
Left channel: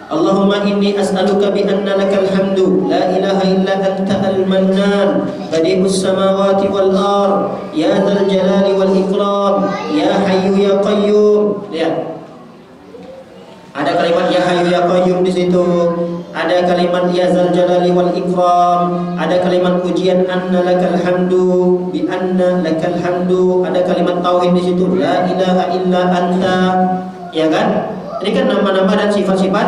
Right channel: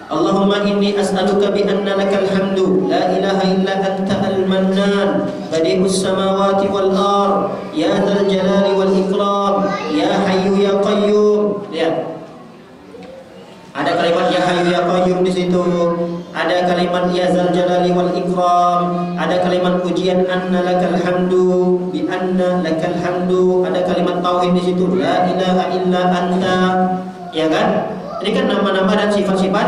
Allahumma inni as'aluka bi anna lakal hamdu la ilaha illa anta al-mannan badi'us samawati wal ard ya dzal jalali wal ikram ya hayyu ya qayyum. Lihat, ada kalimat ya hayyu ya qayyum di situ, ada kalimat ya dzal jalali wal ikram, ada kalimat pujian anna lakal hamdu bi anna lakal hamdu, ada kalimat tauhid di situ la ilaha illa anta, ya kan? Ini kan nama-nama dan sifat-sifat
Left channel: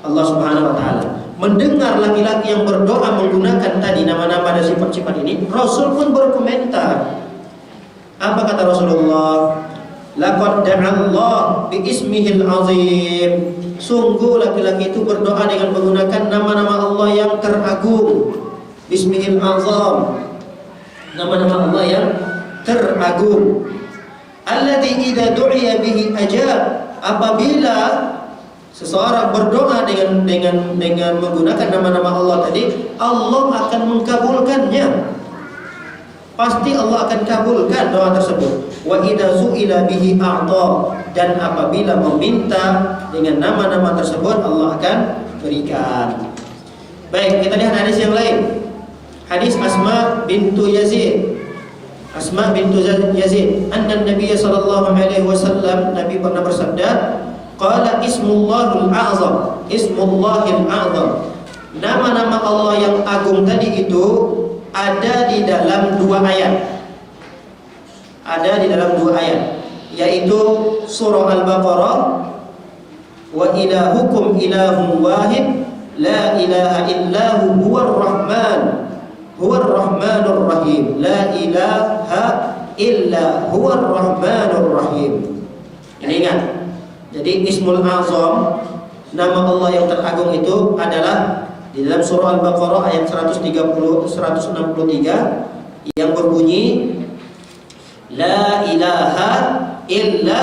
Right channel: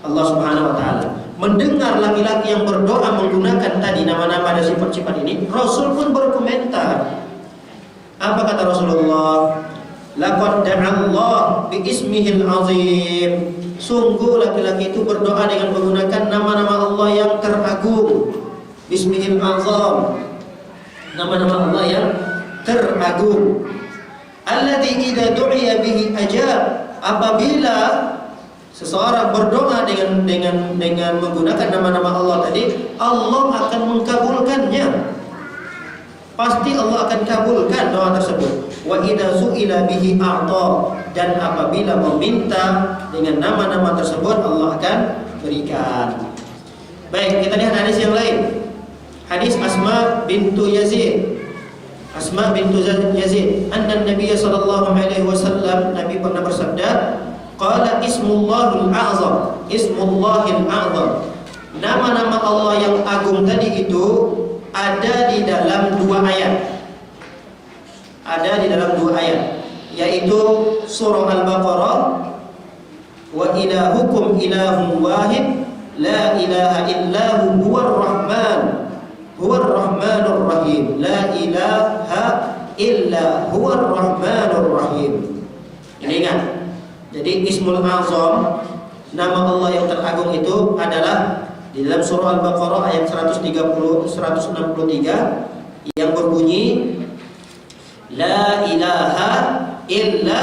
Allah Subhanahu wa taala. Mendengar laki-laki yang berdoa menggunakan tadi nama-nama dan sifat-sifat ini, Rasul pun berkomentar. Apa kata Rasulullah? Laqad da'allah bi ismihil azim. Sungguh laki-laki itu berdoa dengan menggunakan nama-nama Allah yang teragung. Bismihil azam. Nama-nama Allah yang teragung. Alladzi idza du'iya bihi ajab. Apabila seseorang berdoa dengan menggunakan nama-nama Allah tadi, Allah akan mengkabulkannya. Pasti Allah akan kabulkan doa tersebut. Wa idza su'ila bihi a'ta, dan apabila meminta dengan nama-nama tersebut Allah akan berikan. Baik, kita lihat hadis yang lain. Hadis Asma bintu Yazid. Asma bintu Yazid, anna Nabi sallallahu alaihi wasallam, Nabi pernah bersabda, qala ismullahul a'zam, ismullahil a'zam. Nama-nama Allah yang agung tadi itu ada di dalam dua ayat. Ada di dalam dua ayat, yaitu surah Al-Baqarah, wa ilahukum ilahun wahid la ilaha illahu huwar rahman huwar rahmanur rahim, la ilaha illa huwar rahmanur rahim. Ini ingat. Jadi ismul azam nama Allah yang teragung itu adalah di dalam surah Al-Baqarah ayat 163 yang berbunyi La ilaha illa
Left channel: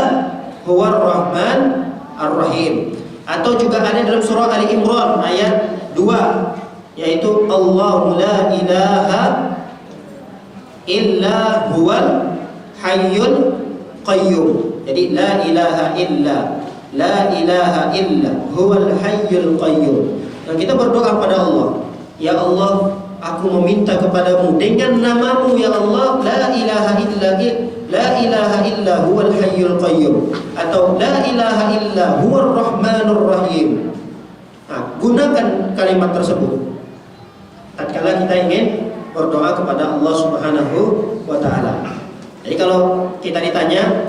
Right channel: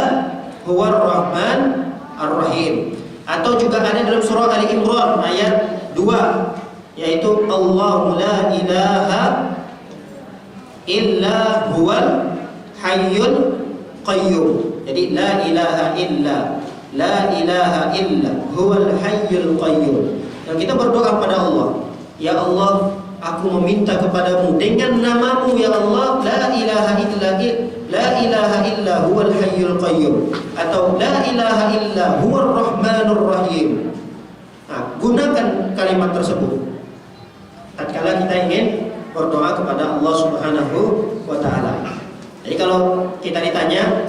huwar rahman ar-rahim. Atau juga ada dalam surah Ali Imran ayat 2 yaitu Allahu la ilaha illa huwal hayyul qayyum. Jadi la ilaha illa huwal hayyul qayyum. Dan kita berdoa kepada Allah, ya Allah, aku meminta kepadamu dengan namamu ya Allah, la ilaha illa huwal hayyul qayyum, atau la ilaha illa huwar rahmanur rahim. Nah, gunakan kalimat tersebut tatkala kita ingin berdoa kepada Allah Subhanahu wa taala. Jadi kalau kita ditanya,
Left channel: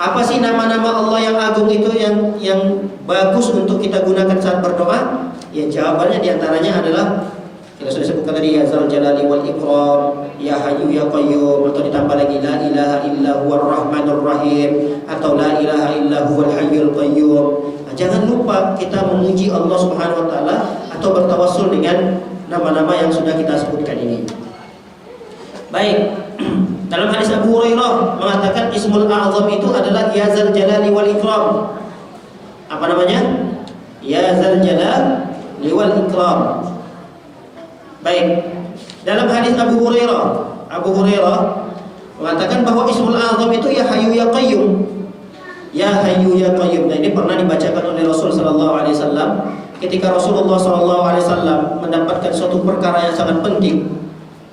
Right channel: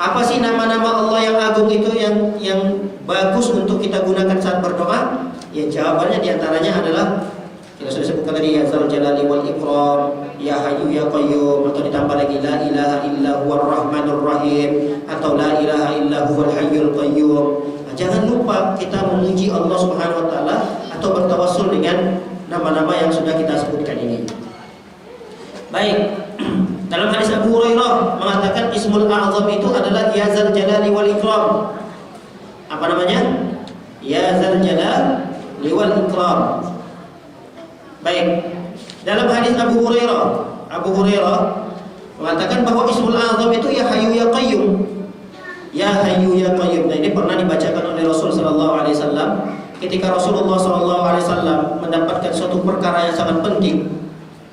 apa sih nama-nama Allah yang agung itu yang bagus untuk kita gunakan saat berdoa? Ya, jawabannya diantaranya adalah kita sudah sebutkan tadi, ya Zal Jalali wal Ikram, ya Hayyu ya Qayyum, atau ditambah lagi la ilaha illa huwar rahmanur rahim, atau la ilaha illa huwal hayyul qayyum. Nah, jangan lupa kita memuji Allah Subhanahu wa taala atau bertawassul dengan nama-nama yang sudah kita sebutkan ini. Baik, dalam hadis Abu Hurairah mengatakan Ismul A'zam itu adalah ya Zal Jalali wal Ikram. Apa namanya? Ya Zal Jalali wal Ikram. Baik, dalam hadis Abu Hurairah mengatakan bahwa Ismul A'zam itu ya Hayyu ya Qayyum. Ya Hayyu ya Qayyum. Nah, ini pernah dibacakan oleh Rasul sallallahu alaihi wasallam ketika Rasulullah sallallahu alaihi wasallam mendapatkan suatu perkara yang sangat penting.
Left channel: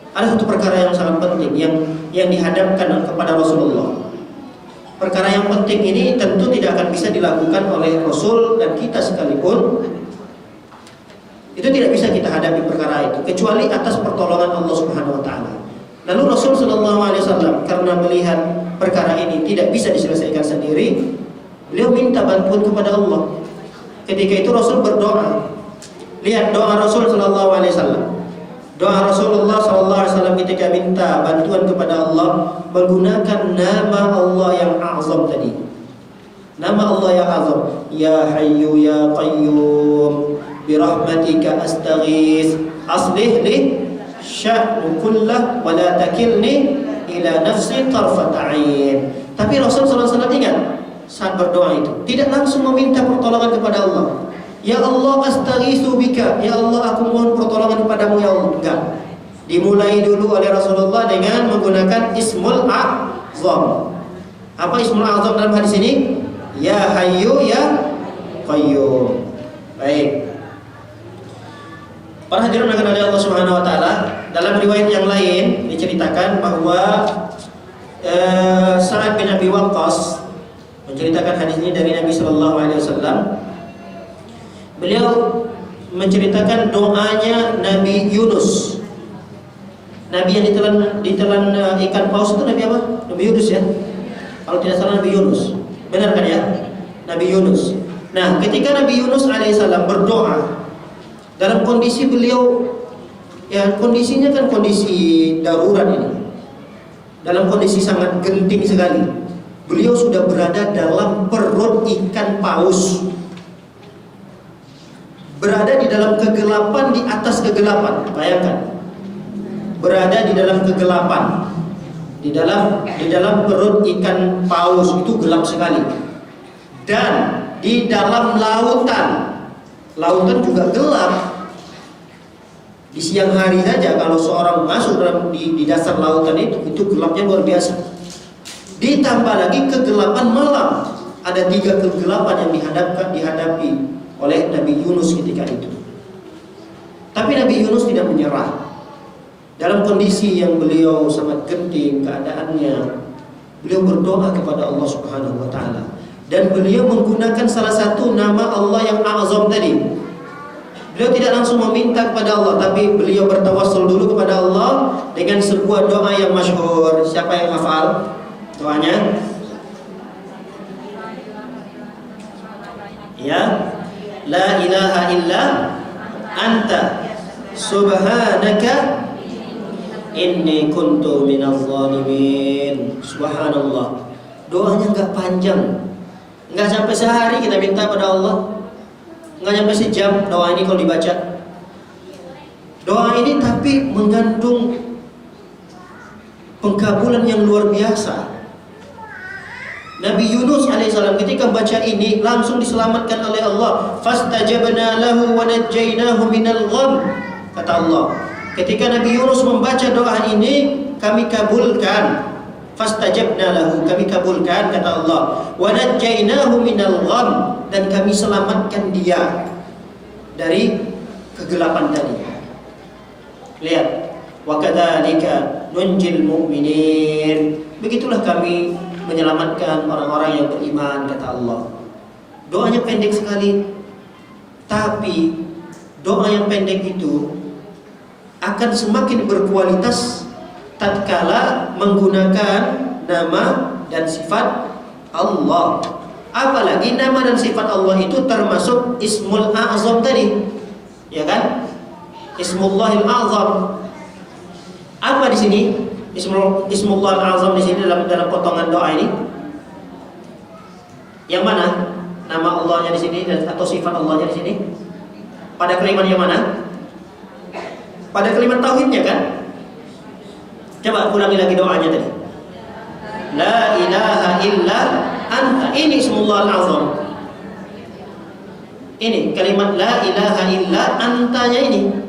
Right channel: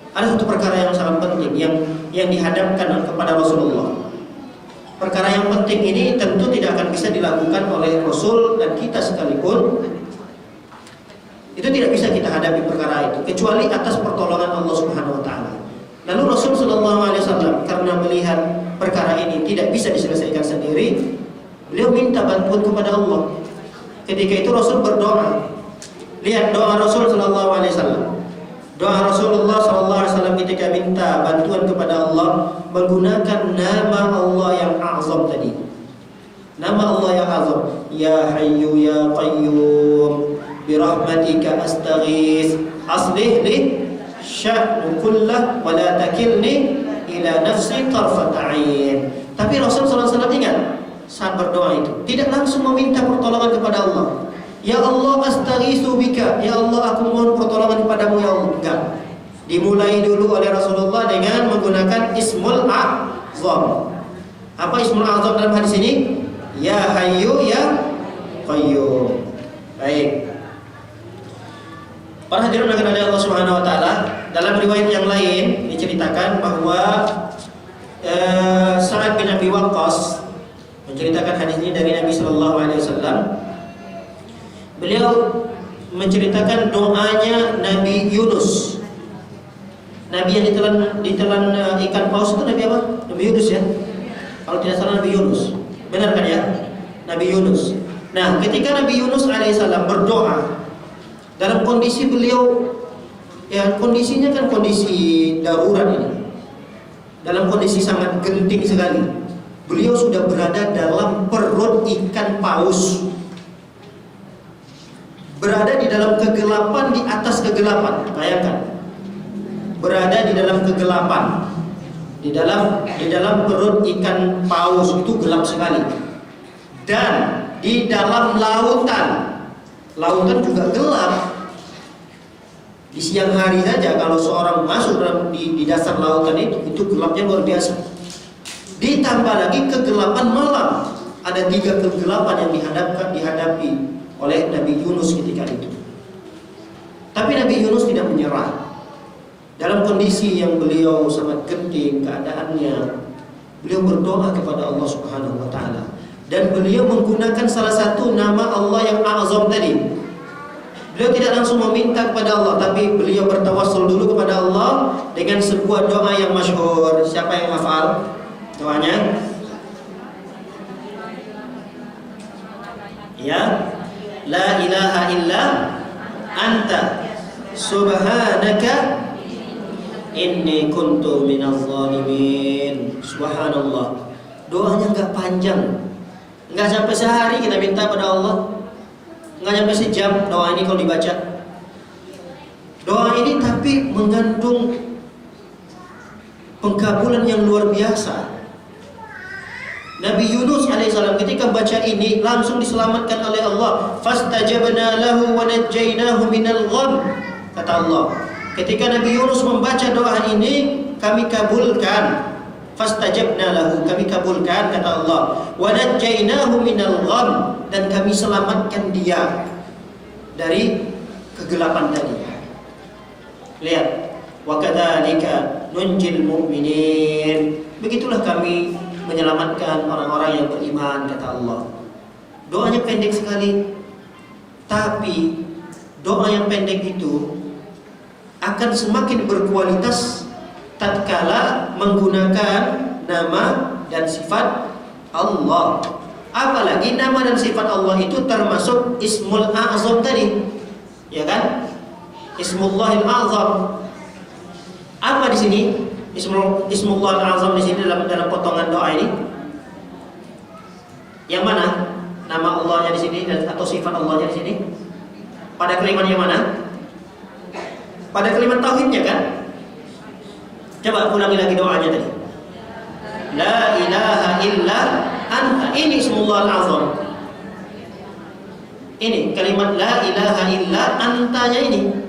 Ada satu perkara yang sangat penting yang dihadapkan kepada Rasulullah. Perkara yang penting ini tentu tidak akan bisa dilakukan oleh Rasul dan kita sekalipun. Itu tidak bisa kita hadapi perkara itu kecuali atas pertolongan Allah Subhanahu wa taala. Lalu Rasul sallallahu alaihi wasallam karena melihat perkara ini tidak bisa diselesaikan sendiri, beliau minta bantuan kepada Allah. Ketika itu Rasul berdoa. Lihat doa Rasul sallallahu alaihi wasallam. Doa Rasulullah sallallahu alaihi wasallam ketika minta bantuan kepada Allah menggunakan nama Allah yang azam tadi. Nama Allah yang azam, ya Hayyu ya Qayyum birahmatika astaghits aslih li sya'nu kullah wa la takilni ila nafsi tarfat ain. Tapi Rasul sallallahu alaihi wasallam ingat saat berdoa itu tidak langsung meminta pertolongan kepada Allah. Ya Allah astaghitsu bika, ya Allah aku mohon pertolongan kepadamu ya Allah. Enggak. Dimulai dulu oleh Rasulullah dengan menggunakan Ismul A'zam. Apa Ismul A'zam dalam hadis ini? Ya Hayyu ya Qayyum. Baik. Para hadirin yang dirahmati Allah Subhanahu wa taala, dalam riwayat yang lain diceritakan bahwa Sa'ad bin Abi Waqqas menceritakan hadis ini dari Nabi sallallahu alaihi wasallam. Beliau menceritakan doanya Nabi Yunus. Nabi yang ditelan ikan paus itu Nabi apa? Nabi Yunus ya. Kalau tidak salah Nabi Yunus. Benar kan ya? Nabi Yunus. Nah, ketika Nabi Yunus alaihissalam berdoa dalam kondisi beliau, ya kondisinya kan kondisi darurat ini. Dalam kondisi sangat genting sekali. Beliau sudah berada dalam perut ikan paus. Berada di dalam kegelapan, di atas kegelapan. Bayangkan. Berada di dalam kegelapan. Di dalam perut ikan paus itu gelap sekali. Dan di dalam lautan. Lautan juga gelap. Di siang hari saja kalau seorang masuk di dasar lautan itu gelapnya luar biasa. Ditambah lagi kegelapan malam. Ada 3 kegelapan yang dihadapi oleh Nabi Yunus ketika itu. Tapi Nabi Yunus tidak menyerah. Dalam kondisi yang beliau sangat genting keadaannya, beliau berdoa kepada Allah Subhanahu wa taala dan beliau menggunakan salah satu nama Allah yang azam tadi. Beliau tidak langsung meminta kepada Allah, tapi beliau bertawassul dulu kepada Allah dengan sebuah doa yang masyhur. Siapa yang hafal doanya? Ya, la ilaha illa anta subhanaka inni kuntu minaz zalimin. Subhanallah. Doanya enggak panjang. Enggak sampai sehari kita minta pada Allah. nggak nyampe sejam doa ini kalau dibaca. Doa ini tapi mengandung pengkabulan yang luar biasa. Nabi Yunus alaihissalam ketika baca ini langsung diselamatkan oleh Allah. Fastajabna lahu wa najjaynahu minal gham. Kata Allah, ketika Nabi Yunus membaca doa ini, kami kabulkan. Fastajabna lahu, kami kabulkan, kata Allah. Wa najjaynahu minal gham, dan kami selamatkan dia dari kegelapan tadi. Lihat, wa kadzalika nunjil mu'minin. Begitulah kami menyelamatkan orang-orang yang beriman, kata Allah. Doanya pendek sekali, tapi doa yang pendek itu akan semakin berkualitas tatkala menggunakan nama dan sifat Allah. Apalagi nama dan sifat Allah itu termasuk Ismul A'zam tadi, ya kan? Ismullahil A'zam. Apa di sini? Ismullahil A'zam di sini dalam potongan doa ini. Yang mana? Nama Allahnya di sini atau sifat Allahnya di sini? Pada kalimat yang mana? Pada kalimat tauhidnya kan? Coba ulangi lagi doanya tadi. La ilaha illa anta. Ini Ismullahil A'zam. Ini kalimat la ilaha illa antanya ini.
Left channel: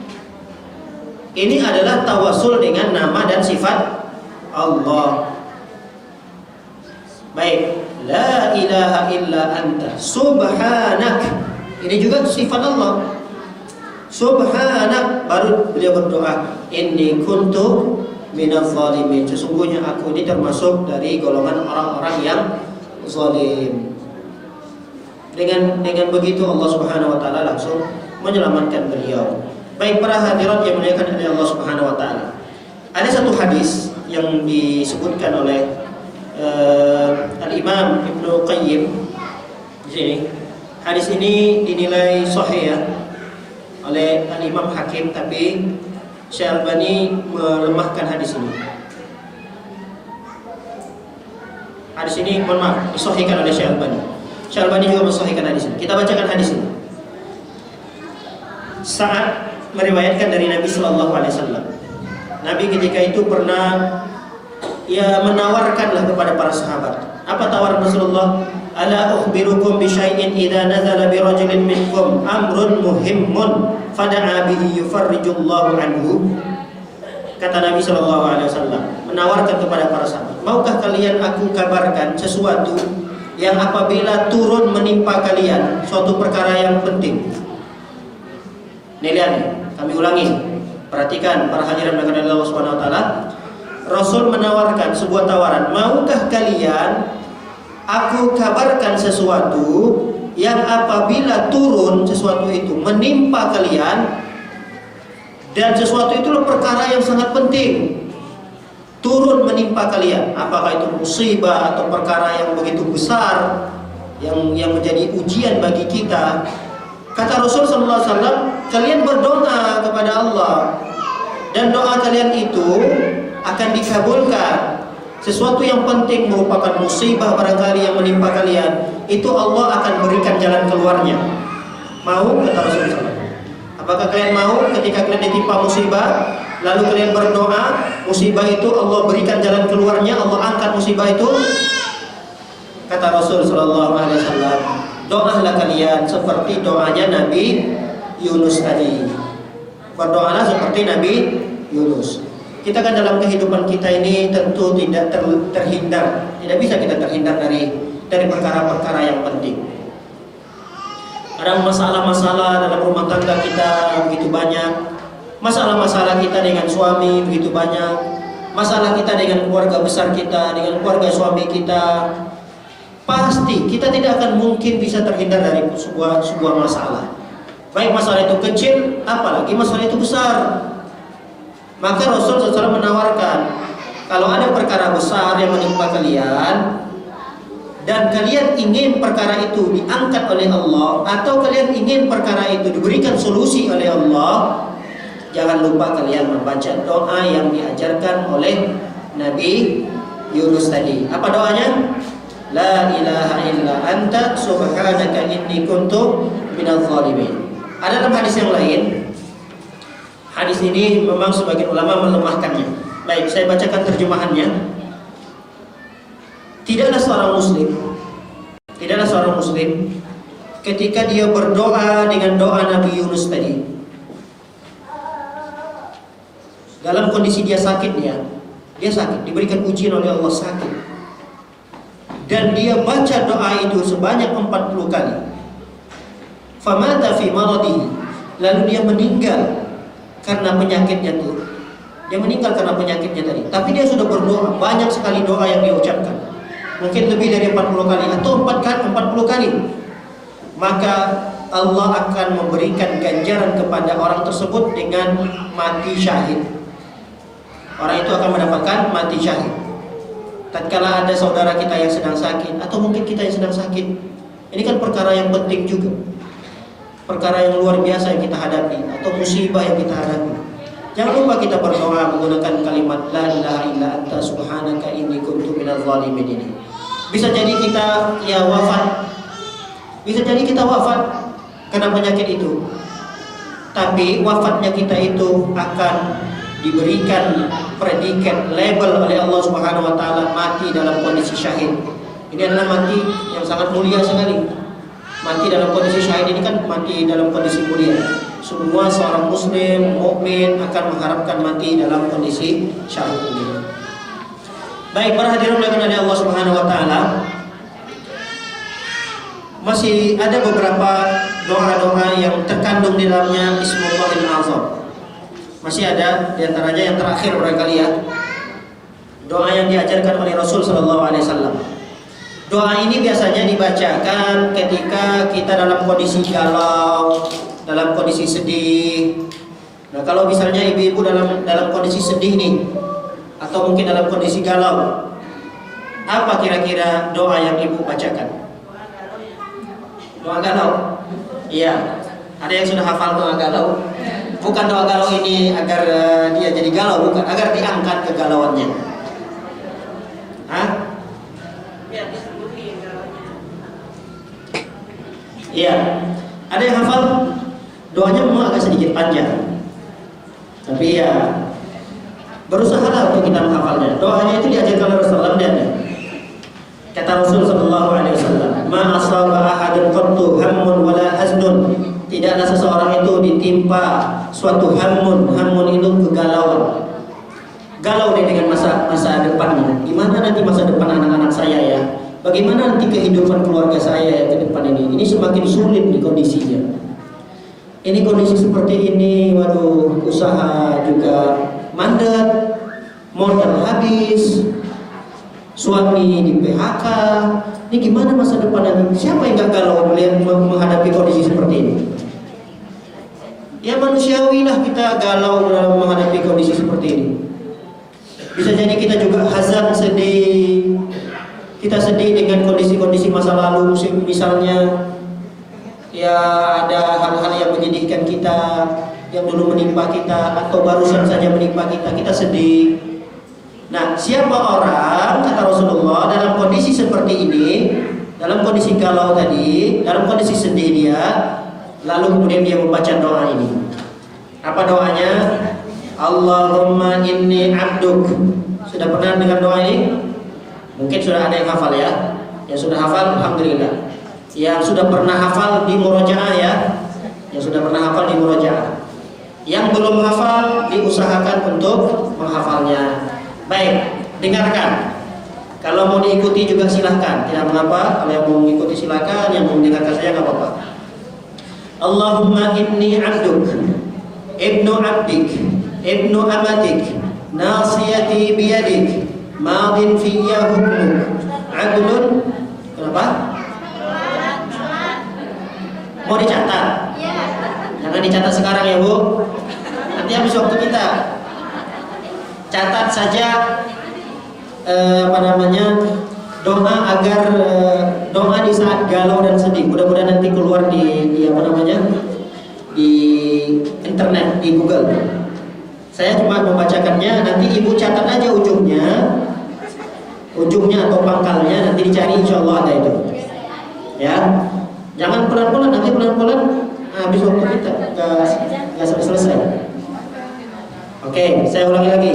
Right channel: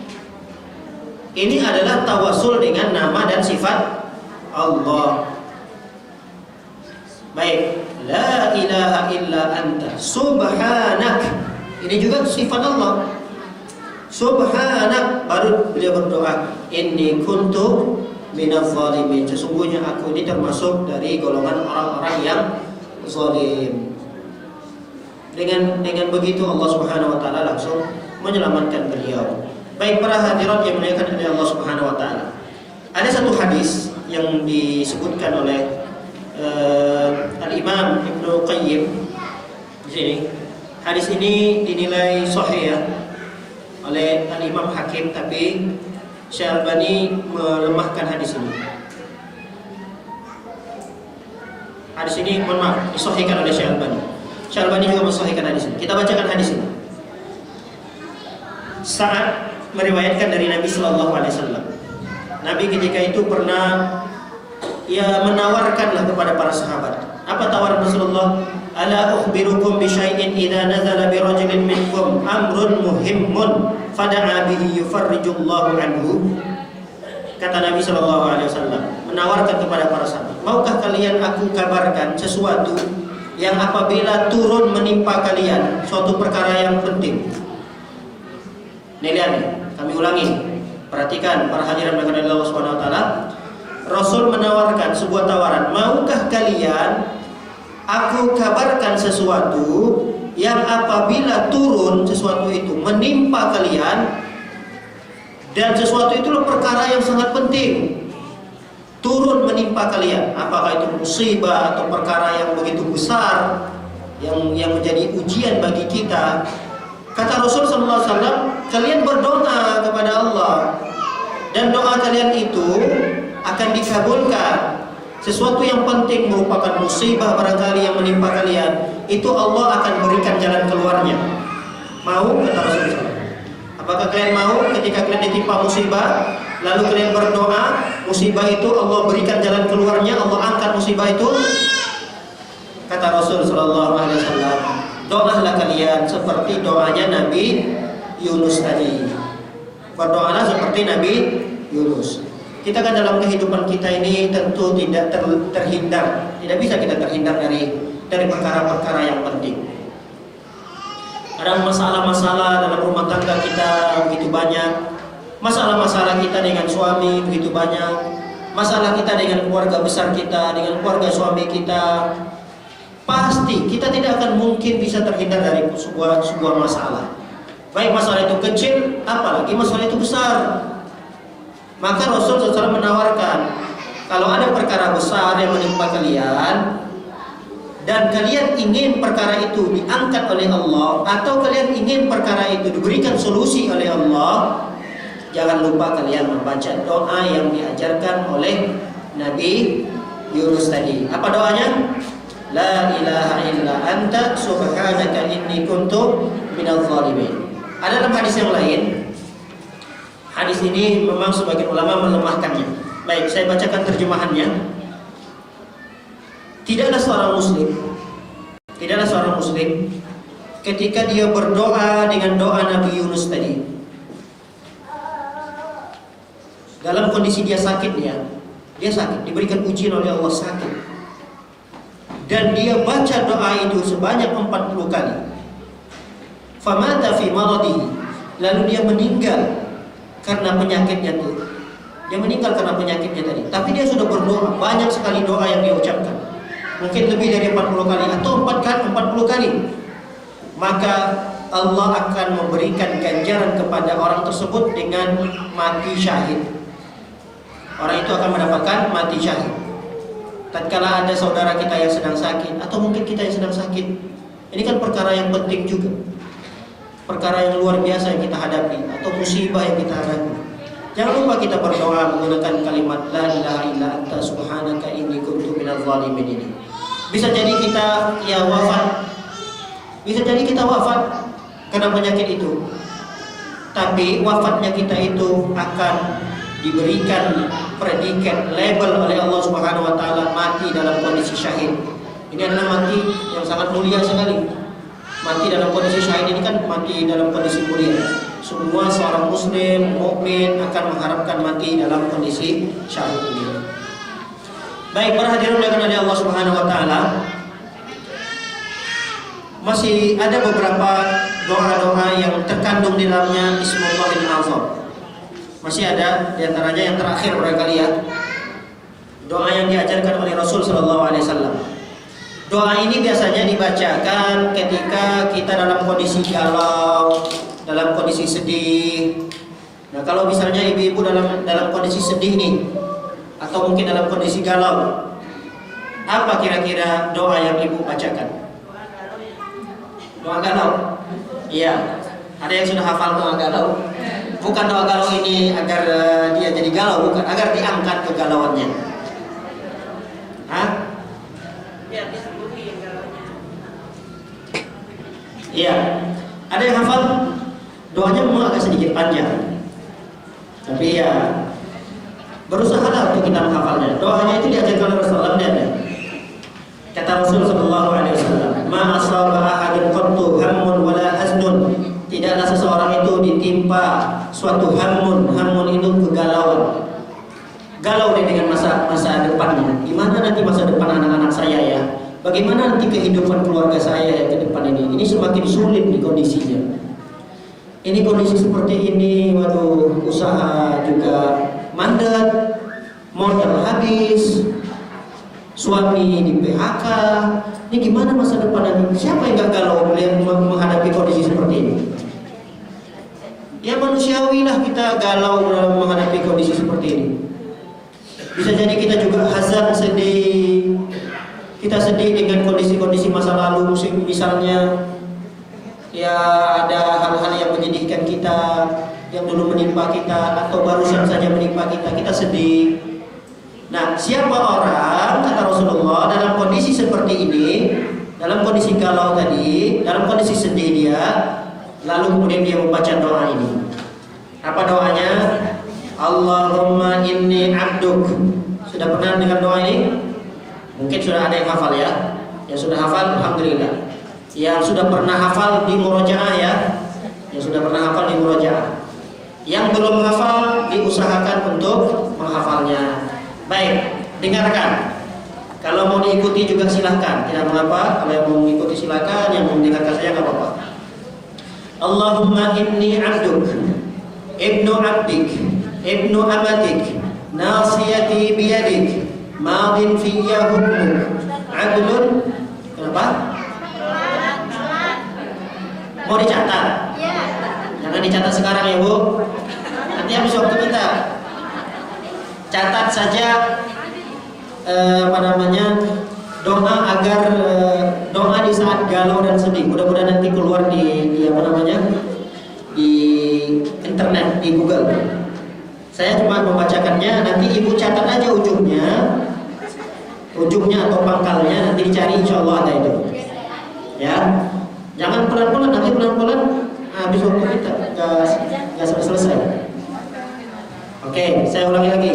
Ini adalah tawasul dengan nama dan sifat Allah. Baik, la ilaha illa anta subhanak. Ini juga sifat Allah. Subhanak, baru beliau berdoa, inni kuntu minaz zalimin. Sesungguhnya aku ini termasuk dari golongan orang-orang yang zalim. Dengan begitu Allah Subhanahu wa taala langsung menyelamatkan beliau. Baik para hadirat yang dimuliakan oleh Allah Subhanahu wa taala. Ada satu hadis yang disebutkan oleh Al-Imam Ibnu Qayyim di sini. Hadis ini dinilai sahih ya oleh Al-Imam Hakim, tapi Syekh Albani melemahkan hadis ini. Hadis ini mohon maaf disahihkan oleh Syekh Albani. Syekh Albani juga mensahihkan hadis ini. Kita bacakan hadis ini. Saat meriwayatkan dari Nabi Sallallahu Alaihi Wasallam, Nabi ketika itu pernah menawarkanlah kepada para sahabat. Apa tawaran Rasulullah? Ala ukhbirukum bi syai'in idza nazala bi rajulin minkum amrun muhimmun fada'a bihi yufarrijullahu anhu. Kata Nabi Sallallahu Alaihi Wasallam menawarkan kepada para sahabat, maukah kalian aku kabarkan sesuatu yang apabila turun menimpa kalian suatu perkara yang penting. Nih lihat nih, kami ulangi. Perhatikan para hadirin yang Allah Subhanahu wa taala. Rasul menawarkan sebuah tawaran, maukah kalian aku kabarkan sesuatu yang apabila turun sesuatu itu menimpa kalian, dan sesuatu itu perkara yang sangat penting turun menimpa kalian, apakah itu musibah atau perkara yang begitu besar yang menjadi ujian bagi kita. Kata Rasul sallallahu alaihi wasallam, kalian berdoa kepada Allah dan doa kalian itu akan dikabulkan. Sesuatu yang penting merupakan musibah barangkali yang menimpa kalian, itu Allah akan berikan jalan keluarnya. Mau? Kata Rasulullah. Apakah kalian mau ketika kalian ditimpa musibah, lalu kalian berdoa, musibah itu Allah berikan jalan keluarnya, Allah angkat musibah itu? Kata Rasul sallallahu alaihi wasallam, doalah kalian seperti doanya Nabi Yunus tadi. Berdoalah seperti Nabi Yunus. Kita kan dalam kehidupan kita ini tentu tidak terhindar, tidak bisa kita terhindar dari perkara-perkara yang penting. Ada masalah-masalah dalam rumah tangga kita begitu banyak, masalah-masalah kita dengan suami begitu banyak, masalah kita dengan keluarga besar kita, dengan keluarga suami kita. Pasti kita tidak akan mungkin bisa terhindar dari sebuah masalah. Baik masalah itu kecil, apalagi masalah itu besar. Maka Rasul SAW menawarkan, kalau ada perkara besar yang menimpa kalian dan kalian ingin perkara itu diangkat oleh Allah, atau kalian ingin perkara itu diberikan solusi oleh Allah, jangan lupa kalian membaca doa yang diajarkan oleh Nabi Yunus tadi. Apa doanya? La ilaha illa anta subhanaka inni kuntu minadz zalimin. Ada dalam hadis yang lain. Hadis ini memang sebagian ulama melemahkannya. Baik, saya bacakan terjemahannya. Tidaklah seorang muslim ketika dia berdoa dengan doa Nabi Yunus tadi, dalam kondisi dia sakit, dia sakit, diberikan ujian oleh Allah, sakit, dan dia baca doa itu sebanyak 40 kali. Famata fi maradihi, lalu dia meninggal karena penyakitnya itu. Dia meninggal karena penyakitnya tadi. Tapi dia sudah berdoa, banyak sekali doa yang dia ucapkan. Mungkin lebih dari 40 kali atau 40 kali. Maka Allah akan memberikan ganjaran kepada orang tersebut dengan mati syahid. Orang itu akan mendapatkan mati syahid. Tatkala ada saudara kita yang sedang sakit, atau mungkin kita yang sedang sakit, ini kan perkara yang penting juga, perkara yang luar biasa yang kita hadapi, atau musibah yang kita hadapi. Jangan lupa kita berdoa menggunakan kalimat la ilaha illa anta subhanaka inni kuntu minadz zalimin ini. Bisa jadi kita wafat karena penyakit itu. Tapi wafatnya kita itu akan diberikan predikat label oleh Allah Subhanahu wa taala, mati dalam kondisi syahid. Ini adalah mati yang sangat mulia sekali. Mati dalam kondisi syahid ini kan mati dalam kondisi mulia. Semua seorang muslim mukmin akan mengharapkan mati dalam kondisi syahid ini. Baik, para hadirin yang oleh Allah Subhanahu wa taala, masih ada beberapa doa-doa yang terkandung di dalamnya Ismullahil Azam. Masih ada di antaranya yang terakhir barangkali ya. Doa yang diajarkan oleh Rasul sallallahu alaihi wasallam. Doa ini biasanya dibacakan ketika kita dalam kondisi galau, dalam kondisi sedih. Nah, kalau misalnya ibu-ibu dalam kondisi sedih nih, atau mungkin dalam kondisi galau, apa kira-kira doa yang ibu bacakan? Doa galau? Iya. Ada yang sudah hafal doa galau? Bukan doa galau ini agar dia jadi galau, bukan, agar diangkat kegalauannya. Hah? Biar disembuhin galaunya. Iya. Ada yang hafal? Doanya memang agak sedikit panjang, tapi ya berusahalah untuk kita menghafalnya. Doanya itu diajarkan oleh Rasulullah SAW. Kata Rasul sallallahu alaihi wasallam, "Ma asaba ahadun qattu hammun wala haznun." Tidaklah seseorang itu ditimpa suatu hammun itu kegalauan. Galau dia dengan masa depannya. Gimana nanti masa depan anak-anak saya ya? Bagaimana nanti kehidupan keluarga saya ke depan ini? Ini semakin sulit di kondisinya. Ini kondisi seperti ini, waduh, usaha juga mandat, modal habis, suami di PHK. Ini gimana masa depan nanti? Siapa yang gak galau melihat menghadapi kondisi seperti ini? Ya manusiawi lah kita galau dalam menghadapi kondisi seperti ini. Bisa jadi kita juga hazan, sedih. Kita sedih dengan kondisi-kondisi masa lalu, misalnya ya ada hal-hal yang menyedihkan kita, yang dulu menimpa kita atau barusan saja menimpa kita sedih. Nah, siapa orang, kata Rasulullah, dalam kondisi seperti ini, dalam kondisi galau tadi, dalam kondisi sedih dia, lalu kemudian dia membaca doa ini. Apa doanya? Allahumma inni abduk. Sudah pernah dengar doa ini? Mungkin sudah ada yang hafal ya. Yang sudah hafal, alhamdulillah. Yang sudah pernah hafal di murojaah ya. Yang sudah pernah hafal di murojaah. Yang belum hafal, diusahakan untuk menghafalnya. Baik, dengarkan. Kalau mau diikuti juga silahkan, tidak mengapa. Kalau yang mau mengikuti silahkan, yang mau mendengarkan saya nggak apa-apa. Allahumma inni abduk, ibnu abdik, ibnu amatik, nasiyati biyadik, madin fiyya hukmuk, adlun. Kenapa? Mau dicatat? Jangan dicatat sekarang ya Bu. Nanti habis waktu kita. Catat saja doa agar doa di saat galau dan sedih. Mudah-mudahan nanti keluar di di internet, di Google. Saya cuma membacakannya, nanti ibu catat aja ujungnya atau pangkalnya, nanti dicari, insya Allah ada itu. Ya, Jangan pelan-pelan, nanti pelan-pelan habis waktu kita nggak sampai selesai. Oke, saya ulangi lagi.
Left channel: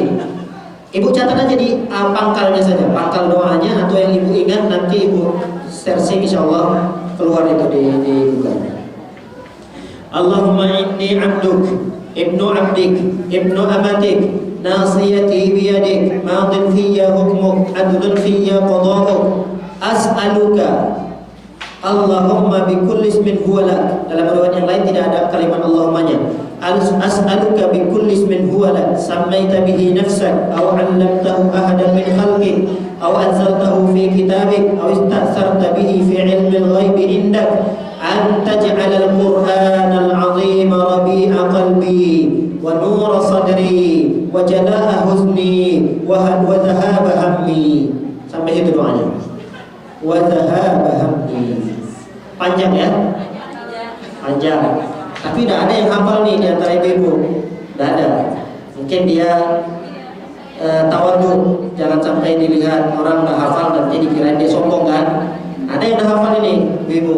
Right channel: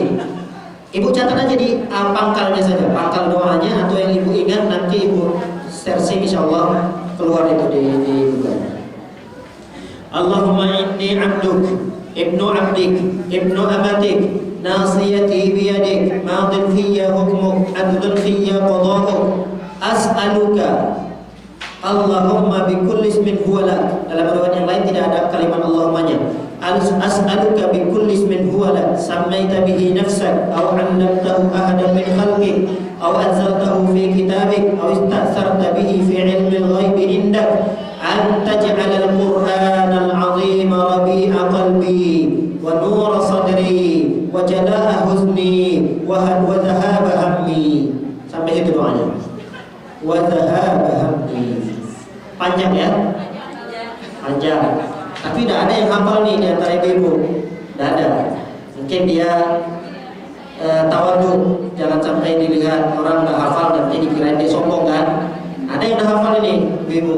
Ibu catat aja di pangkalnya saja, pangkal doanya, atau yang ibu ingat nanti ibu searching, insya Allah keluar itu di Google. Allahumma inni abduk, ibnu abdik, ibnu amatik, nasiyati biyadik, madin fiyya hukmuk, adlun fiyya qada'uk, as'aluka Allahumma bi kulli ismin huwa lak. Dalam riwayat yang lain tidak ada kalimat Allahumma-nya. As'aluka bi kulli ismin huwa lak, sammaita bihi nafsak, aw 'allamtahu ahadan min khalqik, aw anzaltahu fi kitabik, aw ista'tharta bihi fi 'ilmil ghaibi indak, an taj'alal Qur'anal 'azim rabi'a qalbi wa nura sadri wa jalaa huzni wa dhahaba hammi. Sampai situ doanya. Wa dhahaba hammi. Panjang ya? Panjang. Tapi tidak ada yang hafal nih di antara ibu-ibu. Tidak ada. Mungkin dia tawadhu, jangan sampai dilihat orang nggak hafal nanti dikirain dia sombong kan? Ada yang udah hafal ini, ibu-ibu.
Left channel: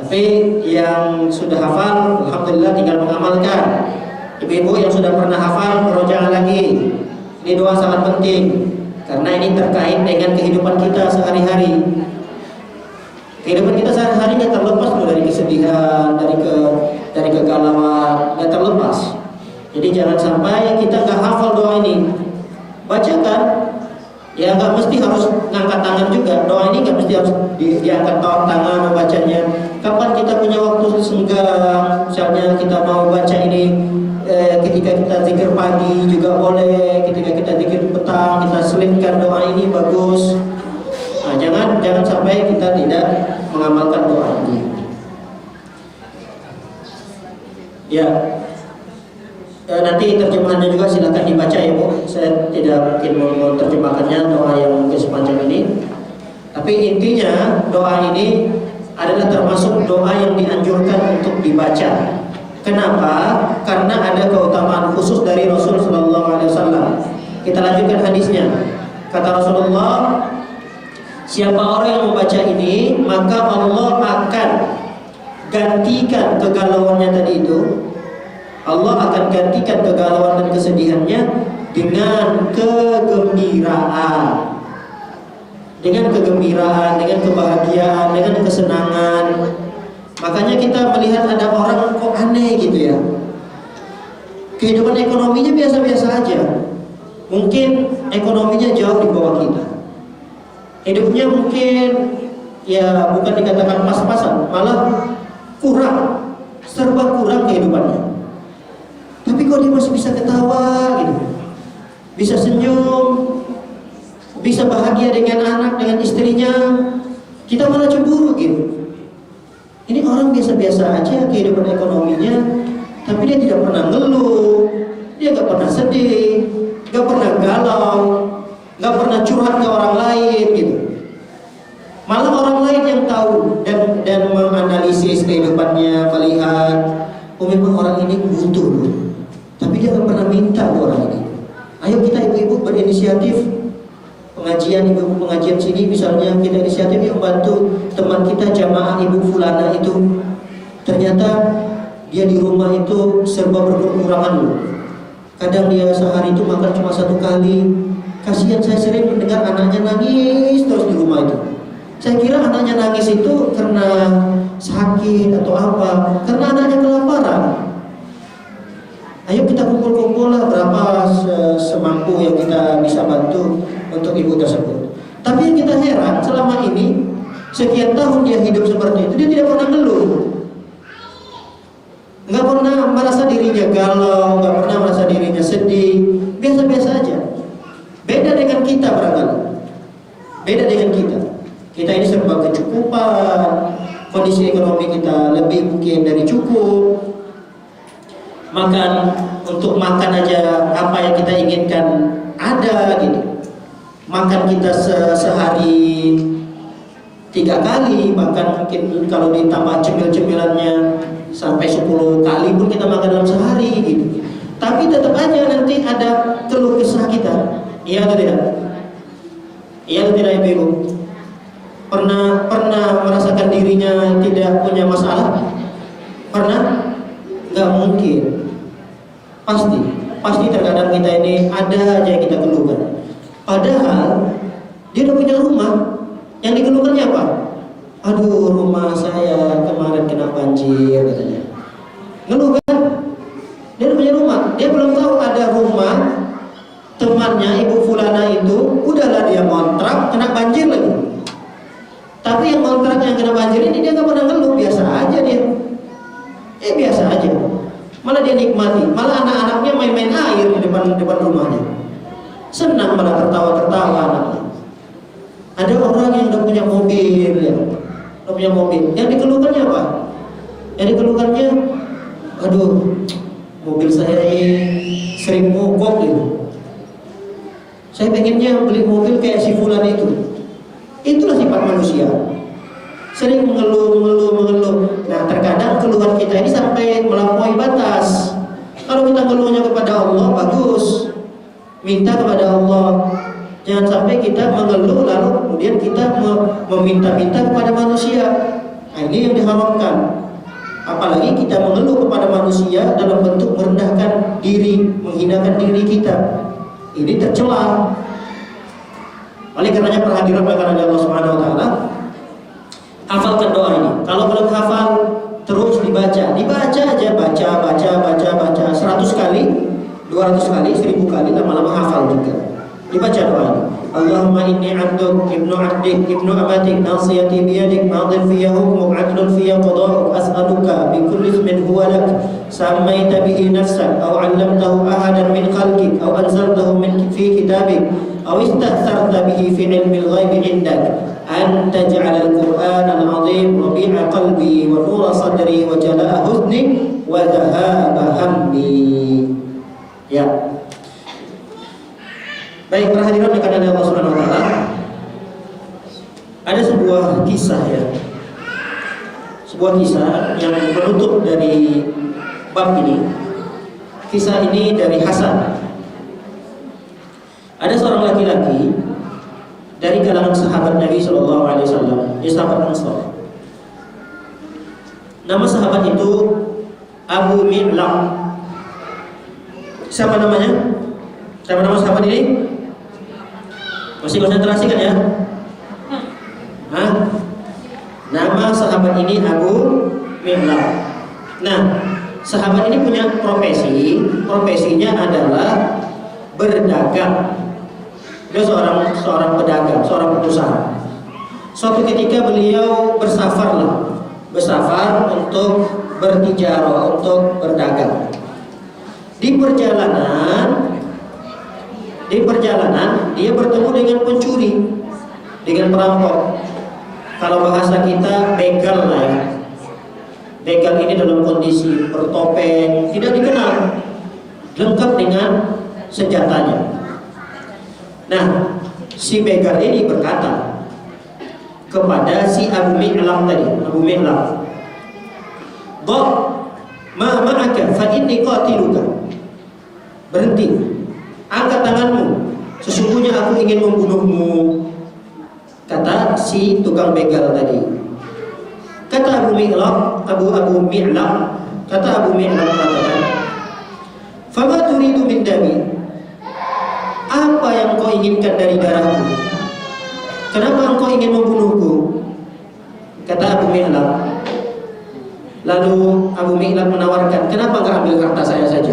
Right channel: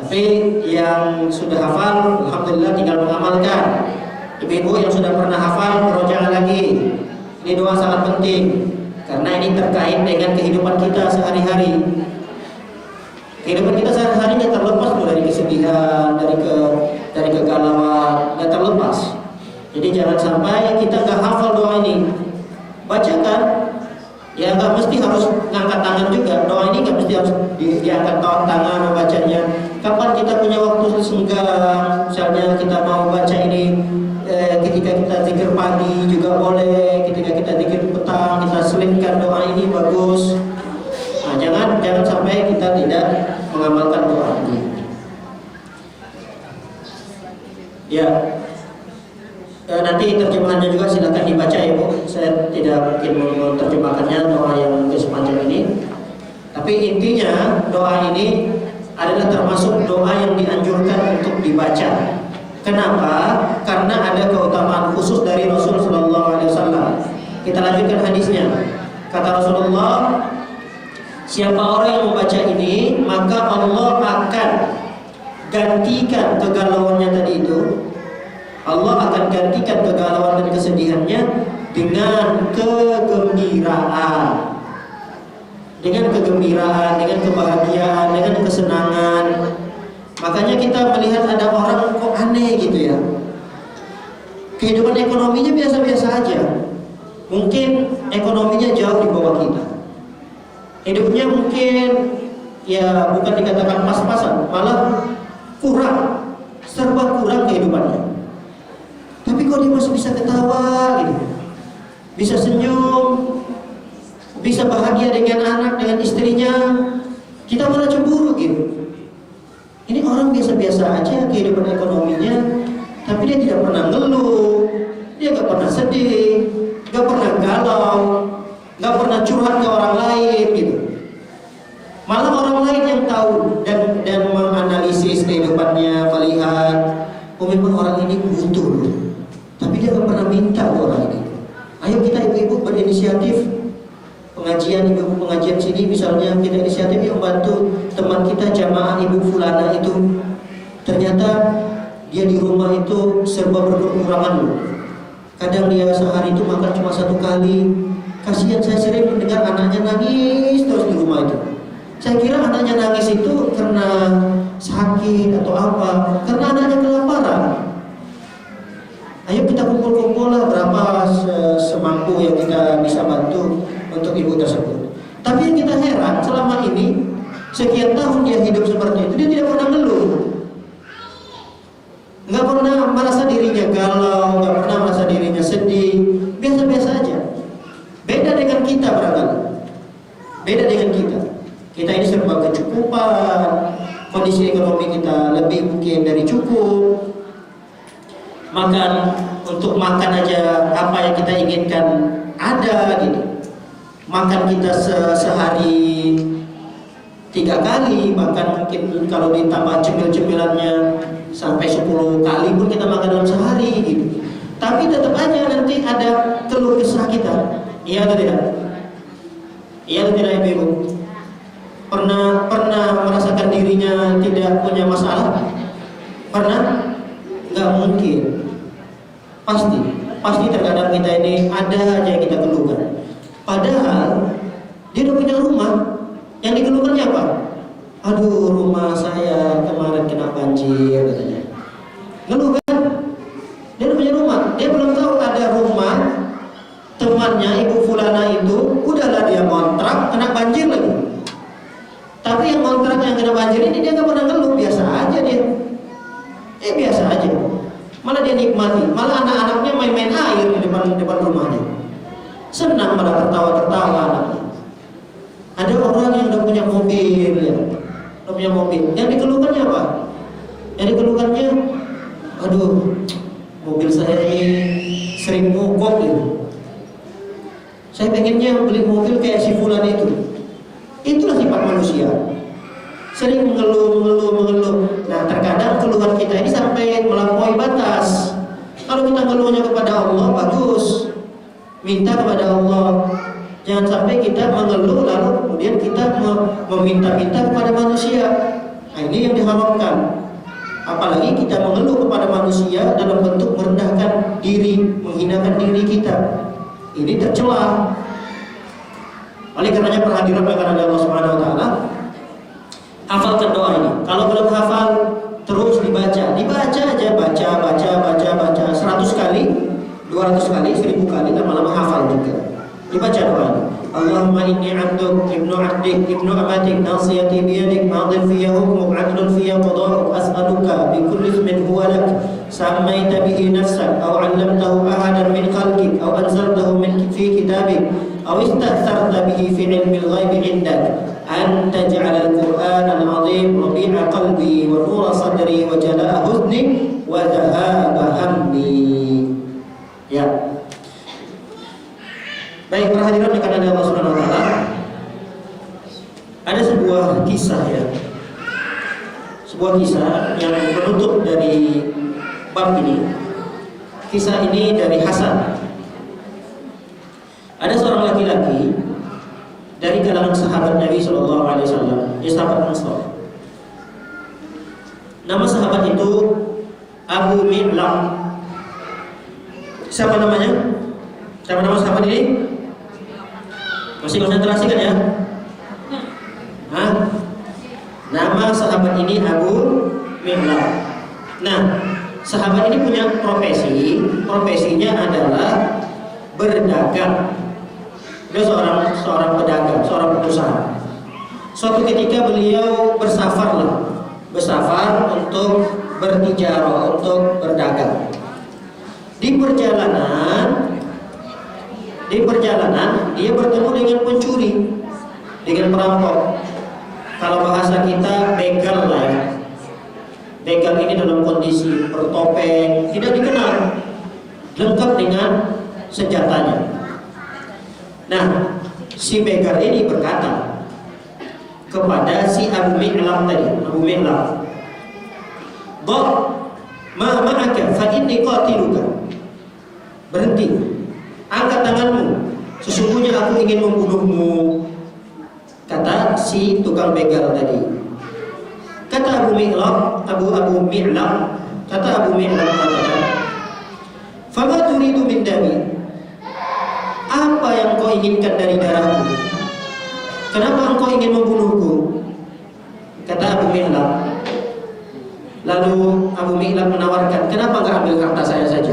Tapi yang sudah hafal, alhamdulillah tinggal mengamalkan. Ibu-ibu yang sudah pernah hafal, murojaah lagi. Ini doa sangat penting karena ini terkait dengan kehidupan kita sehari-hari. Kehidupan kita sehari-hari nggak terlepas dari kesedihan, dari kegalauan, nggak terlepas. Jadi jangan sampai kita nggak hafal doa ini. Bacakan, ya nggak mesti harus ngangkat tangan juga. Doa ini nggak mesti harus diangkat tangan membacanya. Kapan kita punya waktu senggang, misalnya kita mau baca ini ketika kita zikir pagi juga boleh, ketika kita zikir petang kita selipkan doa ini bagus. Nah, jangan sampai kita tidak mengamalkan doa ini. Ya, nanti terjemahannya juga silakan dibaca ya Bu. Saya tidak mungkin mau terjemahkannya doa yang sepanjang ini. Tapi intinya doa ini adalah termasuk doa yang dianjurkan untuk dibaca. Kenapa? Karena ada keutamaan khusus dari Rasul Sallallahu Alaihi Wasallam. Kita lanjutkan hadisnya. Kata Rasulullah, siapa orang yang membaca ini, maka Allah akan gantikan kegalauannya tadi itu. Allah akan gantikan kegalauan dan kesedihannya dengan kegembiraan. Dengan kegembiraan, dengan kebahagiaan, dengan kesenangan. Makanya kita melihat ada orang kok aneh gitu ya. Kehidupan ekonominya biasa-biasa aja. Mungkin ekonominya jauh di bawah kita. Hidupnya mungkin ya bukan dikatakan pas-pasan, malah kurang, serba kurang kehidupannya. Tapi kok dia masih bisa ketawa gitu, bisa senyum, bisa bahagia dengan anak, dengan istrinya. Kita malah cemburu gitu. Ini orang biasa-biasa aja kehidupan ekonominya, tapi dia tidak pernah ngeluh, dia gak pernah sedih, gak pernah galau, gak pernah curhat ke orang lain gitu. Malah orang lain yang tahu dan menganalisis kehidupannya, melihat, oh memang orang ini butuh loh, tapi dia gak pernah minta ke orang ini. Ayo kita ibu-ibu berinisiatif. Pengajian ibu pengajian sini misalnya kita inisiatif yang membantu teman kita jamaah ibu fulana itu, ternyata dia di rumah itu serba berkekurangan loh. Kadang dia sehari itu makan cuma 1 kali. Kasihan, saya sering mendengar anaknya nangis terus di rumah itu. Saya kira anaknya nangis itu karena sakit atau apa, karena anaknya kelaparan. Ayo kita kumpul-kumpul lah berapa semampu yang kita bisa bantu untuk ibu tersebut. Tapi yang kita heran, selama ini sekian tahun dia hidup seperti itu, dia tidak pernah ngeluh, nggak pernah merasa dirinya galau, nggak pernah merasa dirinya sedih, biasa-biasa aja. Beda dengan kita barangkali. Beda dengan kita. Kita ini serba kecukupan, kondisi ekonomi kita lebih mungkin dari cukup. Untuk makan aja apa yang kita inginkan ada gitu. Makan kita sehari 3 kali, bahkan mungkin kalau ditambah cemil-cemilannya sampai 10 kali pun kita makan dalam sehari gitu. Tapi tetap aja nanti ada keluh kesah kita. Iya atau tidak? Iya atau tidak ibu? Pernah merasakan dirinya tidak punya masalah? Pernah? Nggak mungkin. Pasti terkadang kita ini ada aja yang kita keluhkan. Padahal dia udah punya rumah. Yang dikeluhkannya apa? Aduh, rumah saya kemarin kena banjir katanya. Ngeluh kan? Dia udah punya rumah. Dia belum tahu ada rumah temannya ibu fulana itu udahlah dia kontrak kena banjir lagi. Tapi yang kontrak yang kena banjir ini dia nggak pernah ngeluh, biasa aja dia. Biasa aja. Malah dia nikmati. Malah anak-anaknya main-main air di depan rumahnya. Senang, malah tertawa-tertawa anaknya. Ada orang yang udah punya mobil ya. Udah punya mobil. Yang dikeluhkannya apa? Yang dikeluhkannya, aduh, mobil saya ini sering mogok gitu. Saya pengennya beli mobil kayak si fulan itu. Itulah sifat manusia. Sering mengeluh. Nah, terkadang keluhan kita ini sampai melampaui batas. Kalau kita mengeluhnya kepada Allah, bagus. Minta kepada Allah. Jangan sampai kita mengeluh lalu kemudian kita meminta-minta kepada manusia. Nah, ini yang diharamkan. Apalagi kita mengeluh kepada manusia dalam bentuk merendahkan diri, menghinakan diri kita. Ini tercela. Oleh karenanya perhatikan oleh Allah Subhanahu wa taala. Hafalkan doa ini. Kalau belum hafal, terus dibaca aja, baca 100 kali, 200 kali, 1000 kali, lama-lama hafal juga. Dibaca doa ini. Allahumma inni 'abduk ibnu 'abdik ibnu amatik nasiyati biyadik madin fiyya hukmuk 'adlun fiyya qada'uk as'aluka bi kulli ismin huwa lak sammaita bihi nafsak aw 'allamtahu ahadan min khalqik aw anzaltahu min fi kitabik aw istatharta bihi fi 'ilmil ghaibi 'indak an taj'alal qur'anal 'azim rabi'a qalbi wa nura sadri wa jalaa huzni wa dhahaba hammi. Ya. Baik, perhatikan kepada Allah Subhanahu wa taala. Ada sebuah kisah ya. Sebuah kisah yang penutup dari bab ini. Kisah ini dari Hasan. Ada seorang laki-laki dari kalangan sahabat Nabi sallallahu alaihi wasallam, dia sahabat Ansar. Nama sahabat itu Abu Mi'lam. Siapa namanya? Siapa nama sahabat ini? Masih konsentrasi kan ya? Hah? Nama sahabat ini Abu Mi'lam. Nah, sahabat ini punya profesinya adalah berdagang. Dia seorang pedagang, seorang pengusaha. Suatu ketika beliau bersafar untuk bertijarah, untuk berdagang. Di perjalanan dia bertemu dengan pencuri, dengan perampok. Kalau bahasa kita begal lah ya. Begal ini dalam kondisi bertopeng, tidak dikenal, lengkap dengan senjatanya. Nah, si begal ini berkata kepada si Abu Mi'lam tadi, Abu Mi'lam, "Dha ma ma'aka fa inni qatiluka." Berhenti. Angkat tanganmu, sesungguhnya aku ingin membunuhmu, kata si tukang begal tadi. Kata Abu Mi'lam mengatakan, "Fama turidu min dami?" Apa yang kau inginkan dari darahku? Kenapa engkau ingin membunuhku? Kata Abu Mi'lam. Lalu Abu Mi'lam menawarkan, "Kenapa enggak ambil harta saya saja?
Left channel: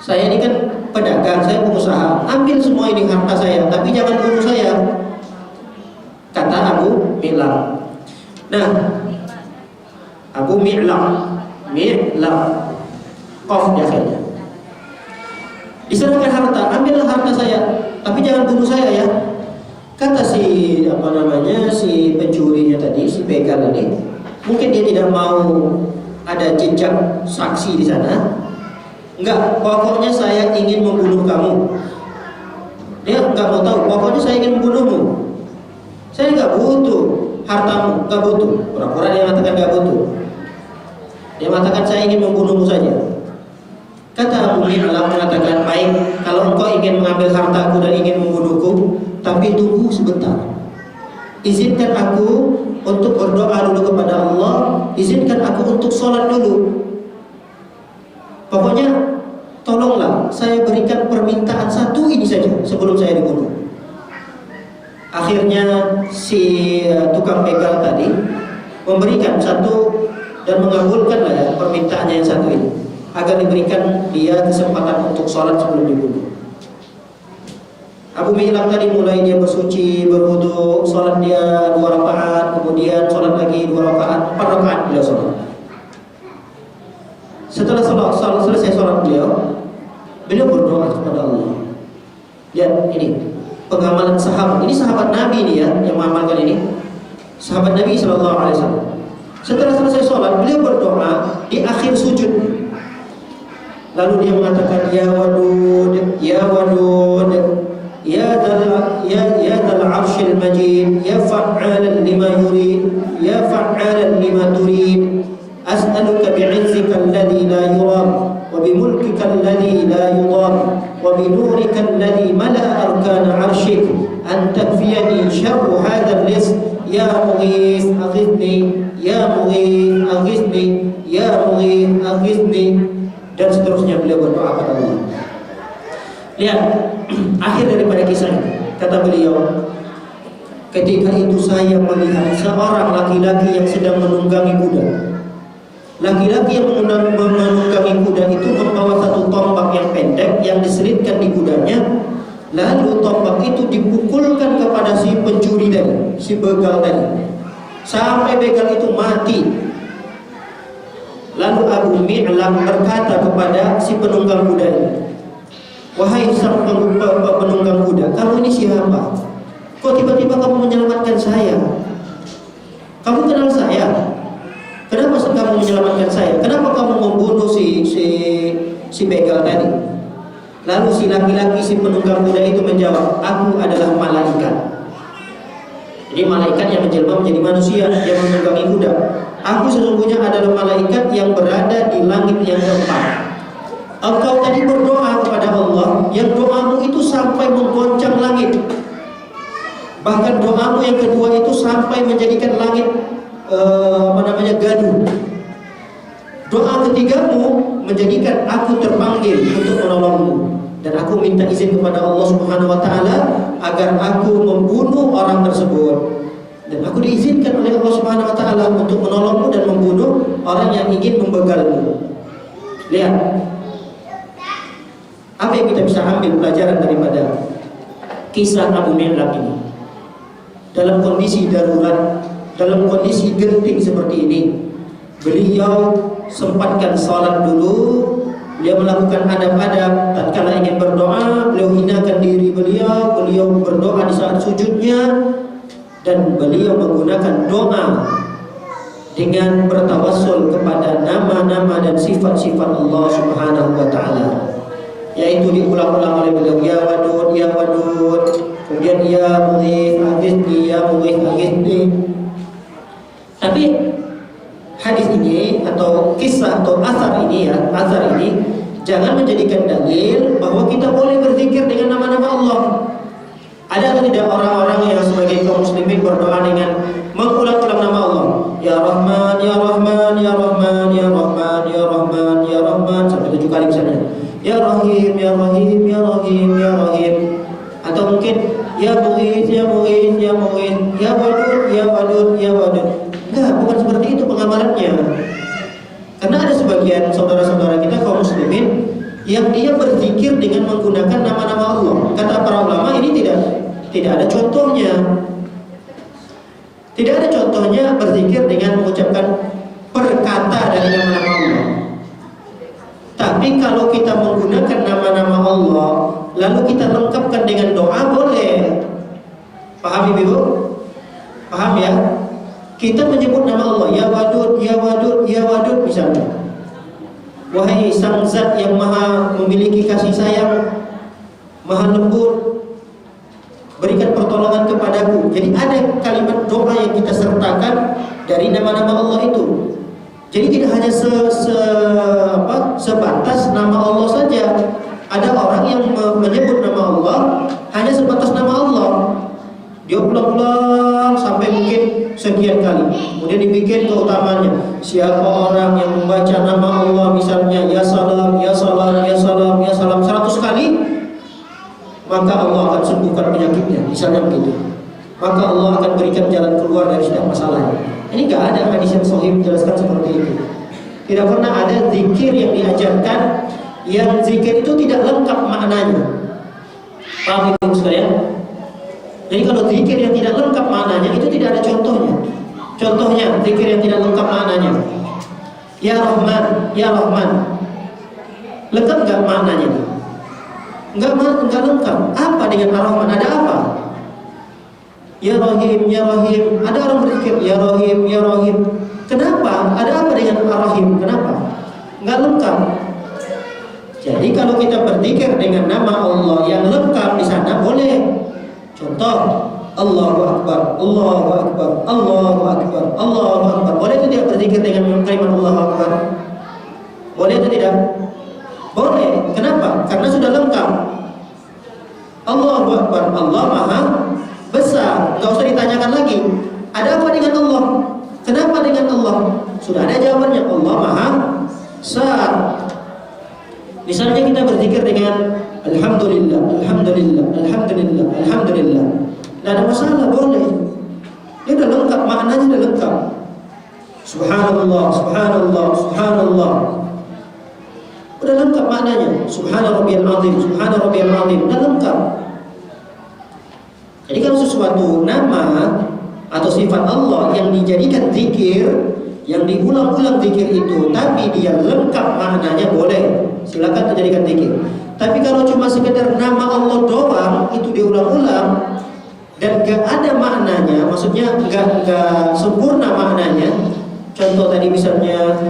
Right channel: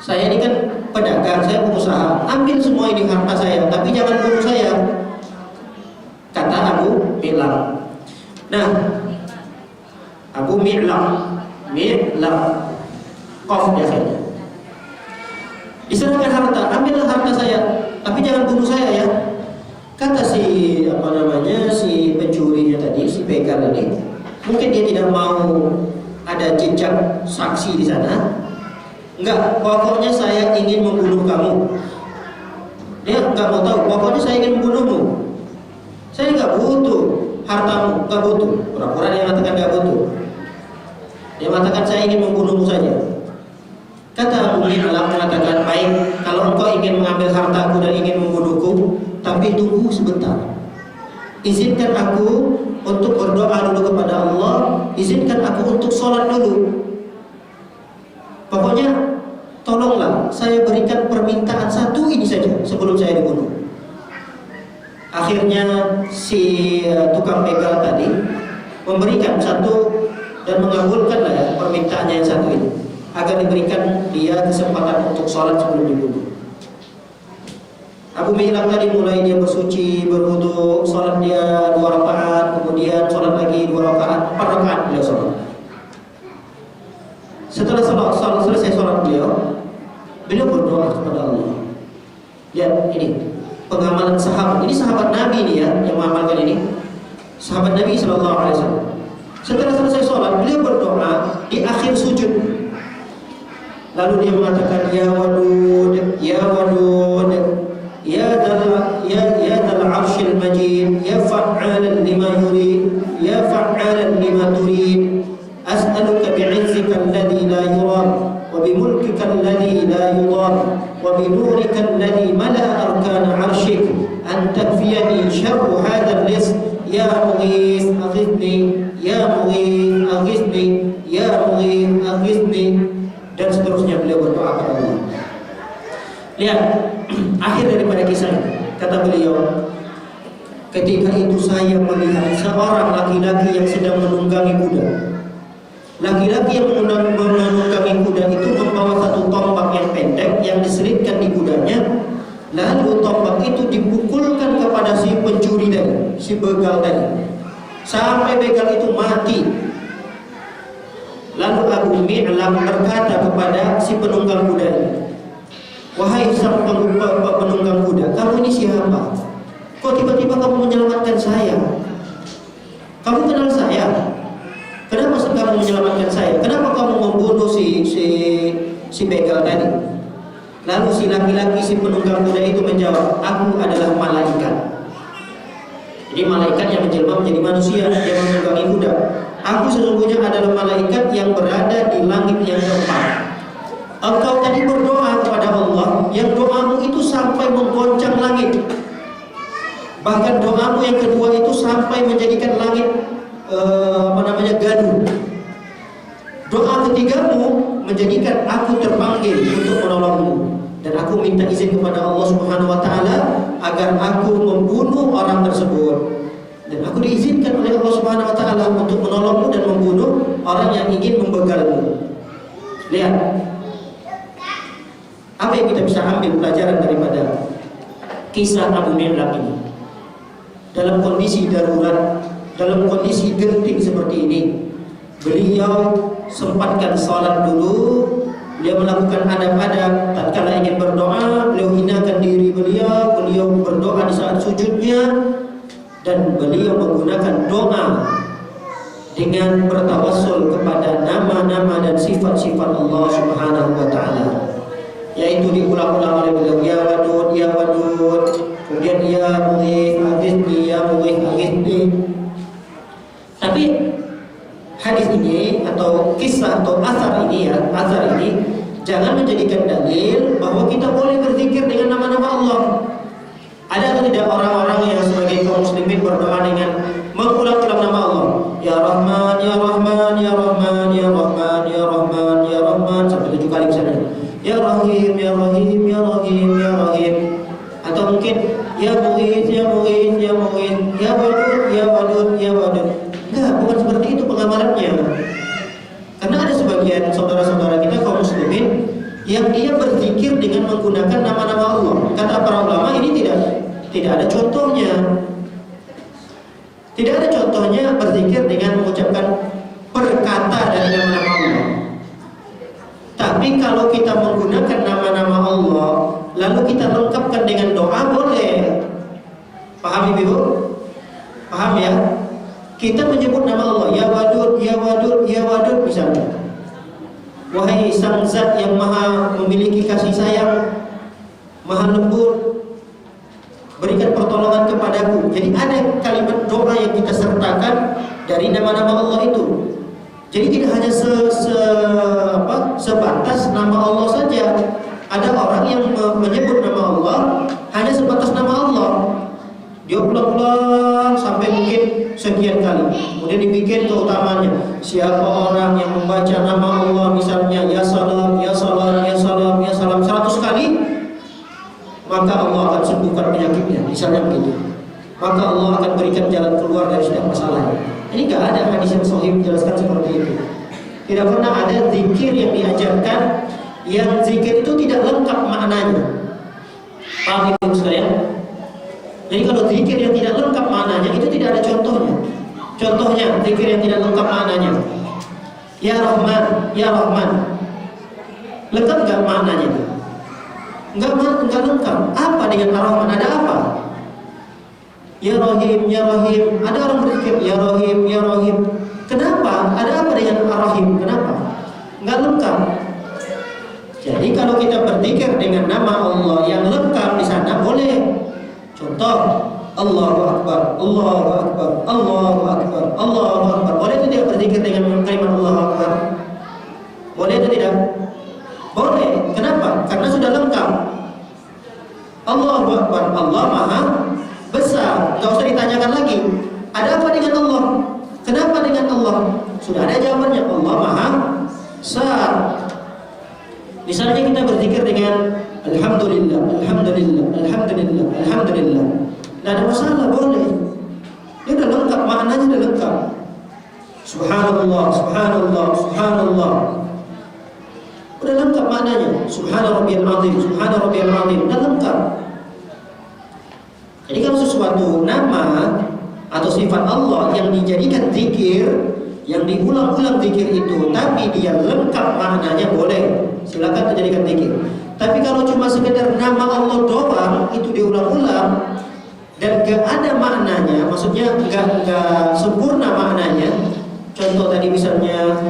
Saya ini kan pedagang, saya pengusaha. Ambil semua ini harta saya, tapi jangan bunuh saya." Kata Abu Mi'lam. Nah, Abu Mi'lam, Qaf di akhirnya. Diserahkan harta, ambillah harta saya, tapi jangan bunuh saya ya. Kata si pencurinya tadi, si begal ini, mungkin dia tidak mau ada jejak saksi di sana. Enggak, pokoknya saya ingin membunuh kamu. Dia enggak mau tahu, pokoknya saya ingin membunuhmu. Saya enggak butuh hartamu, enggak butuh. Pura-pura dia mengatakan enggak butuh. Dia mengatakan saya ingin membunuhmu saja. Kata Abu Mi'lam mengatakan, "Baik, kalau engkau ingin mengambil hartaku dan ingin membunuhku, tapi tunggu sebentar." izinkan aku untuk berdoa dulu kepada Allah, izinkan aku untuk sholat dulu. Pokoknya tolonglah saya berikan permintaan satu ini saja sebelum saya dibunuh. Akhirnya si tukang begal tadi memberikan satu dan mengabulkanlah ya permintaannya yang satu ini, agar diberikan dia kesempatan untuk sholat sebelum dibunuh. Abu Mihlam tadi mulai dia bersuci, berwudu, sholat dia 2 rakaat, kemudian sholat lagi 2 rakaat, 4 rakaat beliau sholat. Setelah selesai sholat beliau berdoa kepada Allah. Lihat ini pengamalan sahabat. Ini sahabat Nabi ini ya yang mengamalkan ini. Sahabat Nabi Sallallahu Alaihi Wasallam. Setelah selesai sholat beliau berdoa di akhir sujud. Lalu dia mengatakan ya wadud, ya wadud, ya dal arshil majid, ya fa'alan lima yurid, ya fa'alan lima turid, as'aluka bi'izzika alladhi la yuram, wa bimulkika alladhi la yudam, wa binurika alladhi mala'a arkana arshik, an takfiyani syarru hadha al-rizq, ya mughith aghithni, ya mughith aghithni, ya mughith aghithni, dan seterusnya beliau berdoa kepada Allah. Lihat akhir daripada kisah ini, kata beliau, ketika itu saya melihat seorang laki-laki yang sedang menunggangi kuda. Laki-laki yang menunggangi kuda itu membawa satu tombak yang pendek yang diselitkan di kudanya. Lalu tombak itu dipukulkan kepada si pencuri tadi, si begal tadi, sampai begal itu mati. Lalu Abu Mi'lam berkata kepada si penunggang kuda ini, wahai sang penunggang kuda, kamu ini siapa? Kok tiba-tiba kamu menyelamatkan saya? Kamu kenal saya? Kenapa kamu menyelamatkan saya? Kenapa kamu membunuh si begal tadi? Lalu si laki-laki, si penunggang kuda itu menjawab, aku adalah malaikat. Jadi malaikat yang menjelma menjadi manusia yang menunggangi kuda. Aku sesungguhnya adalah malaikat yang berada di langit yang keempat. Engkau tadi berdoa kepada Allah, yang doamu itu sampai menggoncang langit. Bahkan doamu yang kedua itu sampai menjadikan langit gaduh. Doa ketigamu menjadikan aku terpanggil untuk menolongmu, dan aku minta izin kepada Allah Subhanahu wa taala agar aku membunuh orang tersebut. Dan aku diizinkan oleh Allah Subhanahu wa taala untuk menolongmu dan membunuh orang yang ingin membegalmu. Lihat apa yang kita bisa ambil pelajaran daripada kisah Abu Mi'lam ini. Dalam kondisi darurat, dalam kondisi genting seperti ini, beliau sempatkan salat dulu. Beliau melakukan adab-adab. Tatkala ingin berdoa, beliau hinakan diri beliau. Beliau berdoa di saat sujudnya, dan beliau menggunakan doa dengan bertawassul kepada nama-nama dan sifat-sifat Allah Subhanahu wa taala. Yaitu diulang-ulang oleh beliau, ya wadud, ya wadud, kemudian ya mughith aghithni, ya mughith aghithni. Tapi hadis ini atau kisah atau asar ini jangan menjadikan dalil bahwa kita boleh berzikir dengan nama-nama Allah. Ada atau tidak orang-orang yang sebagai kaum muslimin berdoa dengan mengulang-ulang nama Allah, ya Rahman, ya Rahman, ya Rahman, ya Rahman, ya Rahman, ya Rahman, sampai 7 kali misalnya. Ya Rahim, ya Rahim, ya Rahim, ya Rahim. Atau mungkin ya Mughith, ya Mughith, ya Mughith, ya Wadud, ya Wadud, ya Wadud. Enggak, bukan seperti itu pengamalannya. Karena ada sebagian saudara-saudara kita kaum muslimin yang dia berzikir dengan menggunakan nama-nama Allah. Kata para ulama ini tidak ada contohnya. Tidak ada contohnya berzikir dengan mengucapkan perkata dari nama-nama Allah. Tapi kalau kita menggunakan nama-nama Allah lalu kita lengkapkan dengan doa, boleh. Paham Ibu? Paham ya? Kita menyebut nama Allah, ya Wadud, ya Wadud, ya Wadud misalnya. Wahai sang zat yang maha memiliki kasih sayang, maha lembut, berikan pertolongan kepadaku. Jadi ada kalimat doa yang kita sertakan dari nama-nama Allah itu. Jadi tidak hanya sebatas nama Allah saja. Ada orang yang menyebut nama Allah hanya sebatas nama Allah. Dia ulang-ulang sampai siapa orang yang membaca nama Allah misalnya ya salam, ya salam, ya salam, ya salam 100 kali, maka Allah akan sembuhkan penyakitnya, misalnya begitu. Maka Allah akan berikan jalan keluar dari setiap masalah. Ini gak ada hadis yang sahih menjelaskan seperti itu. Tidak pernah ada zikir yang diajarkan yang zikir itu tidak lengkap maknanya. Paham ibu sekalian? Jadi kalau zikir yang tidak lengkap maknanya itu tidak ada contohnya. Contohnya zikir yang tidak lengkap maknanya. Ya Rahman, ya Rahman. Lengkap gak maknanya? Enggak lengkap. Apa dengan Ar-Rahman? Ada apa? Ya Rahim, ya Rahim. Ada orang berzikir ya Rahim, ya Rahim. Kenapa? Ada apa dengan Ar-Rahim? Kenapa? Enggak lengkap. Jadi kalau kita berzikir dengan nama Allah yang lengkap di sana boleh. Contoh, Allahu Akbar, Allahu Akbar, Allahu Akbar, Allahu Akbar. Boleh itu tidak berzikir dengan kalimat Allahu Akbar? Boleh itu tidak? Boleh. Kenapa? Karena sudah lengkap. Allahu Akbar, Allah Maha Besar. Enggak usah ditanyakan lagi. Ada apa dengan Allah? Kenapa dengan Allah? Sudah ada jawabannya. Allah Maha Besar. Misalnya kita berzikir dengan Alhamdulillah, Alhamdulillah, Alhamdulillah, Alhamdulillah. Tidak ada masalah, boleh. Ini sudah lengkap, maknanya sudah lengkap. Subhanallah, Subhanallah, Subhanallah. Sudah lengkap maknanya. Subhana rabbiyal azim, Subhana rabbiyal azim. Sudah lengkap. Jadi kalau sesuatu nama atau sifat Allah yang dijadikan zikir, yang diulang-ulang zikir itu, tapi dia lengkap maknanya, boleh. Silakan dijadikan zikir. Tapi kalau cuma sekedar nama Allah doang, itu diulang-ulang dan gak ada maknanya, maksudnya gak sempurna maknanya. Contoh tadi misalnya,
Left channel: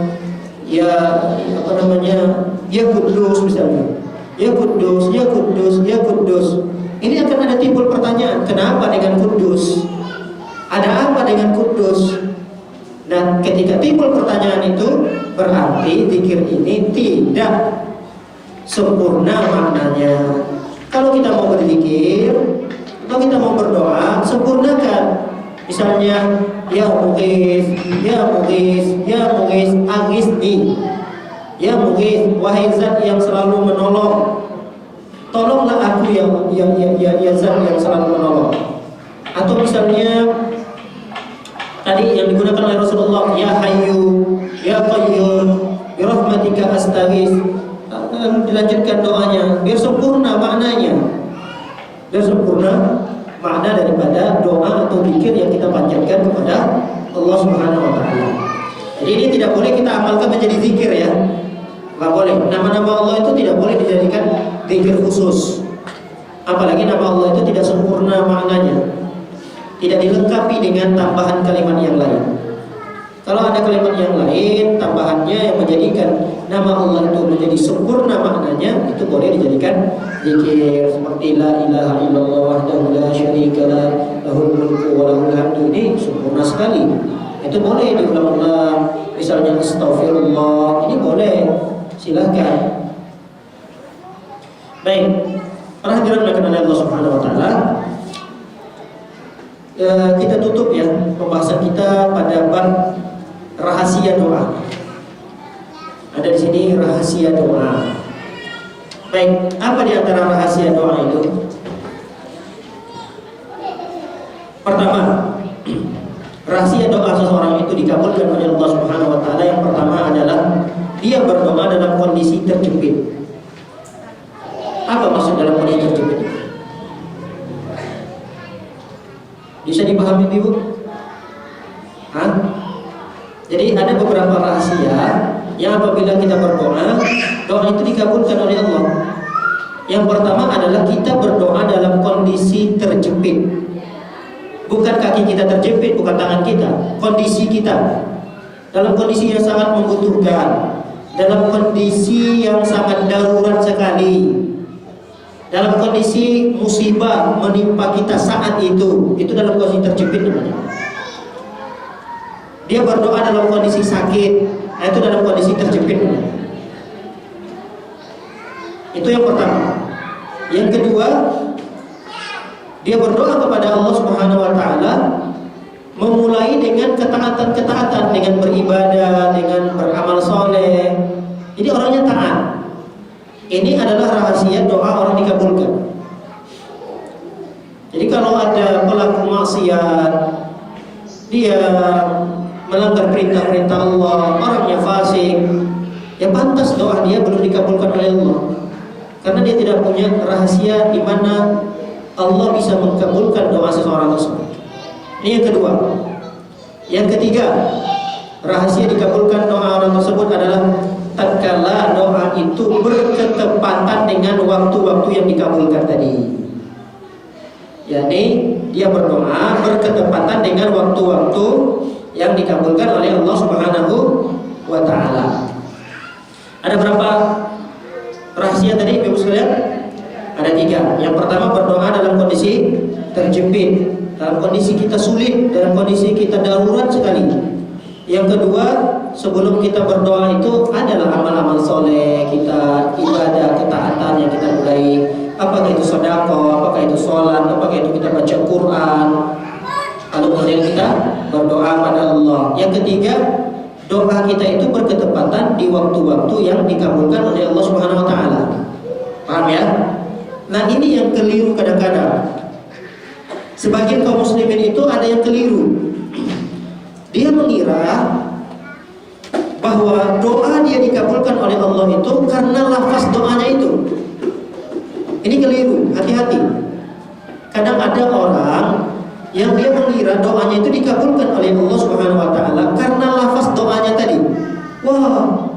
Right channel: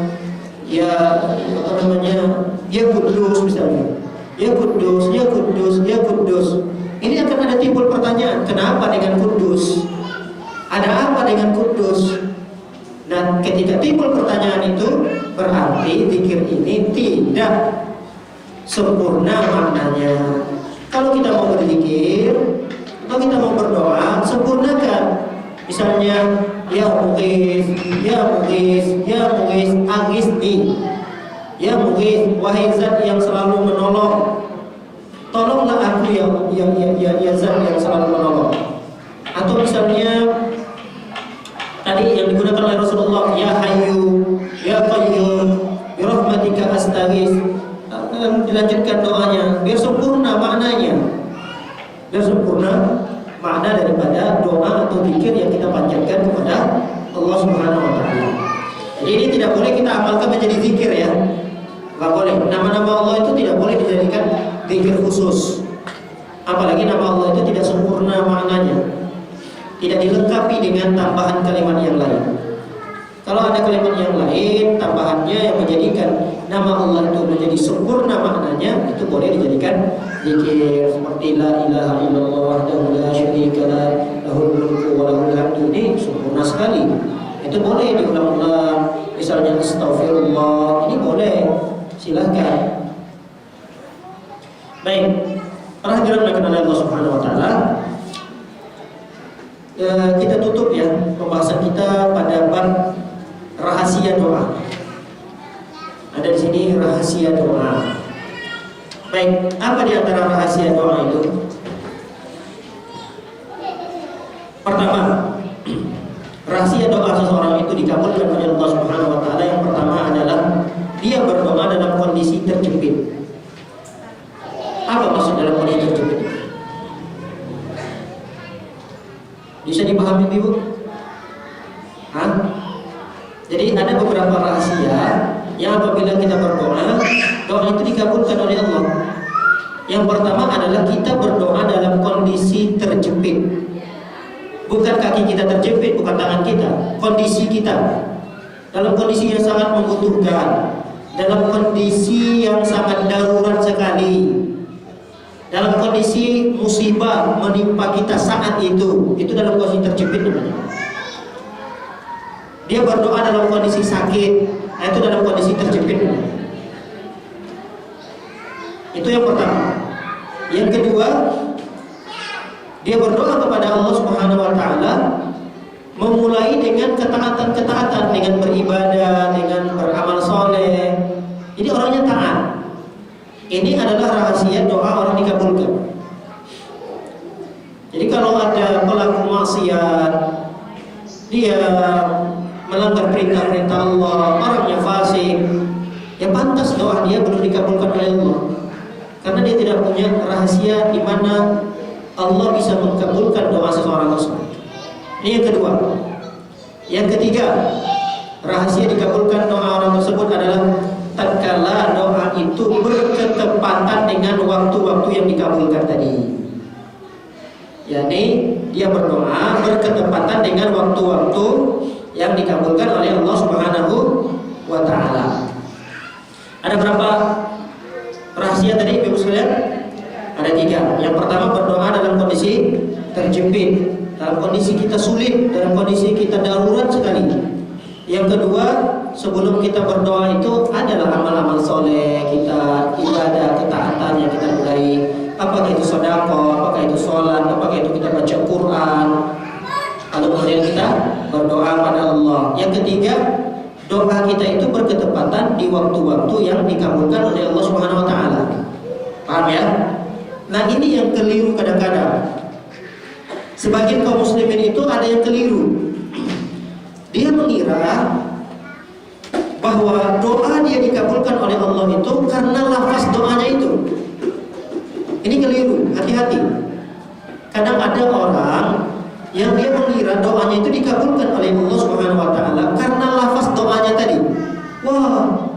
ya apa namanya, ya Kudus misalnya, ya Kudus, ya Kudus, ya Kudus. Ini akan ada timbul pertanyaan, kenapa dengan Kudus? Ada apa dengan Kudus? Dan ketika timbul pertanyaan itu, berarti zikir ini tidak sempurna maknanya. Kalau kita mau berzikir, kalau kita mau berdoa, sempurnakan. Misalnya, ya Mughis, ya Mughis, ya Mughis, aghisni. Ya Mughis, wahai zat yang selalu menolong, tolonglah aku ya zat yang selalu menolong. Atau misalnya tadi yang digunakan oleh Rasulullah, ya Hayyu, ya Qayyum, bi rahmatika astaghits. Dilanjutkan doanya biar sempurna maknanya, biar sempurna makna daripada doa atau zikir yang kita panjatkan kepada Allah Subhanahu wa taala. Jadi ini tidak boleh kita amalkan menjadi zikir ya. Enggak boleh. Nama-nama Allah itu tidak boleh dijadikan zikir khusus. Apalagi nama Allah itu tidak sempurna maknanya. Tidak dilengkapi dengan tambahan kalimat yang lain. Kalau ada kalimat yang lain tambahannya yang menjadikan nama Allah itu menjadi sempurna maknanya, itu boleh dijadikan zikir seperti la ilaha illallah wahdahu la syarika lah, lahul mulku wa lahul hamdu. Ini sempurna sekali. Itu boleh diulang-ulang. Misalnya astaghfirullah, ini boleh. Silakan. Baik. Para hadirin yang Allah Subhanahu wa taala, kita tutup ya pembahasan kita pada bab rahasia doa. Ada di sini rahasia doa. Baik, apa di antara rahasia doa itu? Pertama, rahasia doa seseorang itu dikabulkan oleh Allah Subhanahu wa taala. Yang pertama adalah dia berdoa dalam kondisi terjepit. Apa maksud dalam kondisi terjepit? Bisa dipahami Ibu? Hah? Jadi ada beberapa rahasia yang apabila kita berdoa, doa itu dikabulkan oleh Allah. Yang pertama adalah kita berdoa dalam kondisi terjepit. Bukan kaki kita terjepit, bukan tangan kita, kondisi kita. Dalam kondisi yang sangat membutuhkan, dalam kondisi yang sangat darurat sekali, dalam kondisi musibah menimpa kita saat itu dalam kondisi terjepit namanya. Dia berdoa dalam kondisi sakit, itu dalam kondisi terjepit. Itu yang pertama. Yang kedua, dia berdoa kepada Allah Subhanahu wa taala memulai dengan ketaatan-ketaatan, dengan beribadah, dengan beramal soleh. Jadi orangnya taat. Ini adalah rahasia doa orang dikabulkan. Jadi kalau ada pelaku maksiat, dia melanggar perintah-perintah Allah, orangnya fasik, ya pantas doa dia belum dikabulkan oleh Allah. Karena dia tidak punya rahasia di mana Allah bisa mengabulkan doa seseorang tersebut. Ini yang kedua. Yang ketiga, rahasia dikabulkan doa orang tersebut adalah tatkala doa itu berketepatan dengan waktu-waktu yang dikabulkan tadi. yakni dia berdoa berketepatan dengan waktu-waktu yang dikabulkan oleh Allah Subhanahu wa taala. Ada berapa rahasia tadi Ibu sekalian? Ada 3. Yang pertama, berdoa dalam kondisi terjepit, dalam kondisi kita sulit, dalam kondisi kita darurat sekali. Yang kedua, sebelum kita berdoa itu adalah amal-amal soleh kita, ibadah, ketaatan yang kita mulai. Apakah itu sedekah, apakah itu sholat, apakah itu kita baca Quran. Lalu kemudian kita berdoa pada Allah. Yang ketiga, doa kita itu berketepatan di waktu-waktu yang dikabulkan oleh Allah Subhanahu wa taala. Paham ya? Nah, ini yang keliru kadang-kadang. Sebagian kaum muslimin itu ada yang keliru. Dia mengira bahwa doa dia dikabulkan oleh Allah itu karena lafaz doanya itu. Ini keliru, hati-hati. Kadang ada orang yang dia mengira doanya itu dikabulkan oleh Allah Subhanahu wa taala karena lafaz doanya tadi. Wah,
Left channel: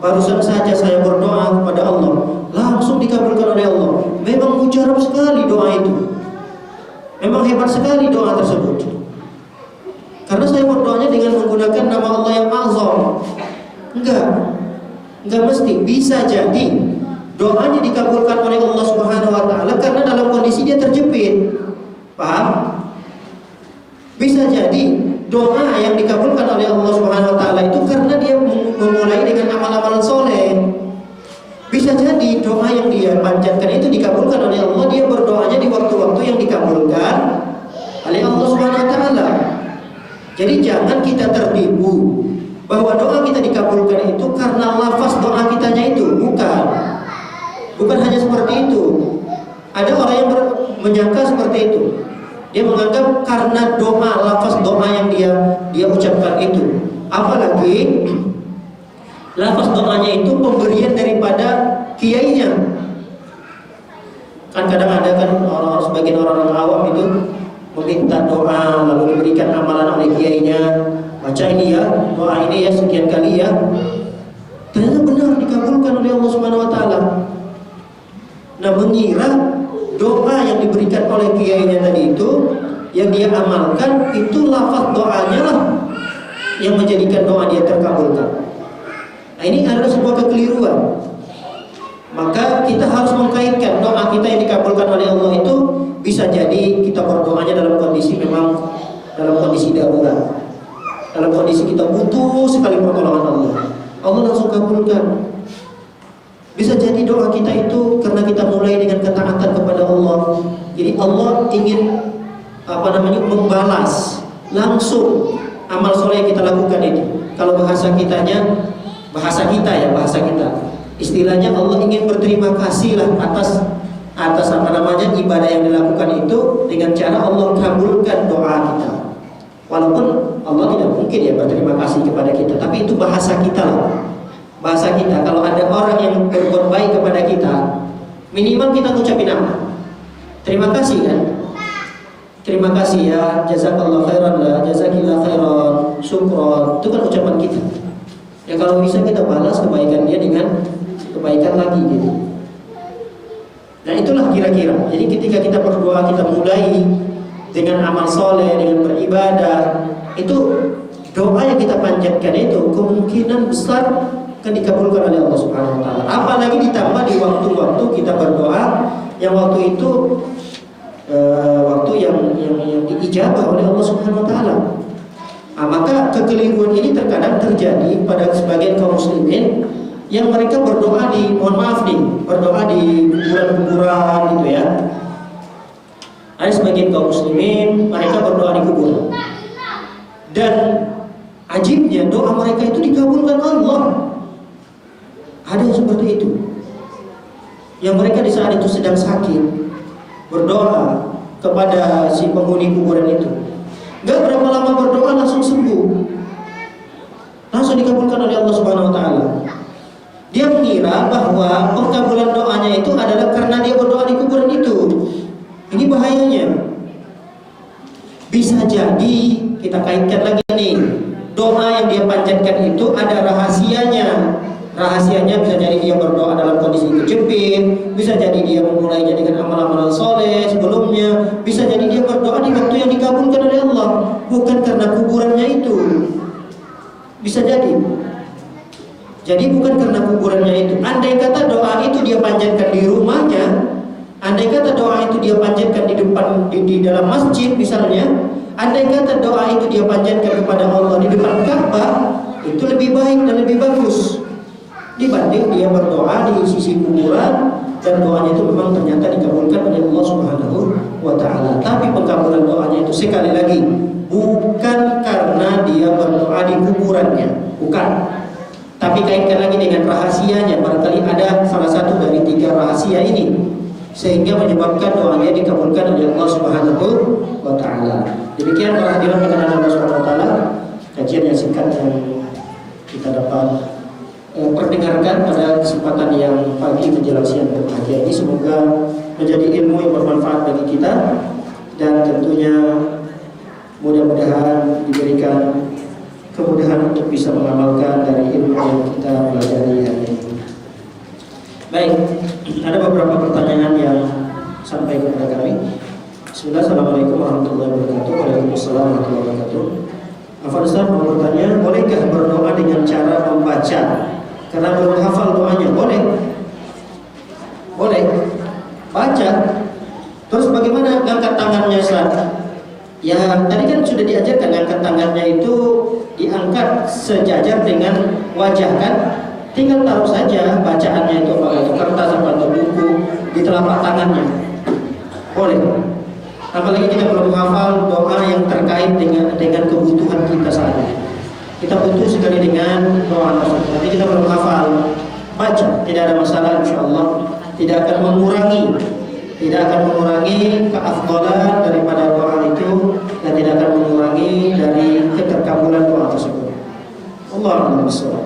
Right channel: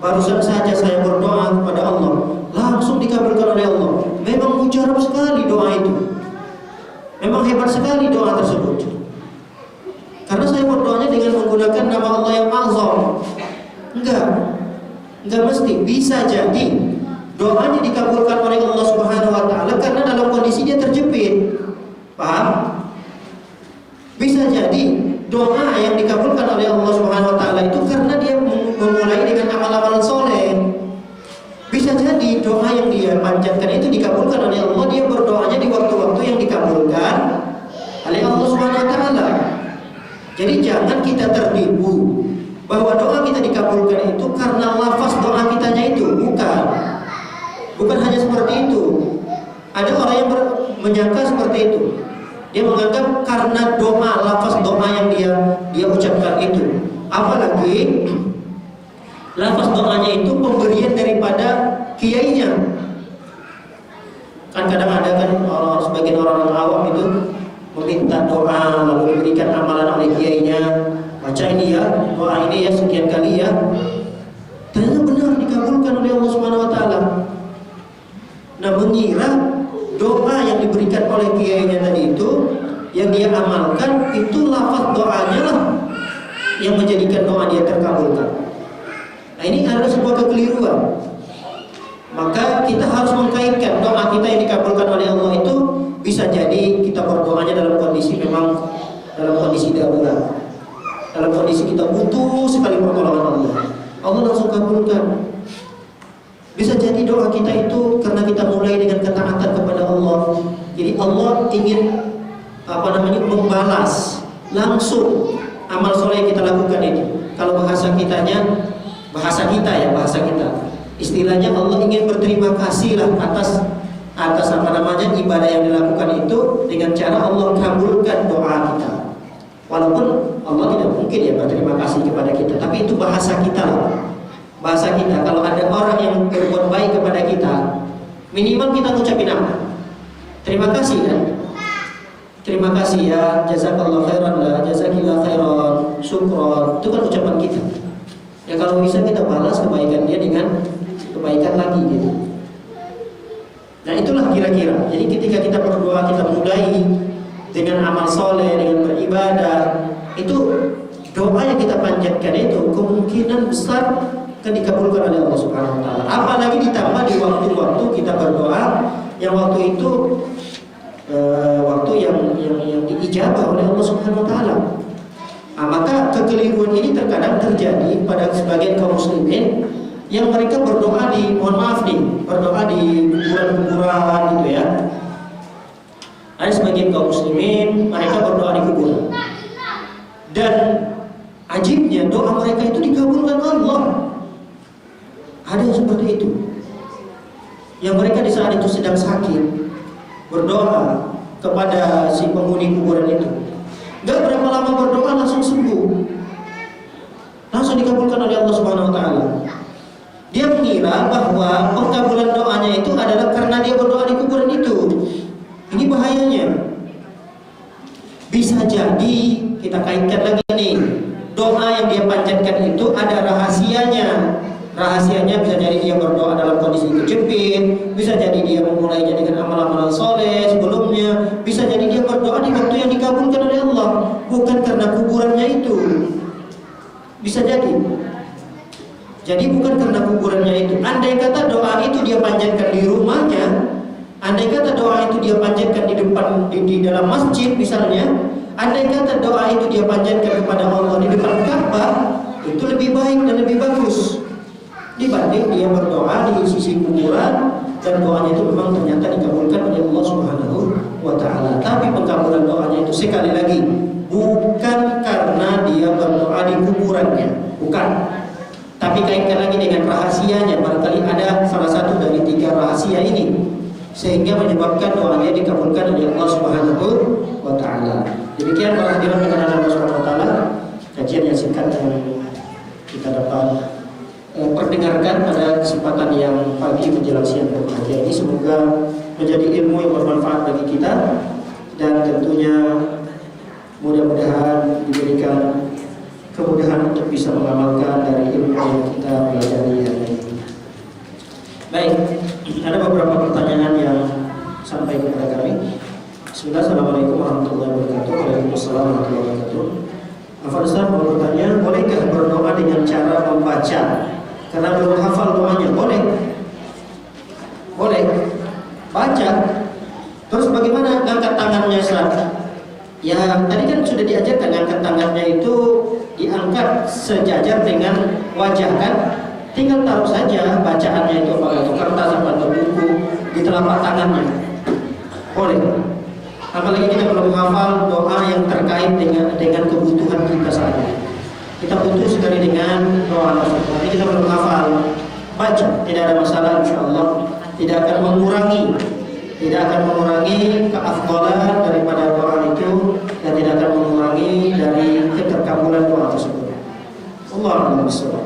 barusan saja saya berdoa kepada Allah, langsung dikabulkan oleh Allah. Memang mujarab sekali doa itu. Memang hebat sekali doa tersebut. Karena saya berdoanya dengan menggunakan nama Allah yang azam. Enggak mesti. Bisa jadi doanya dikabulkan oleh Allah Subhanahu wa taala karena dalam kondisi dia terjepit. Paham? Bisa jadi doa yang dikabulkan oleh Allah Subhanahu wa taala itu karena dia memulai dengan amal-amalan soleh. Bisa jadi doa yang dia panjatkan itu dikabulkan oleh Allah, dia berdoanya di waktu-waktu yang dikabulkan oleh Allah Subhanahu wa taala. Jadi jangan kita tertipu bahwa doa kita dikabulkan itu karena lafaz doa kitanya itu, bukan hanya seperti itu. Ada orang yang menyangka seperti itu. Dia menganggap karena doa, lafaz doa yang dia ucapkan itu. Apalagi lafaz doanya itu pemberian daripada kiainya. Kan kadang ada kan sebagian orang-orang awam itu meminta doa lalu diberikan amalan oleh kiainya. Baca ini ya, doa ini ya sekian kali ya. Ternyata benar dikabulkan oleh Allah Subhanahu wa taala. Nah, mengira doa yang diberikan oleh kiainya tadi itu yang dia amalkan itu lafaz doanya lah yang menjadikan doa dia terkabulkan. Nah, ini adalah sebuah kekeliruan. Maka kita harus mengkaitkan doa kita yang dikabulkan oleh Allah itu bisa jadi kita berdoanya dalam kondisi memang dalam kondisi darurat, dalam kondisi kita butuh sekali pertolongan Allah. Allah langsung kabulkan. Bisa jadi doa kita itu karena kita mulai dengan ketaatan kepada Allah. Jadi Allah ingin membalas langsung amal soleh yang kita lakukan itu. Kalau bahasa kita istilahnya Allah ingin berterima kasih lah atas ibadah yang dilakukan itu dengan cara Allah kabulkan doa kita. Walaupun Allah tidak mungkin ya berterima kasih kepada kita, tapi itu bahasa kita lah. Bahasa kita, kalau ada orang yang berbuat baik kepada kita, minimal kita ucapin apa? Terima kasih kan? Terima kasih ya, jazakallah khairan lah, jazakillah khairan, syukron. Itu kan ucapan kita. Ya kalau bisa kita balas kebaikan dia dengan kebaikan lagi gitu. Nah, itulah kira-kira. Jadi ketika kita berdoa, kita mulai dengan amal soleh, dengan beribadah, itu doa yang kita panjatkan itu kemungkinan besar akan dikabulkan oleh Allah Subhanahu wa taala. Apalagi ditambah di waktu-waktu kita berdoa yang waktu itu waktu yang diijabah oleh Allah Subhanahu wa taala. Nah, maka kekeliruan ini terkadang terjadi pada sebagian kaum muslimin yang mereka berdoa berdoa di kuburan-kuburan gitu ya. Ada sebagian kaum muslimin mereka berdoa di kuburan. Dan ajibnya doa mereka itu dikabulkan Allah. Ada yang seperti itu. Yang mereka di saat itu sedang sakit berdoa kepada si penghuni kuburan itu. Gak berapa lama berdoa langsung sembuh. Langsung dikabulkan oleh Allah Subhanahu wa taala. Dia mengira bahwa pengkabulan doanya itu adalah karena dia berdoa di kuburan itu. Ini bahayanya. Bisa jadi kita kaitkan lagi nih, doa yang dia panjatkan itu ada rahasianya. Rahasianya bisa jadi dia berdoa dalam kondisi kejepit, bisa jadi dia memulainya dengan amal-amal soleh sebelumnya, bisa jadi dia berdoa di waktu yang dikabulkan oleh Allah, bukan karena kuburannya itu. Bisa jadi. Jadi bukan karena kuburannya itu. Andai kata doa itu dia panjatkan di rumahnya, andai kata doa itu dia panjatkan di depan di dalam masjid misalnya, andai kata doa itu dia panjatkan kepada Allah di depan Ka'bah, itu lebih baik dan lebih bagus dibanding dia berdoa di sisi kuburan dan doanya itu memang ternyata dikabulkan oleh Allah Subhanahu wa taala. Tapi pengkabulan doanya itu sekali lagi bukan karena dia berdoa di kuburannya, bukan. Tapi kaitkan lagi dengan rahasianya, barangkali ada salah satu dari 3 rahasia ini sehingga menyebabkan doanya dikabulkan oleh Allah Subhanahu wa taala. Demikian para hadirin dengan Allah Subhanahu wa taala, kajian yang singkat yang kita dapat perdengarkan pada kesempatan yang pagi menjelang siang berbahagia ini, semoga menjadi ilmu yang bermanfaat bagi kita dan tentunya mudah-mudahan diberikan kemudahan untuk bisa mengamalkan dari ilmu yang kita pelajari hari ini. Baik, ada beberapa pertanyaan yang sampai kepada kami. Bismillah, Assalamualaikum warahmatullahi wabarakatuh. Waalaikumsalam warahmatullahi wabarakatuh. Afwan Ustaz mau bertanya, bolehkah berdoa dengan cara membaca? Karena belum hafal doanya. Boleh. Boleh. Baca. Terus bagaimana ngangkat tangannya, Ustaz? Ya, tadi kan sudah diajarkan ngangkat tangannya itu diangkat sejajar dengan wajah kan? Tinggal taruh saja bacaannya itu apakah itu kertas atau buku di telapak tangannya. Boleh. Apalagi kita belum hafal doa yang terkait dengan kebutuhan kita saat ini. Kita butuh sekali dengan doa tersebut. Tapi kita belum hafal, baca, tidak ada masalah, insyaallah. Tidak akan mengurangi keafdalan daripada doa itu dan tidak akan mengurangi dari keterkabulan doa tersebut. Allahu a'lam.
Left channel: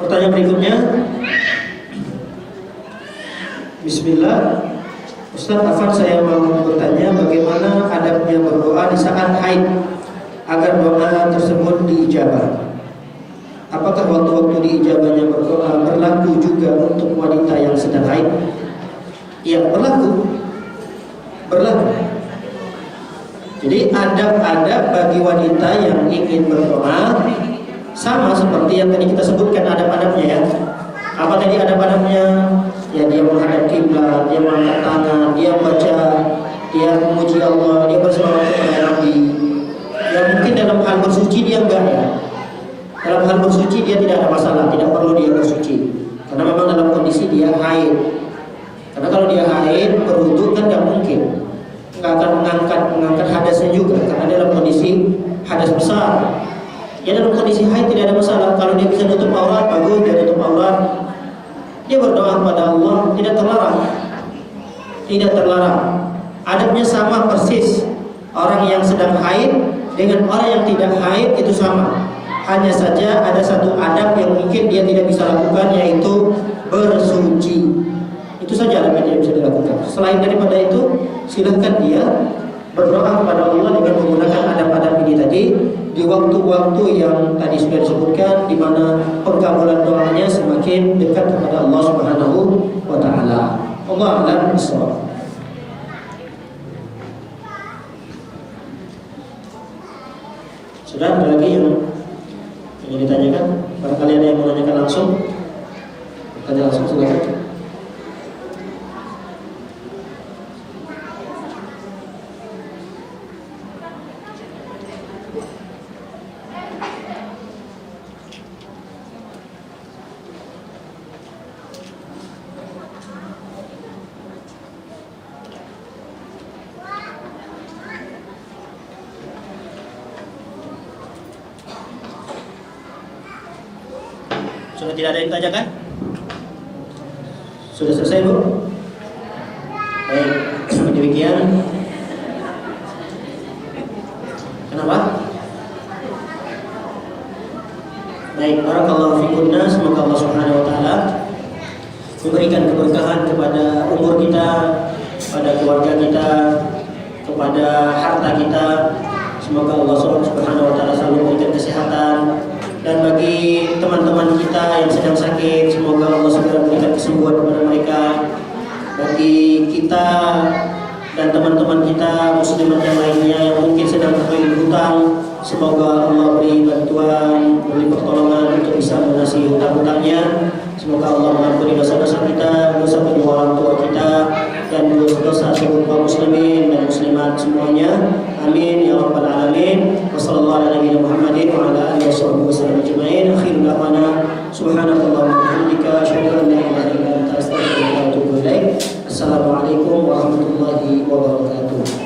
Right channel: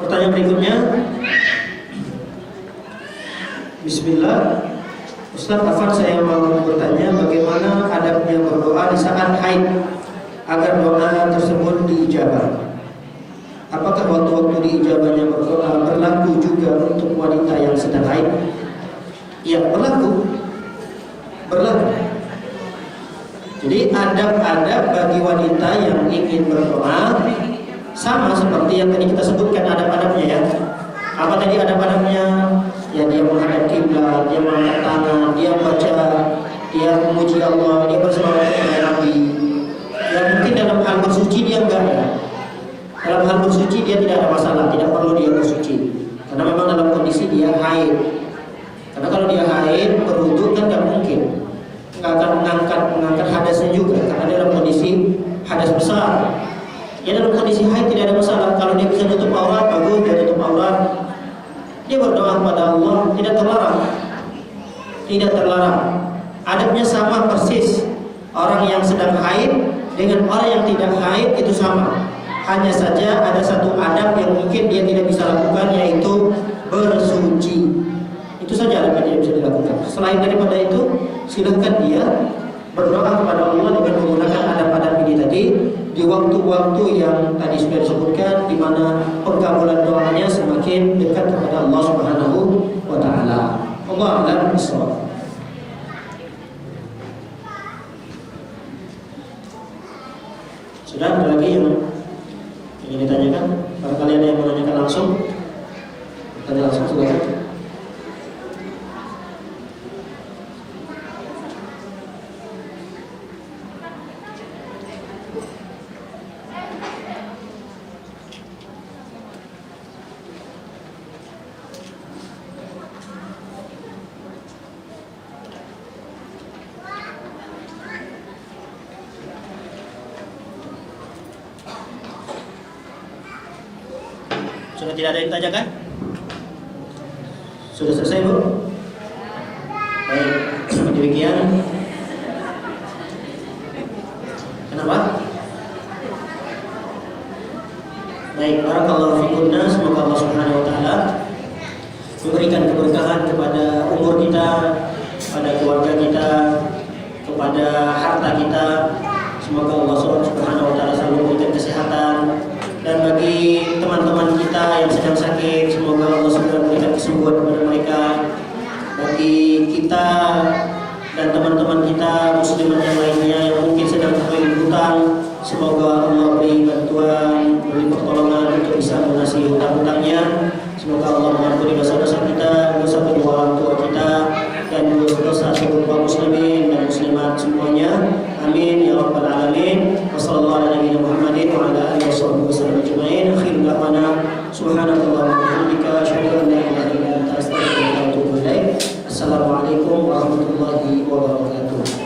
Pertanyaan berikutnya. Bismillah. Ustaz Afan, saya mau bertanya bagaimana adabnya berdoa di saat haid agar doa tersebut diijabah. Apakah waktu-waktu diijabahnya berdoa berlaku juga untuk wanita yang sedang haid? Ya, berlaku. Jadi adab-adab bagi wanita yang ingin berdoa sama seperti yang tadi kita sebutkan adab-adabnya ya. Apa tadi adab-adabnya? Ya, dia menghadap kiblat, dia mengangkat tangan, dia baca, dia memuji Allah, dia berselawat kepada Nabi. Ya mungkin dalam hal bersuci dia enggak ya. Dalam hal bersuci dia tidak ada masalah, tidak perlu dia bersuci. Karena memang dalam kondisi dia haid. Karena kalau dia haid berwudu kan tidak mungkin, nggak akan mengangkat hadasnya juga. Karena dalam kondisi hadas besar. Ya dalam kondisi haid tidak ada masalah. Kalau dia bisa tutup aurat bagus, dia tutup aurat. Dia berdoa kepada Allah, tidak terlarang. Tidak terlarang. Adabnya sama persis. Orang yang sedang haid dengan orang yang tidak haid itu sama. Hanya saja ada satu adab yang mungkin dia tidak bisa lakukan, yaitu bersuci. Itu saja adab yang dia bisa dilakukan. Selain daripada itu, silahkan dia berdoa kepada Allah dengan menggunakan adab-adab ini tadi di waktu-waktu yang tadi sudah disebutkan, di mana pengkabulan doanya semakin dekat kepada Allah Subhanahu wa taala. Allahu a'lam bishawab. Sudah ada lagi yang ingin ditanyakan? Barangkali ada yang mau menanyakan langsung. Tanya langsung silakan. Sudah tidak ada yang ditanyakan? Sudah selesai, Bu? Baik, demikian. Kenapa? Baik, barakallahu fikunna. Semoga Allah Subhanahu wa taala memberikan keberkahan kepada umur kita, pada keluarga kita, kepada harta kita. Semoga Allah Subhanahu wa taala selalu memberikan kesehatan. Dan bagi teman-teman kita yang sedang sakit, semoga Allah segera memberikan kesembuhan kepada mereka. Bagi kita dan teman-teman kita muslimat yang lainnya yang mungkin sedang terlilit hutang, semoga Allah beri bantuan, beri pertolongan untuk bisa melunasi hutang-hutangnya. Semoga Allah mengampuni dosa-dosa kita, dosa kedua orang tua kita, dan dosa seluruh kaum muslimin dan muslimat semuanya. Amin ya rabbal alamin. Wassallallahu ala nabiyina Muhammadin wa ala alihi wasallam ajma'in. Akhirul da'wana subhanakallahumma wa bihamdika asyhadu an la ilaha illa anta astaghfiruka wa atubu ilaik. Assalamualaikum warahmatullahi wabarakatuh.